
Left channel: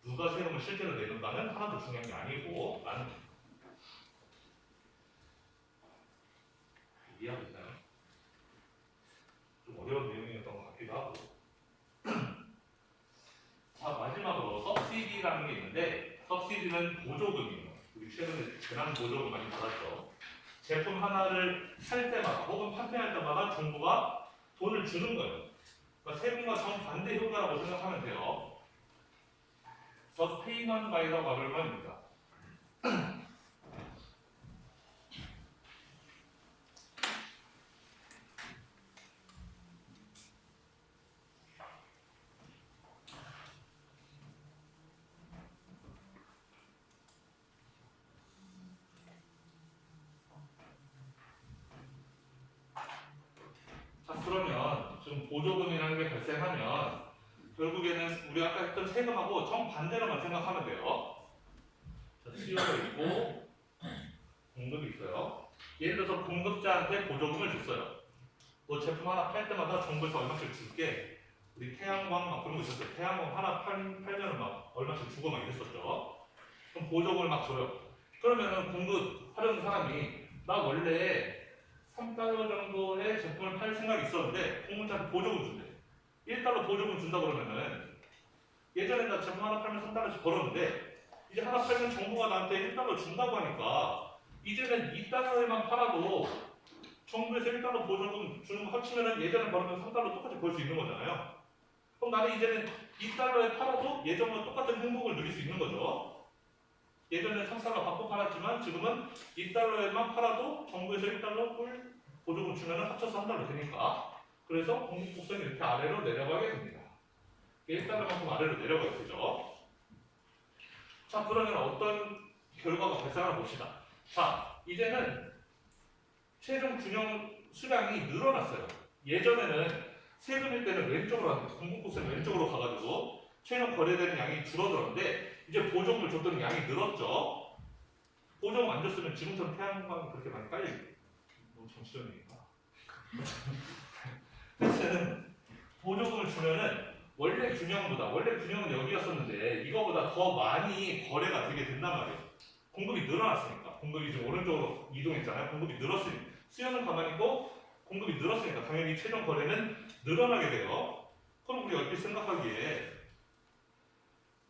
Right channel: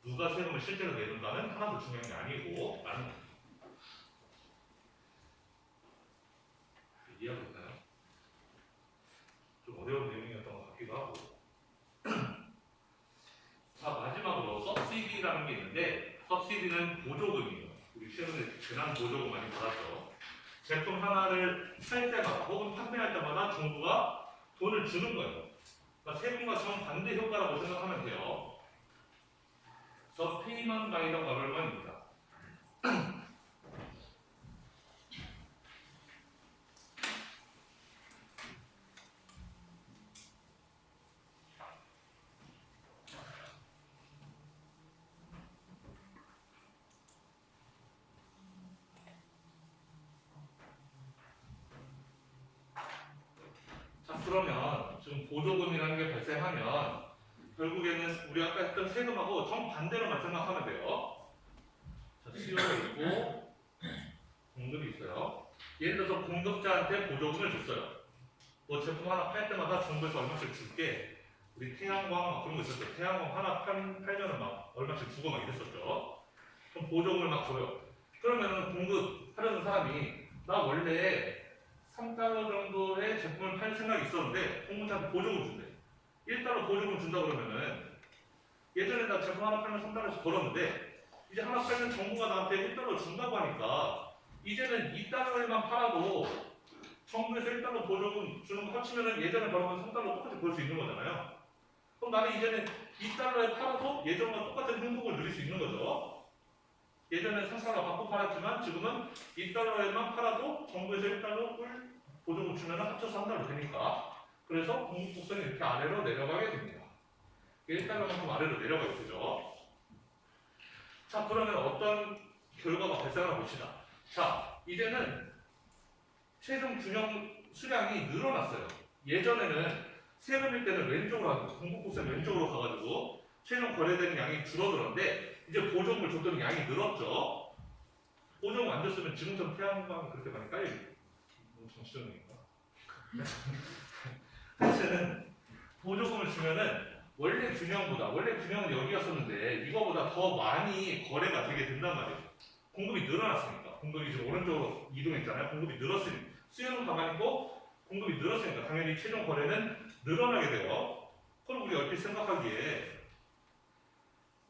누가 세금을 실제로 내는가는 하나도 중요한 게 아니고 라는 거죠. 이해하고 있나요? 좀 어려운 내용이었던 것 같기도 하고. 자, 마지막으로 subsidy라는 게 있는데 subsidy는 보조금이에요. 우리 최근에 재난 보조금 많이 받았죠. 제품 하나를 살 때마다 혹은 판매할 때마다 정부가 돈을 주는 거예요. 그러니까 세금과 정반대 효과라고 생각하면 돼요. The payment by the government입니다. 자, 그러면 지금 보조금이라는 게 발생하면 결국에는 우리 아까 했던 세금하고 정반대로만 생각하면 돼요. 자, 수요가 있고 공급이 있어요. 예를 들어서 공급자한테 보조금을 줬어요. 너 제품 하나 팔 때마다 정부에서 얼마씩 줄게. 우리 태양광 막 그런 거 있었죠. 태양광 하나 팔면은 막 얼마씩 주고 막 이랬었죠. 그럼 보조금을 막 줘요. 그러면은 공급하려는 사람이 나 원래 3달러 정도의 제품을 팔 생각이 있었는데 공급자한테 보조금 준대. 1달러 보조금 준다 그러면은 예전에 나 제품 하나 팔면 3달러씩 벌었는데 이제 하나 팔면 정부가 나한테 1달러 준다고 하니까 이제는 2달러에만 팔아도 정부에서 1달러 보조금 주는 거 합치면은 예전에 벌었던 3달러 똑같이 벌 수 있는 거잖아요. 그럼 나는 이제는 2달러에 팔아도 예전과 똑같은 행복을 누릴 수 있는 거죠. 예전엔 3달러 받고 팔았지만 지금은 2달러에만 팔아도 정부에서 1달러 꿀 보조금 주면 합쳐서 3달러 되니까 그래서 공급곡선이 이렇게 아래로 내려가게 됩니다. 1달러만큼 아래로 내려가게 되죠. 자, 그러면 어떤 결과가 발생하나 봅시다. 자, 이제는 최종 균형 수량이 늘어났어요. 예전에는 세금일 때는 왼쪽으로 하는데 공급곡선 왼쪽으로 가가지고 최종 거래되는 양이 줄어들었는데 이제 보조금을 줬더니 양이 늘었죠. 보조금 안 줬으면 지금처럼 태양광이 그렇게 많이 깔리고 너무 정치적이니까. 하여튼 보조금을 주면은 원래 균형은 여기였었는데 이거보다 더 많이 거래가 되게 된단 말이에요. 공급이 늘어났으니까. 공급이 지금 오른쪽으로 이동했잖아요. 공급이 늘었으니 수요는 가만히 있고 공급이 늘었으니까 당연히 최종 거래는 늘어나게 돼요. 그럼 우리 얼핏 생각하기에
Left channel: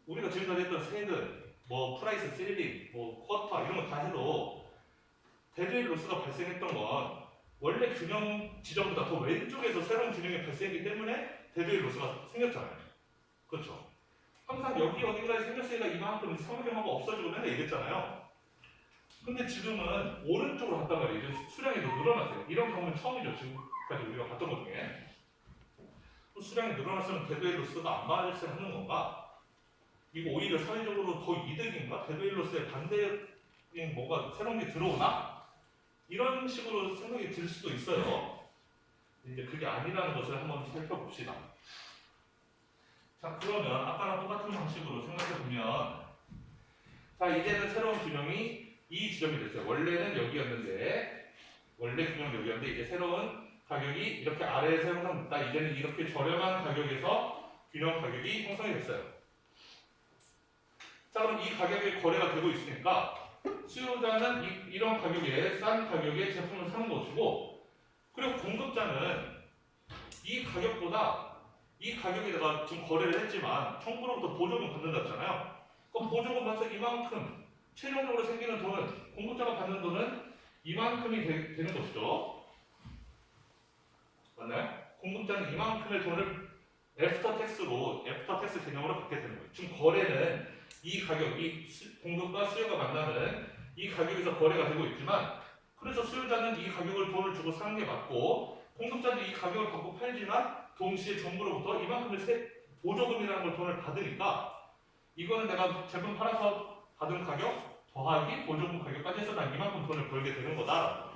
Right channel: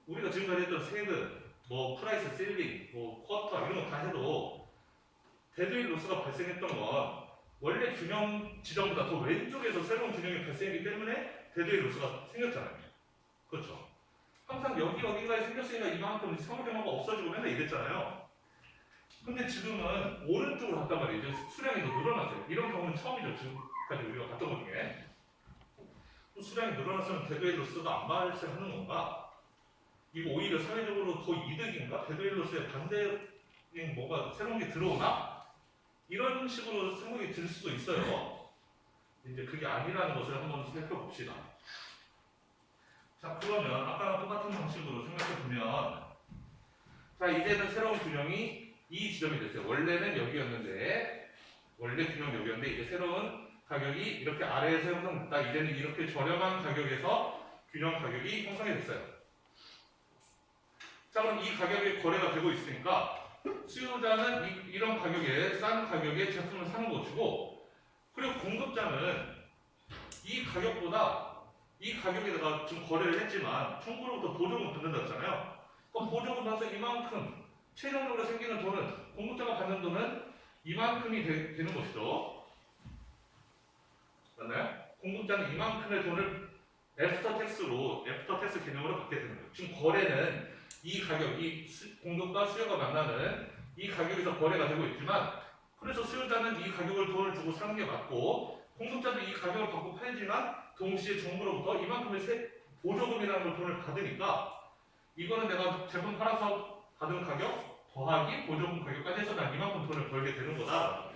우리가 지금까지 했던 세금, 뭐 프라이스 셀링, 뭐 쿼터 이런 거 다 해도 데드웨이 로스가 발생했던 건 원래 균형 지점보다 더 왼쪽에서 새로운 균형이 발생했기 때문에 데드웨이 로스가 생겼잖아요. 그렇죠? 항상 여기 어딘가에 생겼으니까 이만큼 상호경화가 없어지고 맨날 이랬잖아요. 근데 지금은 오른쪽으로 갔단 말이에요. 이제 수량이 더 늘어났어요. 이런 경우는 처음이죠. 지금까지 우리가 봤던 것 중에. 수량이 늘어났으면 데드웨이 로스가 안 발생하는 건가? 이거 오히려 사회적으로 더 이득인가? 데드웨이 로스의 반대인 뭐가 새로운 게 들어오나? 이런 식으로 생각이 들 수도 있어요. 이제 그게 아니라는 것을 한번 살펴봅시다. 자, 그러면 아까랑 똑같은 방식으로 생각해보면 자, 이제는 새로운 균형이 이 지점이 됐어요. 원래는 여기였는데 원래 균형 여기였는데 이제 새로운 가격이 이렇게 아래에서 형성됐다. 이제는 이렇게 저렴한 가격에서 균형 가격이 형성이 됐어요. 자, 그럼 이 가격에 거래가 되고 있으니까 수요자는 이런 가격에 싼 가격에 제품을 사는 것이고 그리고 공급자는 이 가격보다 이 가격에다가 지금 거래를 했지만 정부로부터 보조금 받는다 했잖아요. 그럼 보조금 받아서 이만큼 최종적으로 생기는 돈은 공급자가 받는 돈은 이만큼이 되는 것이죠. 맞나요? 공급자는 이만큼의 돈을 애프터 텍스 개념으로 받게 되는 거예요. 지금 거래는 이 가격, 공급과 수요가 만나는 이 가격에서 거래가 되고 있지만 그래서 수요자는 이 가격을 돈을 주고 사는 게 맞고 공급자도 이 가격을 받고 팔지만 동시에 정부로부터 이만큼의 보조금이라는 걸 돈을 받으니까 이거는 내가 제품 팔아서 받은 가격 더하기 보조금 가격까지 해서 난 이만큼 돈을 벌게 되는 거다.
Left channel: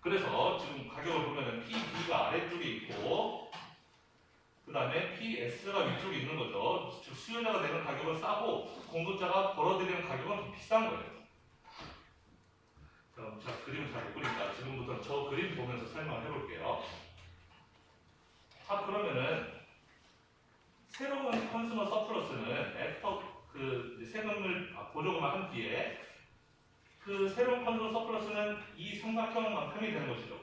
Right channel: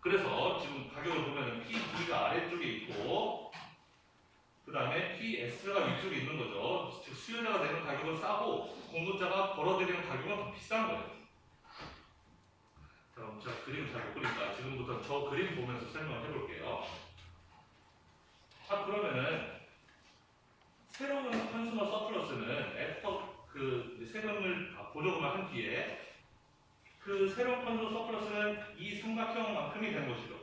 그래서 지금 가격을 보면은 PB가 아래쪽에 있고 그 다음에 PS가 위쪽에 있는 거죠. 즉 수요자가 내는 가격은 싸고 공급자가 벌어들이는 가격은 더 비싼 거예요. 그럼 제가 그림을 잘 못 그리니까 지금부터 저 그림 보면서 설명을 해볼게요. 자, 그러면은 새로운 컨슈머 서플러스는 애프터 그 세금을 보조금을 한 뒤에 그 새로운 컨슈머 서플러스는 이 삼각형만큼이 되는 것이죠.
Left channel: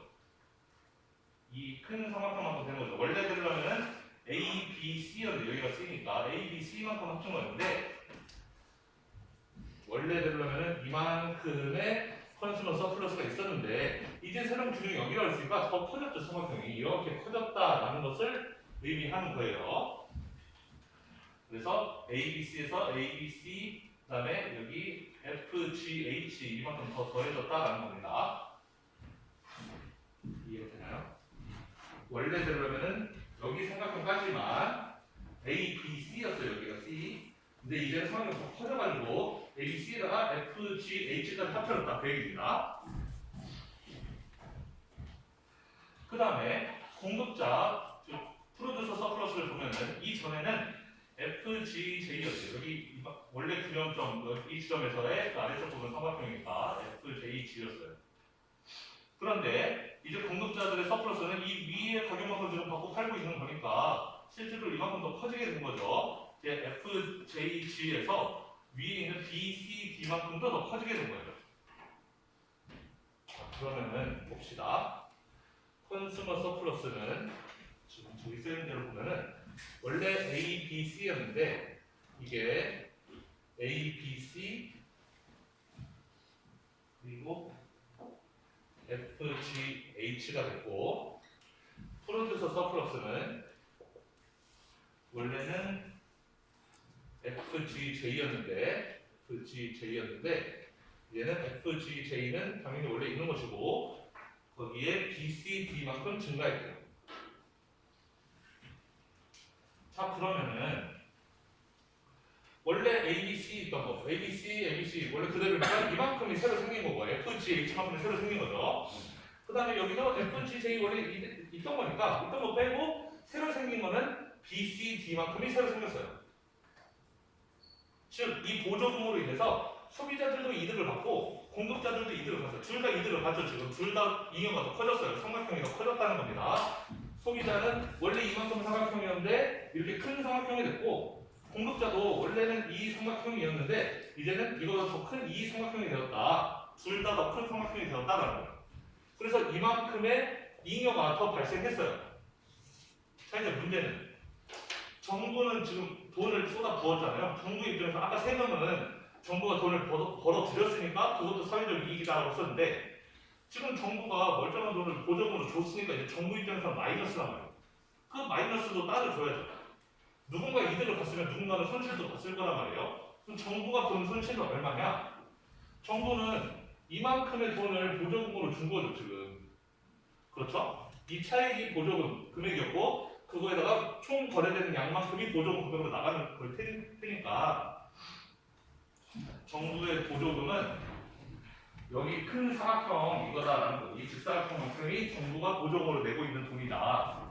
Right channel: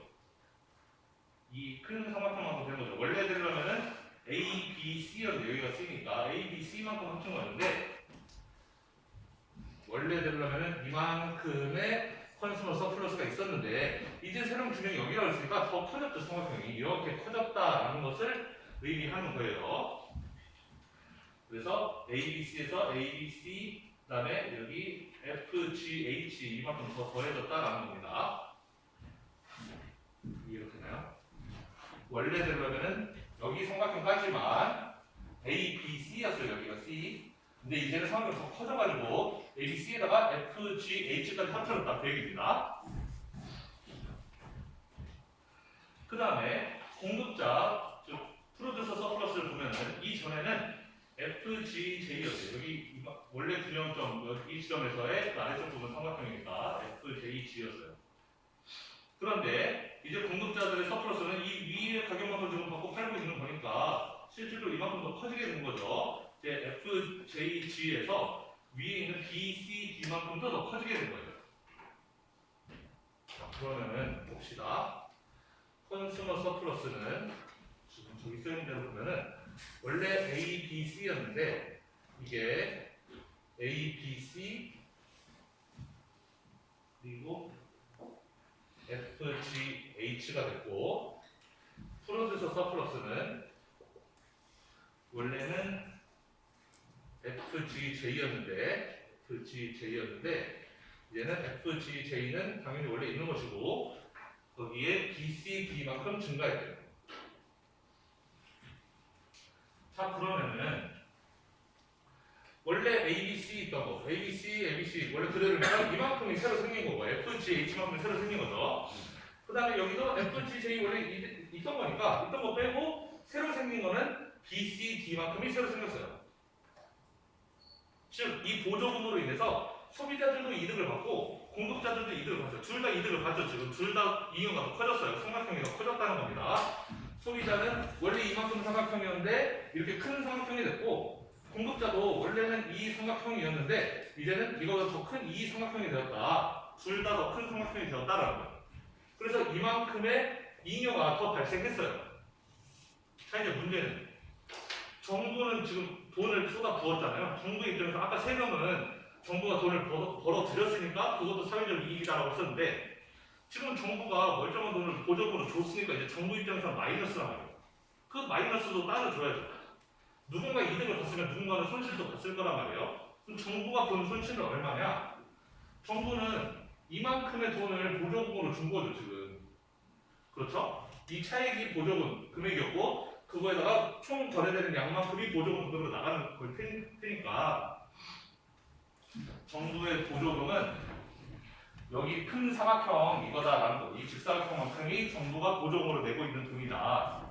이 큰 삼각형만큼 되는 거죠. 원래 되려면은 A, B, C였는데 여기가 C니까 A, B, C만큼 합친 거였는데 원래 되려면은 이만큼의 컨슈머 서플러스가 있었는데 이제 새로운 균형이 여기로 있으니까 더 커졌죠. 삼각형이 이렇게 커졌다라는 것을 의미하는 거예요. 그래서 ABC에서 ABC 그 다음에 여기 FGH 이만큼 더 더해졌다라는 겁니다. 이해가 되나요? 원래 되려면은 여기 삼각형까지만 A, B, C였어요. 여기가 C. 근데 이제는 삼각형이 더 커져가지고 A, B, C에다가 F, G, H까지 합쳐졌다 그 얘기입니다. 그 다음에 공급자, 즉 프로듀서 서플러스를 보면은 이전에는 FGJ였어요. 여기 원래 균형점 이 지점에서의 그 아래쪽 부분 삼각형이니까 FJG였어요. 그런데 이제 공급자들의 서플러스는 이 위의 가격만큼 지금 받고 팔고 있는 거니까 실제로 이만큼 더 커지게 된 거죠. 이제 FJG에서 위에 있는 BCD만큼도 더 커지게 된 거예요. 자, 그러면은 봅시다. 컨슈머 서플러스는 지금 저기 쓰인 대로 보면은 원래 A, B, C였는데 이게 A, B, C 그리고 F, G, H가 됐고 프로듀서 서플러스는 원래는 FGJ였는데 얘는 FGJ는 당연히 원래 있는 것이고 거기에 BCD만큼 증가했대요. 자 그러면은 원래 ABC 있던 거죠. ABC 원래 그대로니까 이만큼이 새로 생긴 거고 FGH만큼이 새로 생긴 거죠. 그 다음에 여기도 FGJ 원래 있던 거니까 있던 거 빼고 새로 생긴 거는 BCD만큼이 새로 생겼어요. 즉 이 보조금으로 인해서 소비자들도 이득을 받고 공급자들도 이득을 받았어요. 둘 다 이득을 받죠. 지금 둘 다 잉여가 더 커졌어요. 삼각형이 더 커졌다는 겁니다. 소비자는 원래 이만큼 삼각형이었는데 이렇게 큰 삼각형이 됐고 공급자도 원래는 이 삼각형이었는데 이제는 이거보다 더 큰 이 삼각형이 되었다. 둘 다 더 큰 삼각형이 되었다라는 거예요. 그래서 이만큼의 잉여가 더 발생했어요. 자 이제 문제는 정부는 지금 돈을 쏟아 부었잖아요. 정부 입장에서 아까 세 명은 정부가 돈을 벌어 들였으니까 그것도 사회적 이익이다라고 썼는데 지금 정부가 멀쩡한 돈을 보조금으로 줬으니까 이제 정부 입장에서는 마이너스란 말이에요. 그 마이너스도 따로 줘야죠. 누군가 이득을 봤으면 누군가는 손실도 봤을 거란 말이에요. 그럼 정부가 본 손실은 얼마냐? 정부는 이만큼의 돈을 보조금으로 준 거죠 지금. 그렇죠? 이 차액이 보조금 금액이었고 그거에다가 총 거래되는 양만큼이 보조금 금액으로 나가는 걸 테니까 정부의 보조금은 여기 큰 사각형 이거다라는 거. 이 직사각형만큼이 정부가 보조금으로 내고 있는 돈이다.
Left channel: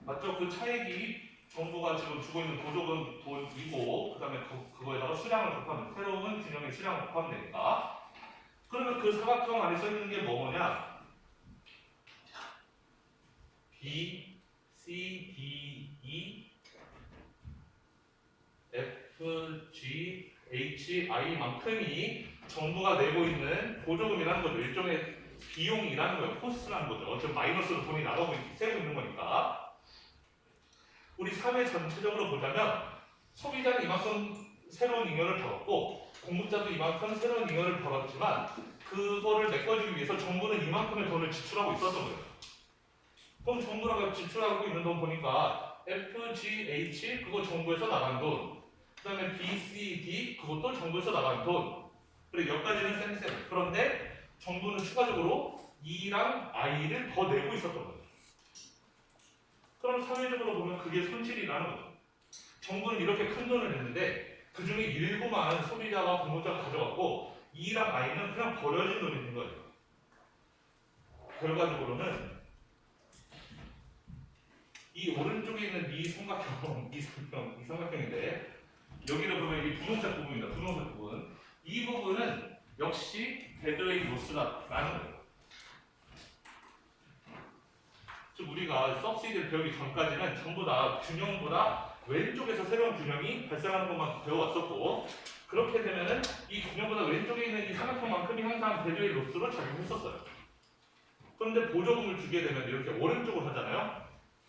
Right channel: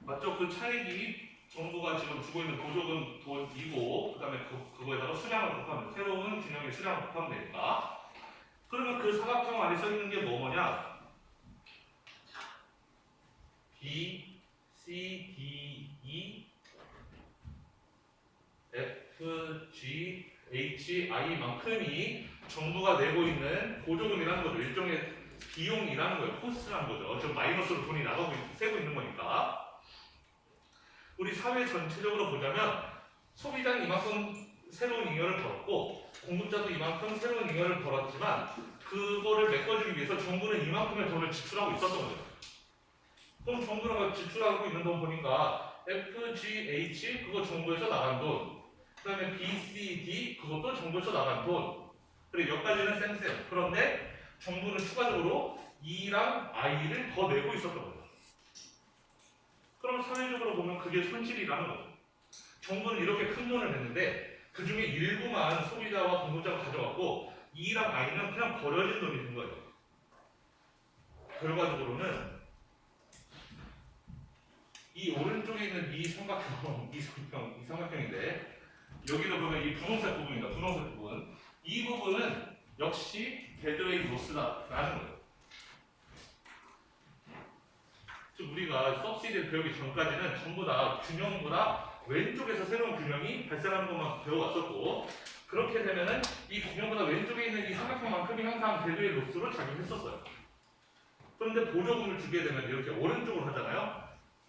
맞죠? 그 차액이 정부가 지금 주고 있는 보조금 돈이고 그 다음에 그거에다가 수량을 곱하면 새로운 균형의 수량을 곱하면 되니까 그러면 그 사각형 안에 써 있는 게 뭐냐? B, C, D, E, F, G, H, I만큼이 정부가 내고 있는 보조금이라는 거죠. 일종의 비용이라는 거예요. 코스트라는 거죠. 지금 마이너스로 돈이 나가고 세고 있는 거니까. 우리 사회 전체적으로 보자면 소비자는 이만큼 새로운 잉여를 벌었고 공급자도 이만큼 새로운 잉여를 벌었지만 그거를 메꿔주기 위해서 정부는 이만큼의 돈을 지출하고 있었던 거예요. 그럼 정부가 지출하고 있는 돈 보니까 FGH 그거 정부에서 나간 돈, 그 다음에 BCD 그것도 정부에서 나간 돈. 그리고 여기까지는 쌤. 그런데 정부는 추가적으로 E랑 I를 더 내고 있었던 거죠. 그럼 사회적으로 보면 그게 손실이라는 거죠. 정부는 이렇게 큰 돈을 냈는데 그 중에 일부만 소비자와 공급자가 가져갔고 E랑 I는 그냥 버려진 돈이 된 거예요. 결과적으로는 이 오른쪽에 있는 이 삼각형인데 여기를 보면 이 분홍색 부분입니다. 분홍색 부분. 이 부분은 역시 데드웨이트 로스라는 거예요. 즉 우리가 서브시디를 배우기 전까지는 전부 다 균형보다 왼쪽에서 새로운 균형이 발생하는 것만 배워왔었고 그렇게 되면은 이 균형보다 왼쪽에 있는 이 삼각형만큼이 항상 데드웨이트 로스로 작용했었어요. 그런데 보조금을 주게 되면 이렇게 오른쪽으로 하잖아요.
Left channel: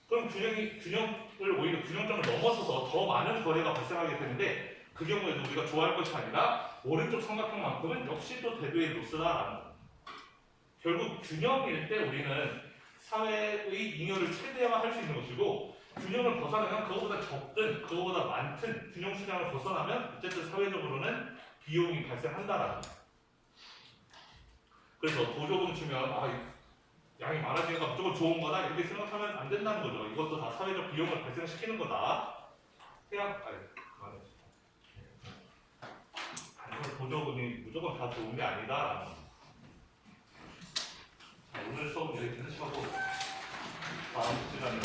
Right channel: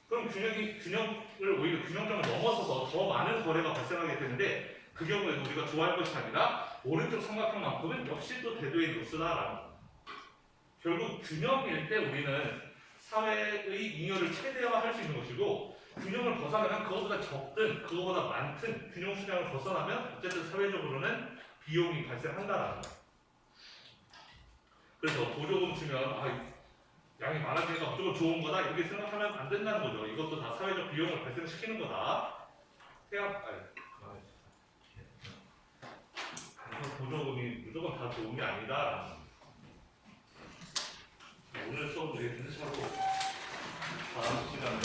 그럼 균형을 오히려 균형점을 넘어서서 더 많은 거래가 발생하게 되는데 그 경우에도 우리가 좋아할 것이 아니라 오른쪽 삼각형만큼은 역시 또 데드웨이트 로스다라는 거예요. 결국 균형일 때 우리는 사회의 잉여를 최대화할 수 있는 것이고 균형을 벗어나면 그거보다 적든 그거보다 많든 균형 수량을 벗어나면 어쨌든 사회적으로는 비용이 발생한다라는 거예요. 그래서 보조금 주면 양이 많아지니까 무조건 좋은 거다 이렇게 생각하면 안 된다는 거죠. 이것도 다 사회적 비용을 발생시키는 거다. 그만해. 보조금이 무조건 다 좋은 게 아니다라는 거죠. 오늘 수업 여기 끝내시고 다음 시간에